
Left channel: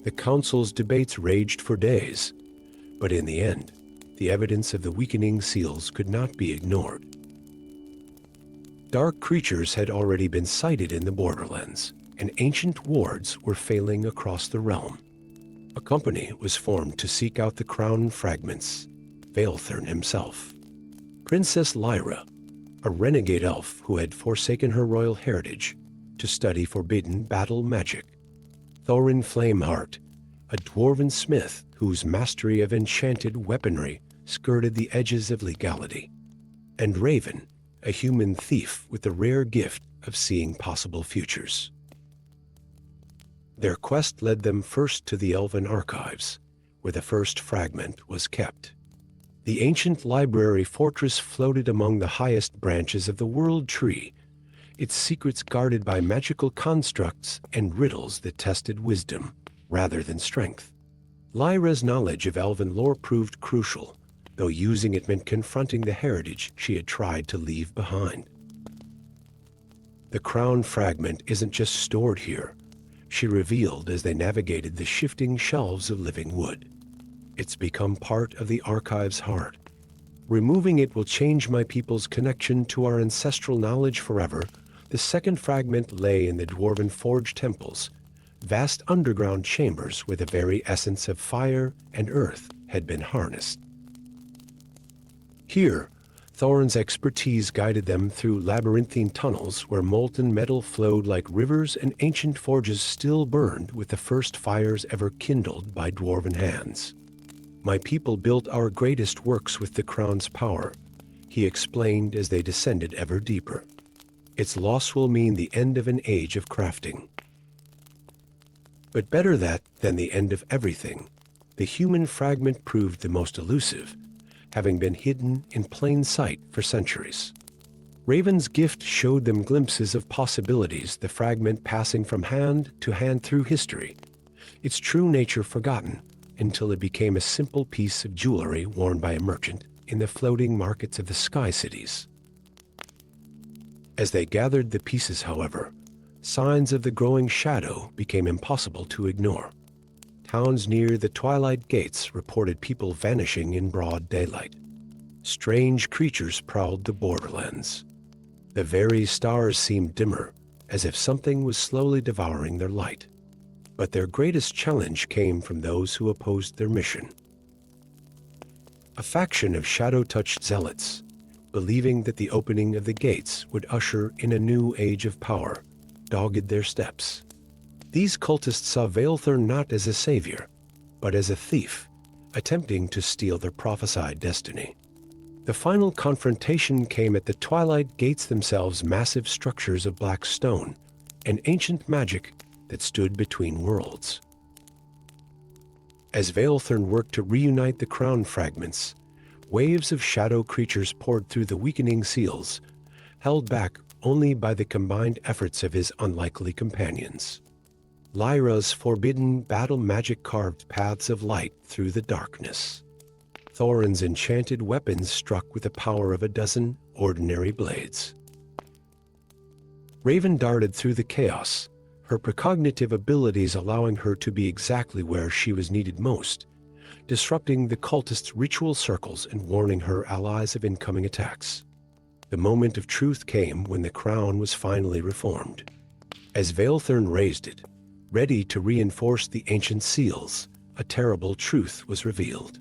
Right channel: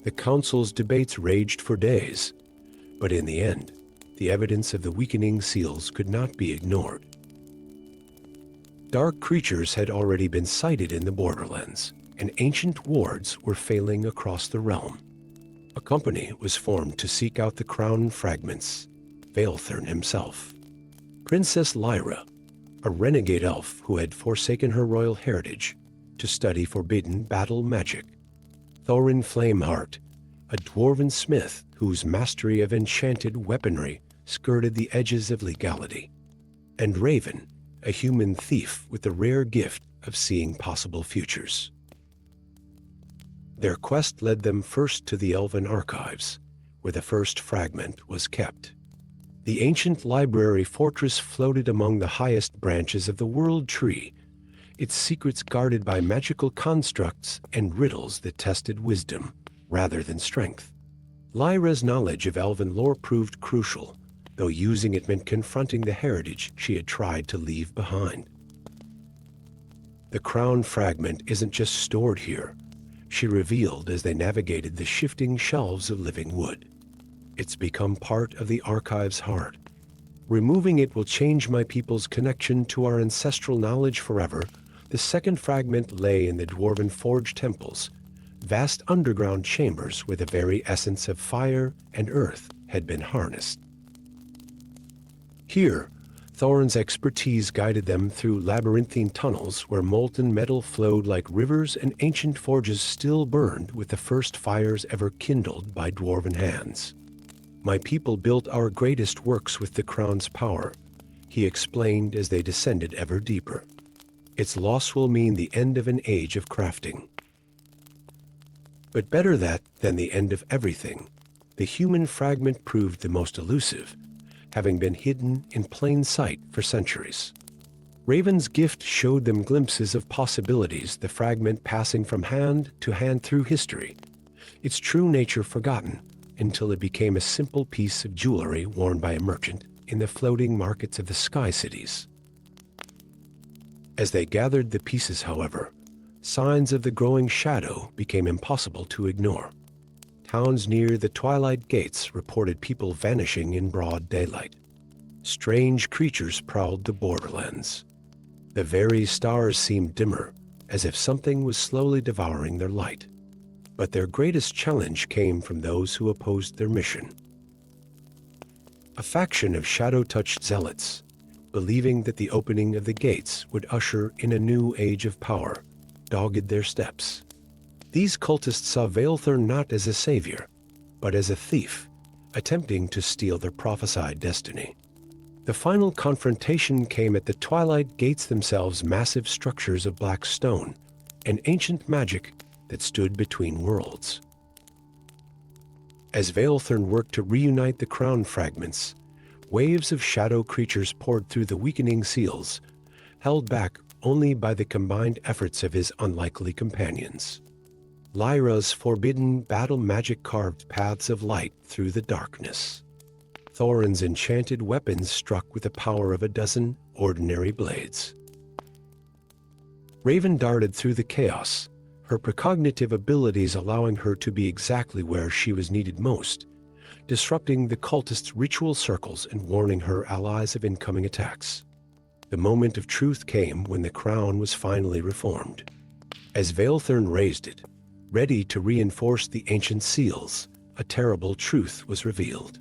The council's debates raged for days, but in the end, the evidence of the weakening seals could not be ignored. Dark creatures had already been sighted in the borderlands, and ancient wards were failing across the realm. A company was formed to seek out the crown fragments, Vaelthern himself. Princess Lyra, a renegade elf who had forsaken her royal heritage to study forbidden battle magic. Thorin Flameheart, a dwarven smith whose mastery of enchanted weaponry skirted the edges of legality. And Raven, a human thief with the rare gift of seeing possible futures. Their quest led them first to the Elven archives, where the first fragment was kept. The ancient library fortress floated among the highest branches of the World Tree, its secrets guarded by magical constructs and riddles that tested wisdom rather than strength. Lyra's knowledge of Elven lore proved crucial, though using it meant confronting the heritage she had tried to leave behind. The crown fragment isn't just stored here, she revealed as they navigated the shifting shelves of living wood. It's become part of the archive's heart. Removing it will change my people's connection to our ancestral knowledge forever. The second fragment lay in the dwarven forge temples, vast underground chambers where the very essence of fire and earth had been harnessed. Here, Thorin's expertise guided them through labyrinthine tunnels where molten metal flowed like rivers and ancient forges still burned with the first fires ever kindled by dwarven hands. My people built our greatest works with the crown's power, he explained as they descended ever deeper. Its loss will mean the end of an age of crafting. But better that than the end of everything. The human fragment proved the most elusive, having been hidden in plain sight for centuries. Raven's gift showed them glimpses of possibilities, the fragment passing from hand to hand through history, its true nature forgotten until it became a simple piece of jewelry worn by a merchant in the floating markets of the sky cities. As they gathered the pieces, however, signs of the growing shadow became impossible to ignore. Towns near the twilight gates reported people vanishing in broad daylight. Strange creatures prowled the borderlands. The very stars seemed dimmer, as if something was slowly devouring their light. But their greatest challenge came from those who opposed their mission. A faction of shadow-touched zealots, believing that the opening of the gates would usher in a new age of power, dogged their steps. These cultists saw Vaelthern not as a savior, but as a thief, attempting to steal their prophesied destiny. The final confrontation came at the twilight gates themselves, massive structures of black stone, and ancient magic that stood between worlds. As Vaelthern worked to reunite the crown fragments, waves of shadow creatures poured through the weakening seals, held back only by the combined efforts of his unlikely companions. Lyra's forbidden battle magic carved paths of light through the darkness. Thorin's enchanted weapons struck with the power of a dozen ordinary blades. Raven darted through the chaos, her precognitive abilities allowing her to be exactly where she was needed most, disrupting the cultists' ritual circles and warning her allies of incoming attacks. The moment of truth came when the crown was finally reformed. As Vaelthern raised it, ready to reinforce the ancient seals, a terrible truth was revealed.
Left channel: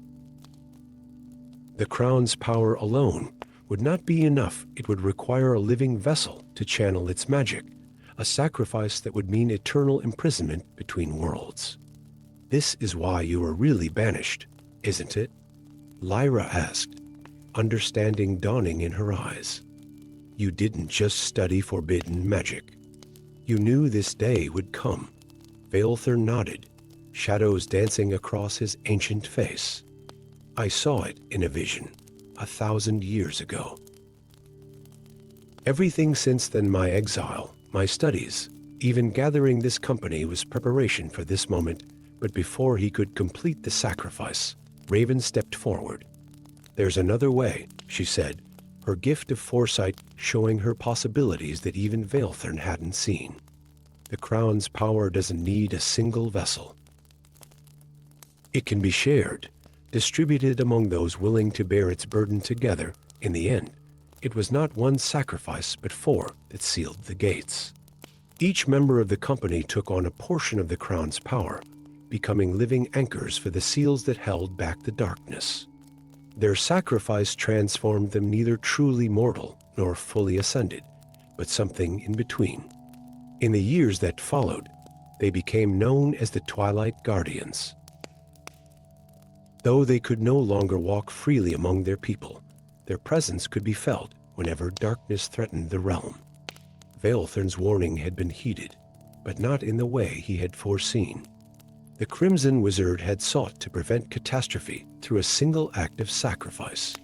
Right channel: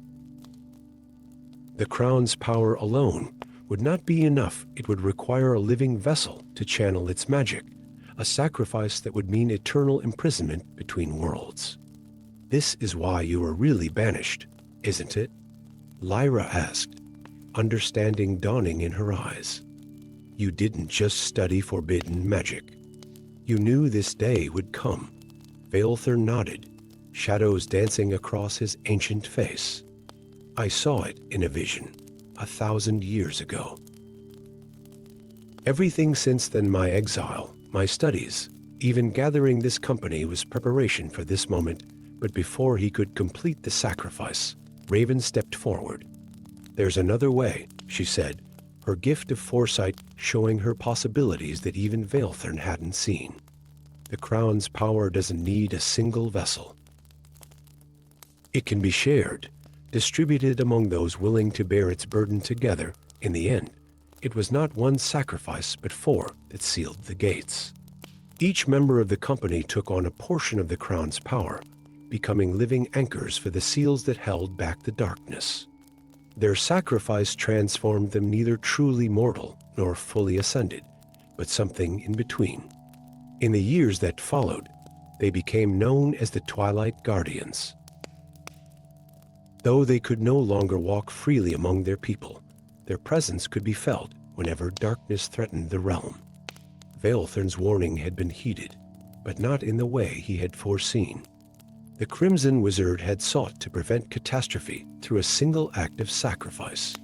The crown's power alone would not be enough. It would require a living vessel to channel its magic, a sacrifice that would mean eternal imprisonment between worlds. "This is why you are really banished, isn't it?" Lyra asked, understanding dawning in her eyes. You didn't just study forbidden magic. You knew this day would come. Vaelthur nodded, shadows dancing across his ancient face. I saw it in a vision, 1,000 years ago. Everything since then, my exile, my studies, even gathering this company, was preparation for this moment. But before he could complete the sacrifice, Raven stepped forward. There's another way, she said, her gift of foresight showing her possibilities that even Vaelthur hadn't seen. The crown's power doesn't need a single vessel. It can be shared, distributed among those willing to bear its burden together. In the end, it was not one sacrifice but 4 that sealed the gates. Each member of the company took on a portion of the crown's power, becoming living anchors for the seals that held back the darkness. Their sacrifice transformed them neither truly mortal nor fully ascended, but something in between. In the years that followed, they became known as the Twilight Guardians. Though they could no longer walk freely among their people, their presence could be felt whenever darkness threatened the realm. Vaelthur's warning had been heeded, but not in the way he had foreseen. The Crimson Wizard had sought to prevent catastrophe through a single act of sacrifice.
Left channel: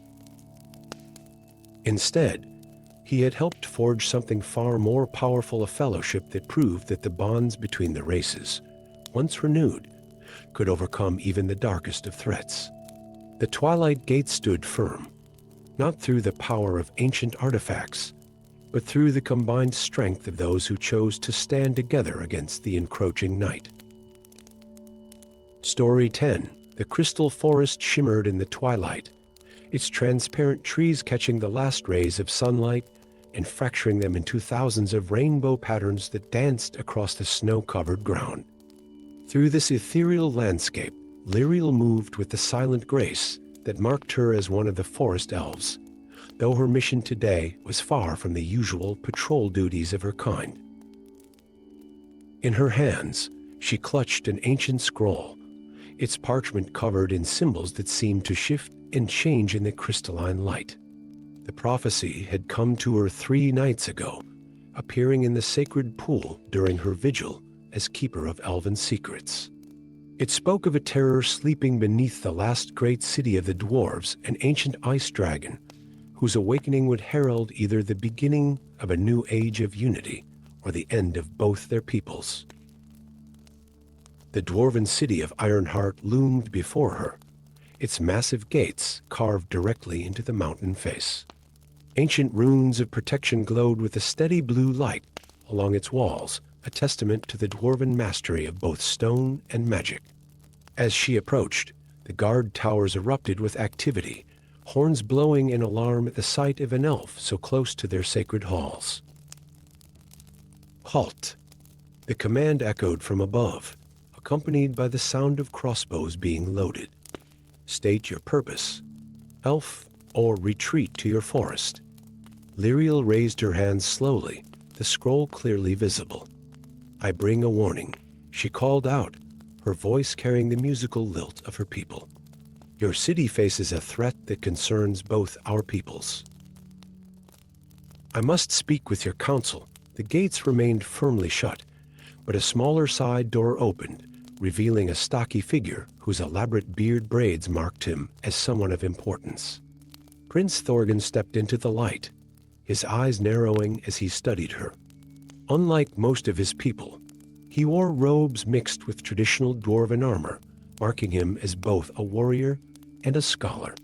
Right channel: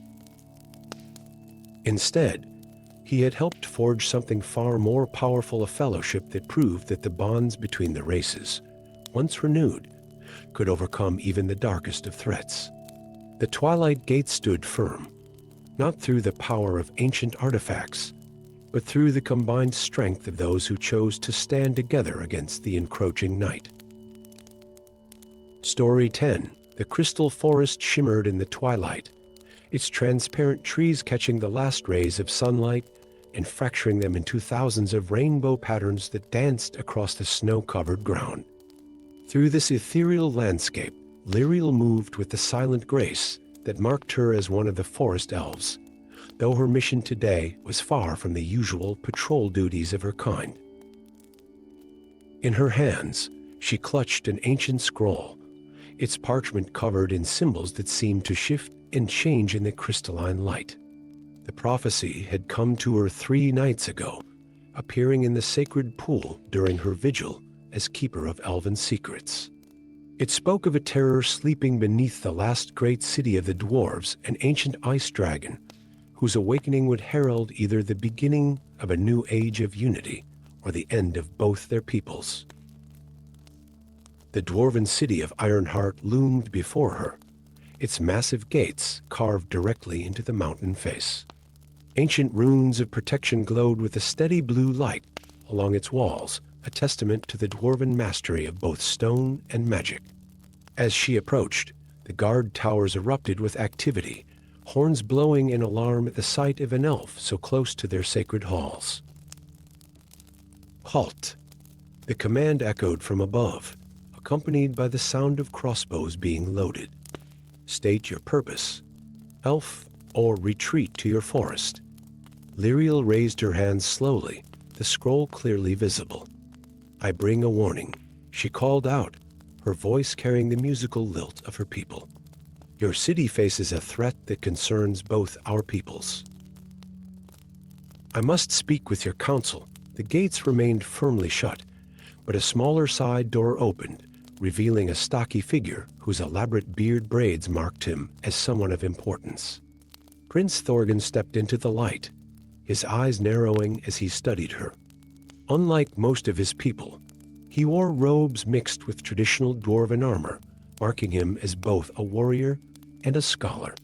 Instead, he had helped forge something far more powerful, a fellowship that proved that the bonds between the races, once renewed, could overcome even the darkest of threats. The Twilight Gate stood firm, not through the power of ancient artifacts, but through the combined strength of those who chose to stand together against the encroaching night. Story 10. The crystal forest shimmered in the twilight, its transparent trees catching the last rays of sunlight and fracturing them into thousands of rainbow patterns that danced across the snow-covered ground. Through this ethereal landscape, Lyriel moved with the silent grace that marked her as one of the forest elves, though her mission today was far from the usual patrol duties of her kind. In her hands, she clutched an ancient scroll, its parchment covered in symbols that seemed to shift and change in the crystalline light. The prophecy had come to her 3 nights ago, appearing in the sacred pool during her vigil as keeper of elven secrets. It spoke of a terror sleeping beneath the last great city of the Dwarves, an ancient ice dragon, whose awakening would herald either the beginning of a new age of unity or the end of both their peoples. The dwarven city of Ironheart loomed before her, its massive gates carved directly into the mountain face. Ancient runes of protection glowed with a steady blue light along its walls, a testament to the dwarven mastery of both stone and magic. As she approached, the guard towers erupted with activity, horns blowing in alarm at the sight of an elf so close to their sacred halls. "Halt!" The command echoed from above, accompanied by the sound of crossbows being loaded. "State your purpose, elf, or retreat to your forest." Lyriel raised her hands slowly, the scroll clearly visible. "I bring a warning," she called out, her voice carrying the musical lilt of her people. "Your city faces a threat that concerns both our peoples." "I must speak with your council." The gates remained firmly shut, but a smaller side door opened, revealing a stocky figure whose elaborate beard braids marked him as someone of importance. Prince Thorgan stepped into the light, his eyes narrowing as he studied her. Unlike most of his people, he wore robes mixed with traditional dwarven armor, marking him as both a warrior and a scholar.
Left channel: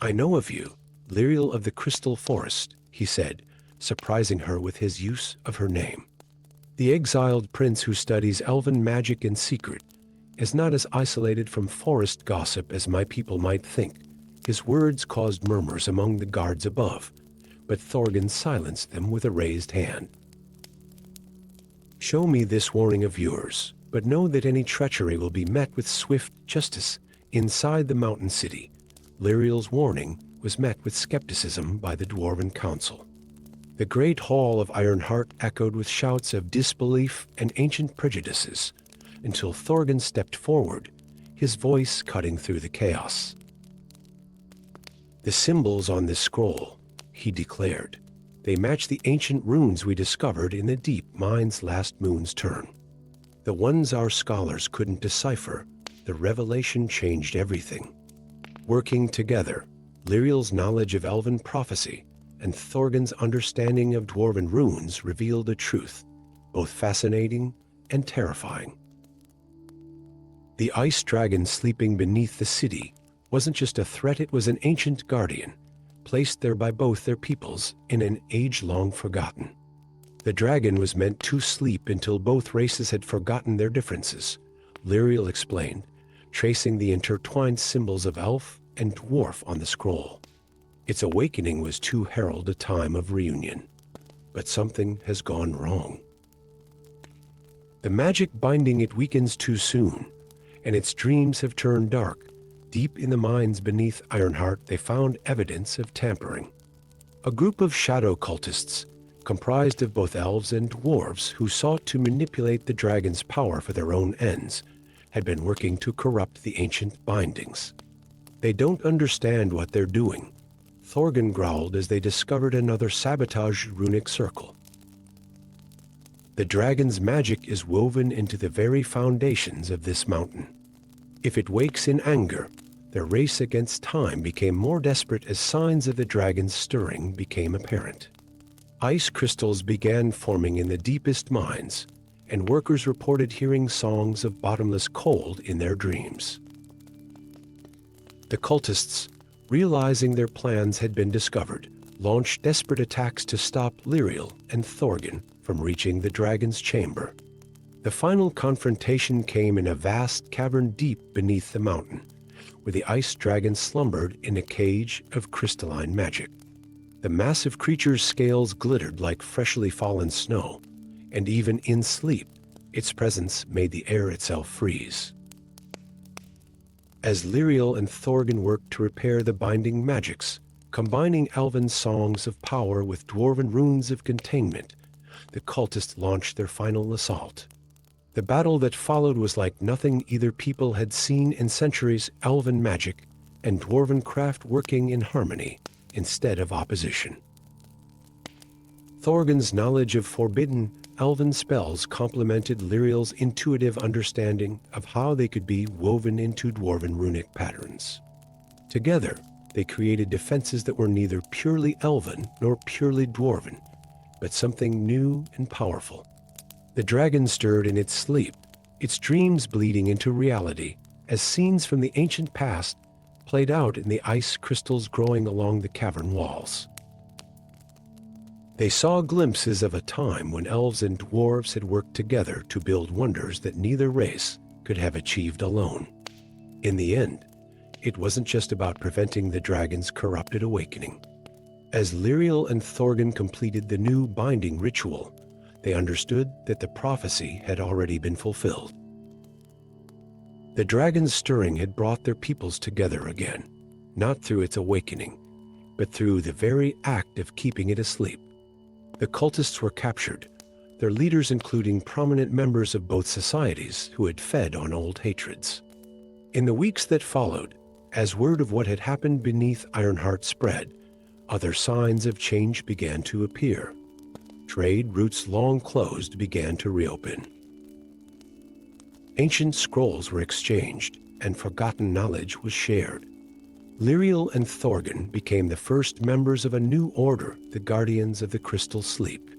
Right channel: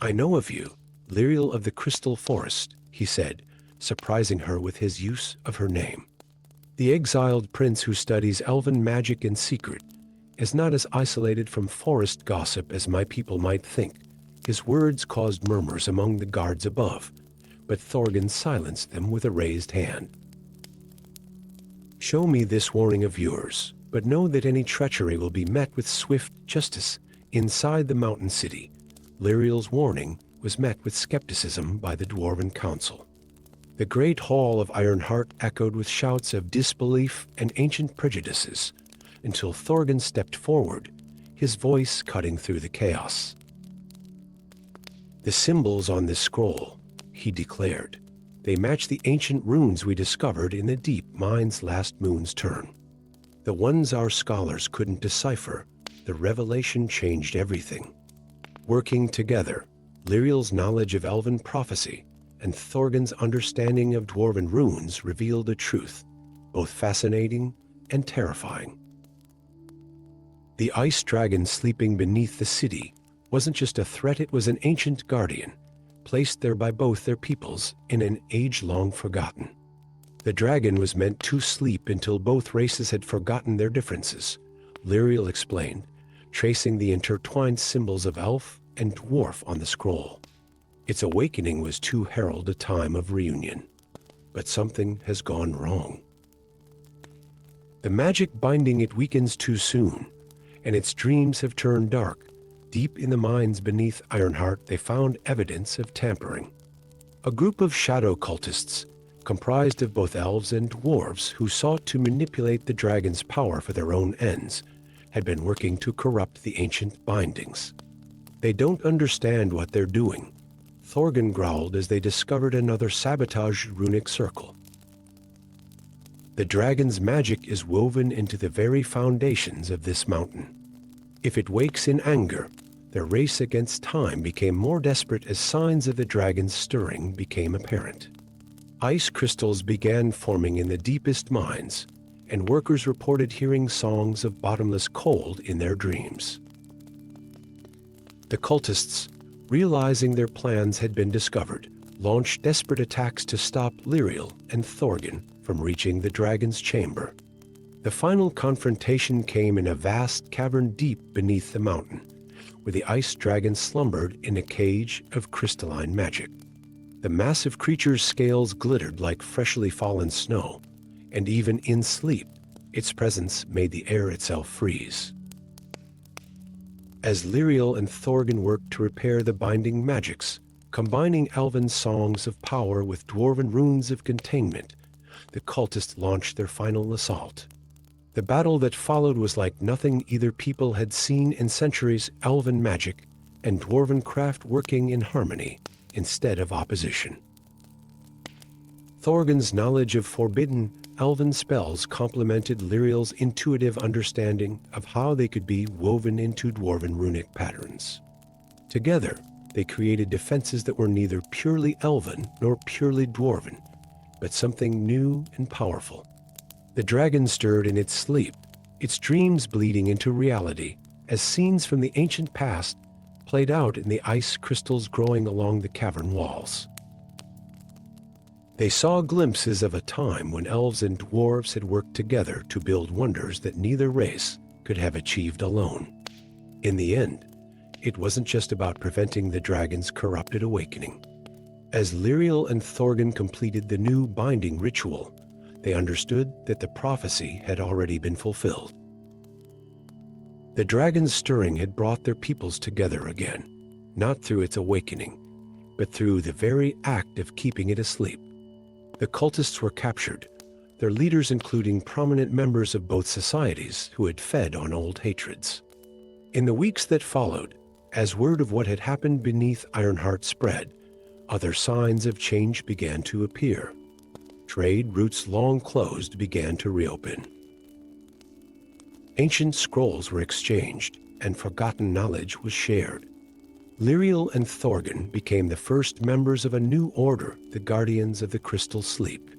"I know of you, Lyriel of the Crystal Forest," he said, surprising her with his use of her name. "The exiled prince who studies elven magic in secret is not as isolated from forest gossip as my people might think." His words caused murmurs among the guards above, but Thorgan silenced them with a raised hand. "Show me this warning of yours, but know that any treachery will be met with swift justice inside the mountain city." Lyriel's warning was met with skepticism by the Dwarven Council. The great hall of Ironheart echoed with shouts of disbelief and ancient prejudices, until Thorgan stepped forward, his voice cutting through the chaos. "The symbols on this scroll," he declared. They match the ancient runes we discovered in the deep mines last moon's turn. The ones our scholars couldn't decipher. The revelation changed everything. Working together, Lyriel's knowledge of elven prophecy and Thorgun's understanding of dwarven runes revealed a truth, both fascinating and terrifying. The ice dragon sleeping beneath the city wasn't just a threat, it was an ancient guardian, placed there by both their peoples in an age long forgotten. The dragon was meant to sleep until both races had forgotten their differences, Lyriel explained, tracing the intertwined symbols of elf and dwarf on the scroll. Its awakening was to herald a time of reunion. But something has gone wrong. The magic binding it weakens too soon, and its dreams have turned dark. Deep in the mines beneath Ironheart, they found evidence of tampering. A group of shadow cultists, comprised of both elves and dwarves who sought to manipulate the dragon's power for their own ends, had been working to corrupt the ancient bindings. They don't understand what they're doing, Thorgun growled as they discovered another sabotaged runic circle. The dragon's magic is woven into the very foundations of this mountain. If it wakes in anger, their race against time became more desperate as signs of the dragon's stirring became apparent. Ice crystals began forming in the deepest mines, and workers reported hearing songs of bottomless cold in their dreams. The cultists, realizing their plans had been discovered, launched desperate attacks to stop Lyriel and Thorgun from reaching the dragon's chamber. The final confrontation came in a vast cavern deep beneath the mountain, where the ice dragon slumbered in a cage of crystalline magic. The massive creature's scales glittered like freshly fallen snow, and even in sleep, its presence made the air itself freeze. As Lyriel and Thorgun worked to repair the binding magics, combining elven songs of power with dwarven runes of containment, the cultists launched their final assault. The battle that followed was like nothing either people had seen in centuries, elven magic and dwarven craft working in harmony instead of opposition. Thorgun's knowledge of forbidden elven spells complemented Lyriel's intuitive understanding of how they could be woven into dwarven runic patterns. Together, they created defenses that were neither purely elven nor purely dwarven, but something new and powerful. The dragon stirred in its sleep, its dreams bleeding into reality, as scenes from the ancient past played out in the ice crystals growing along the cavern walls. They saw glimpses of a time when elves and dwarves had worked together to build wonders that neither race could have achieved alone. In the end, it wasn't just about preventing the dragon's corrupted awakening. As Lyriel and Thorgun completed the new binding ritual, they understood that the prophecy had already been fulfilled. The dragon's stirring had brought their peoples together again, not through its awakening, but through the very act of keeping it asleep. The cultists were captured, their leaders including prominent members of both societies who had fed on old hatreds. In the weeks that followed, as word of what had happened beneath Ironheart spread, other signs of change began to appear. Trade routes long closed began to reopen. Ancient scrolls were exchanged, and forgotten knowledge was shared. Lyriel and Thorgun became the first members of a new order, the Guardians of the Crystal Sleep.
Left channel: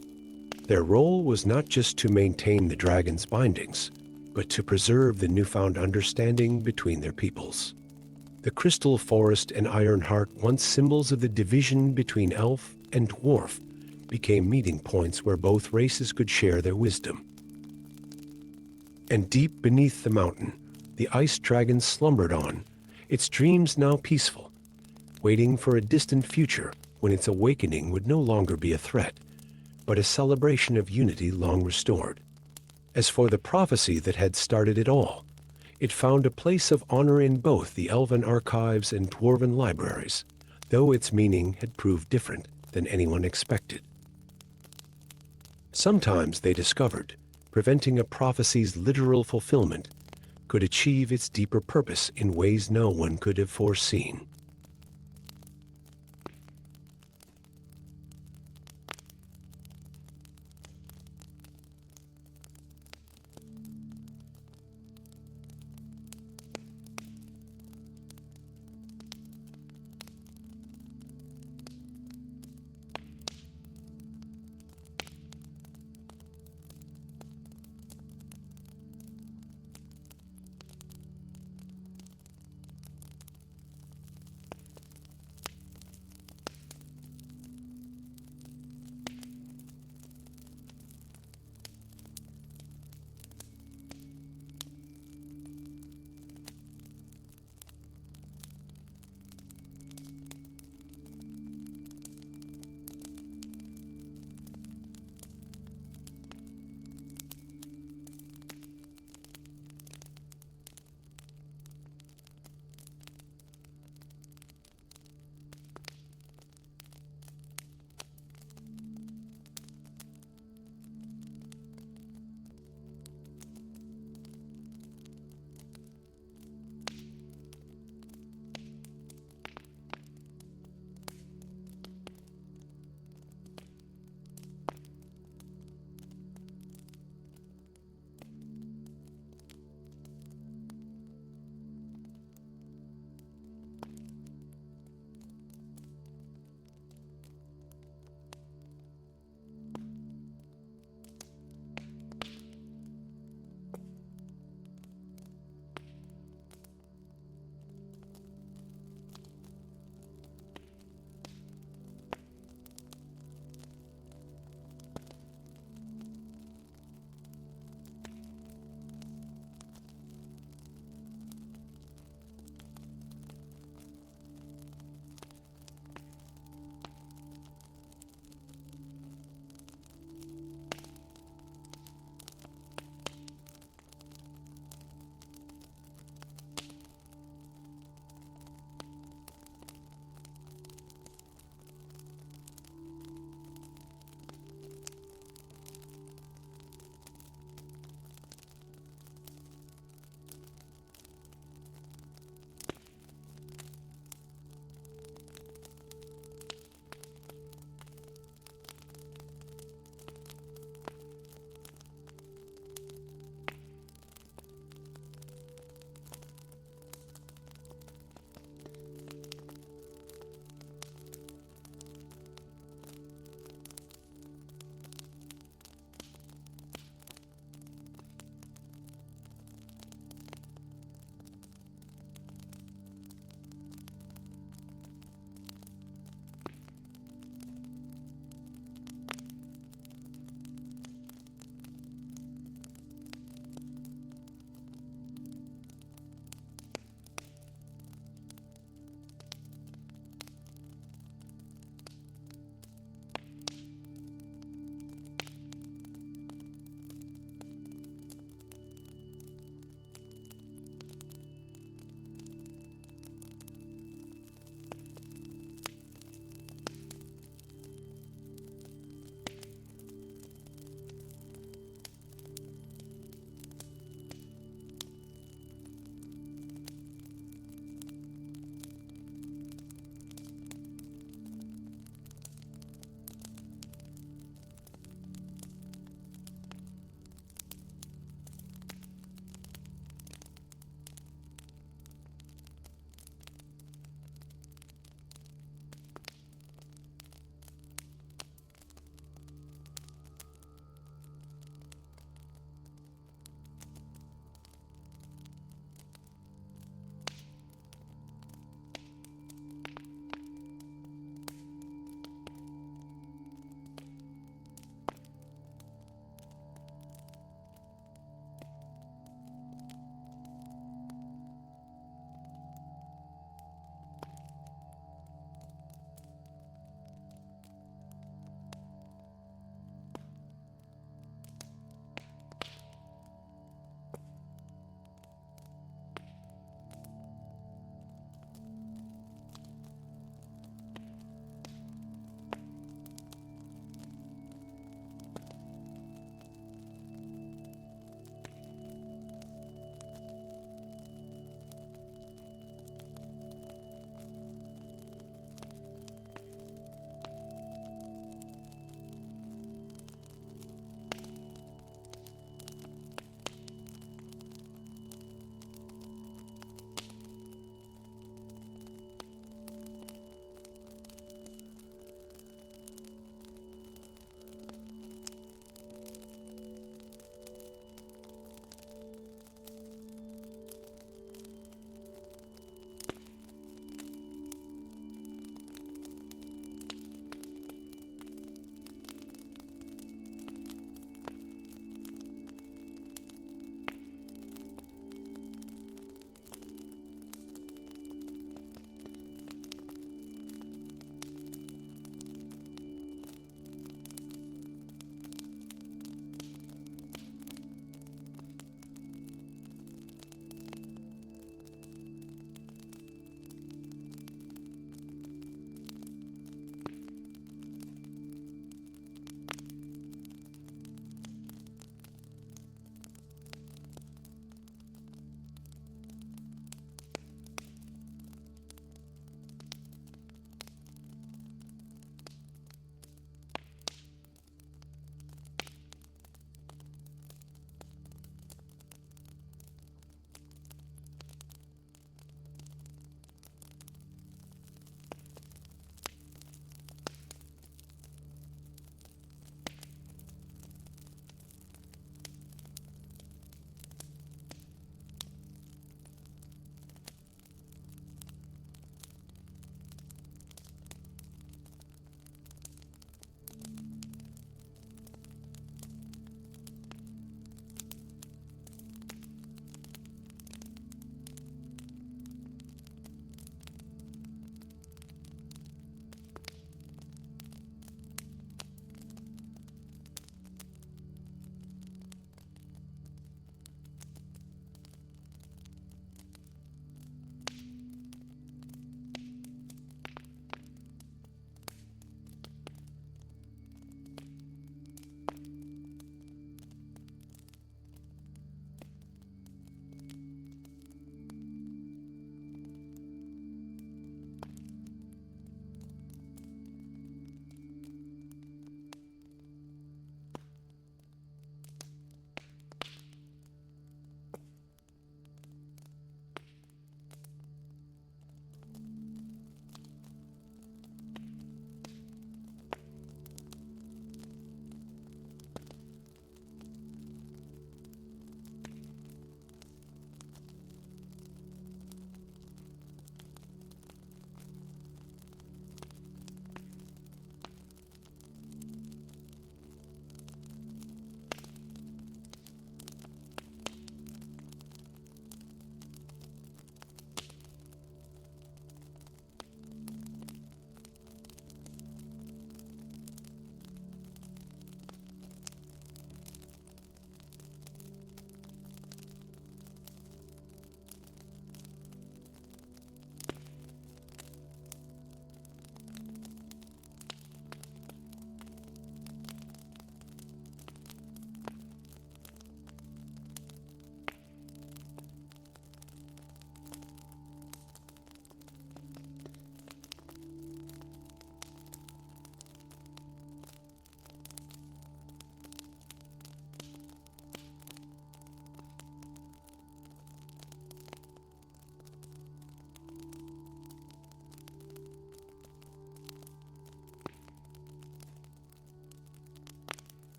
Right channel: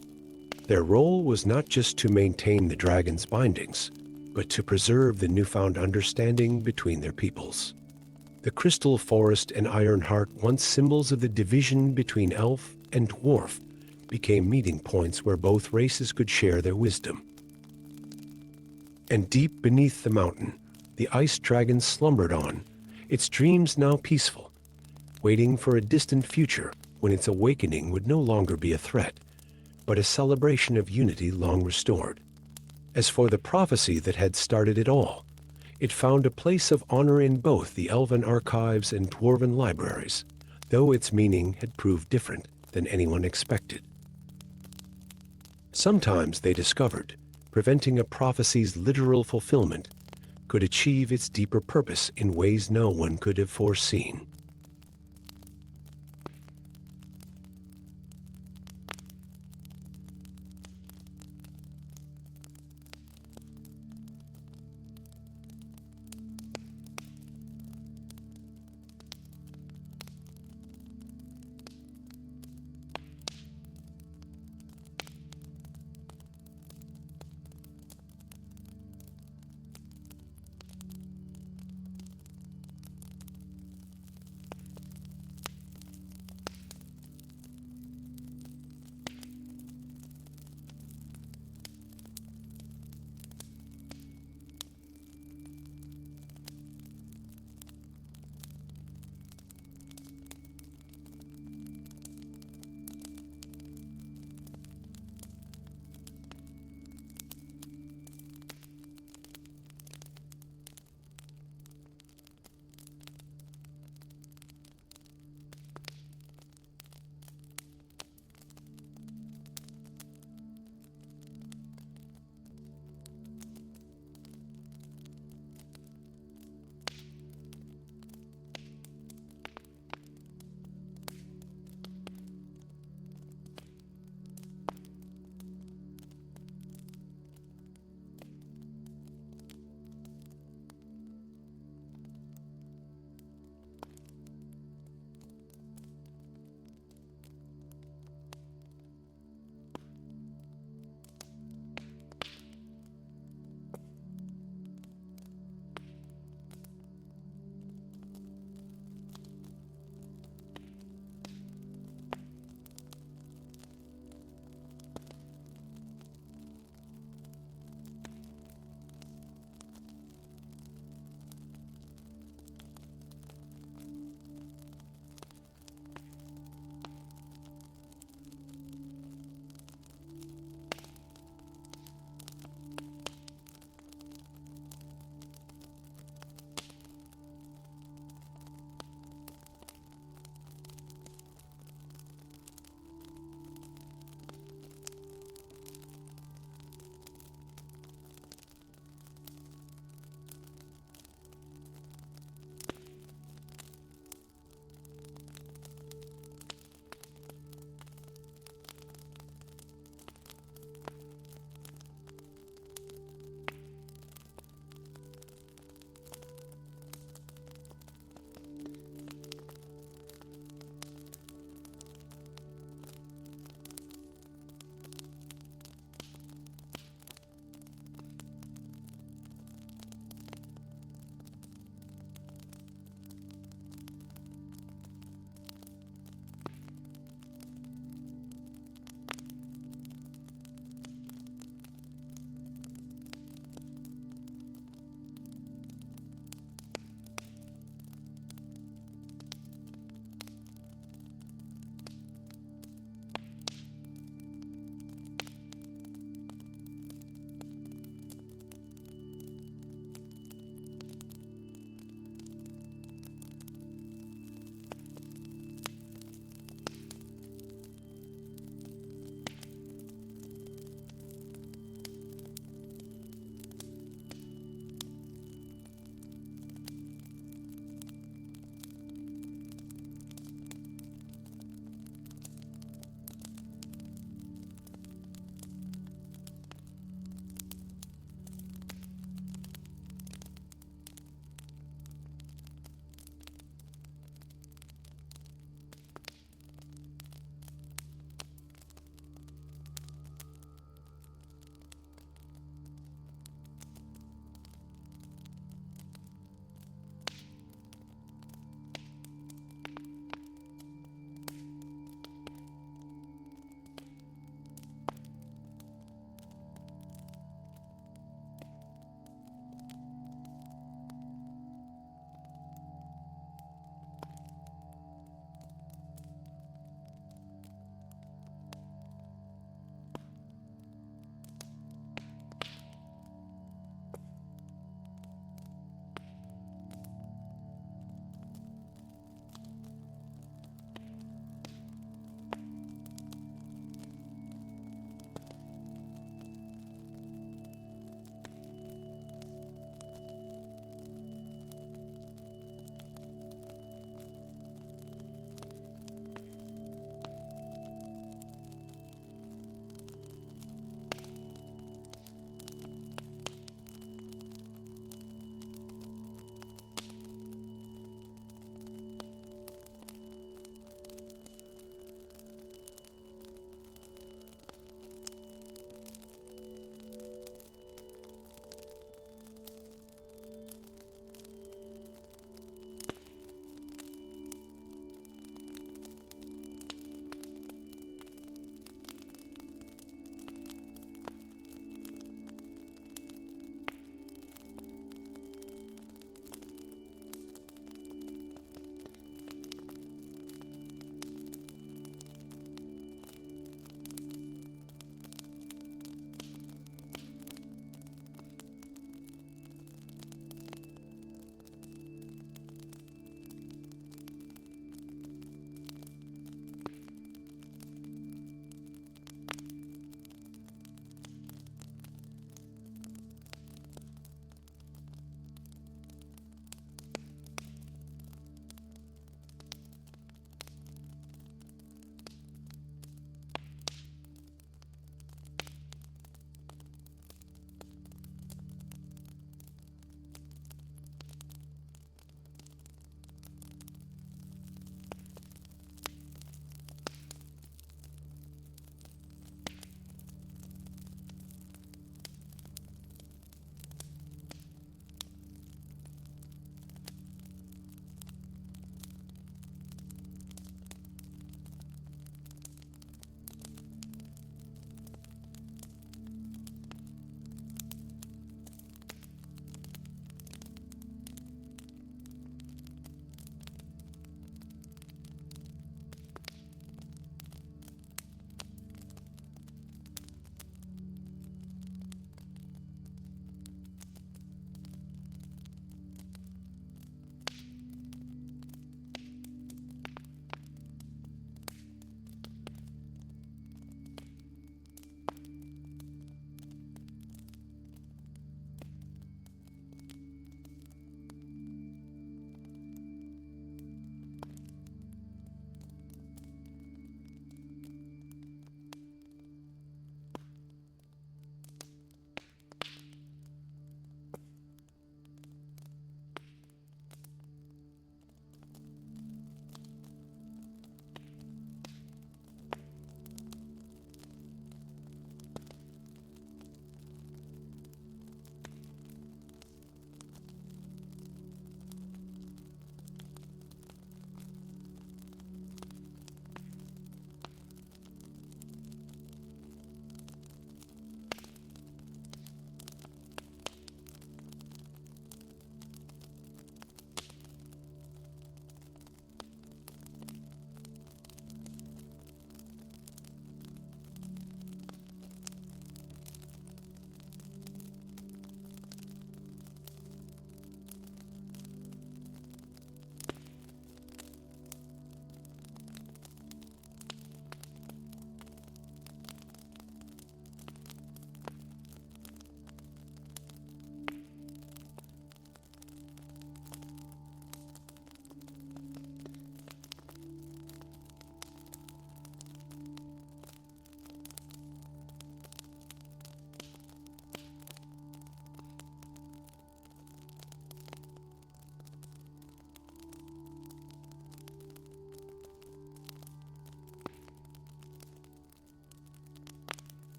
Their role was not just to maintain the dragon's bindings, but to preserve the newfound understanding between their peoples. The Crystal Forest and Ironheart, once symbols of the division between elf and dwarf, became meeting points where both races could share their wisdom. And deep beneath the mountain, the ice dragon slumbered on, its dreams now peaceful, waiting for a distant future when its awakening would no longer be a threat, but a celebration of unity long restored. As for the prophecy that had started it all, it found a place of honor in both the elven archives and dwarven libraries, though its meaning had proved different than anyone expected. Sometimes, they discovered, preventing a prophecy's literal fulfillment could achieve its deeper purpose in ways no one could have foreseen.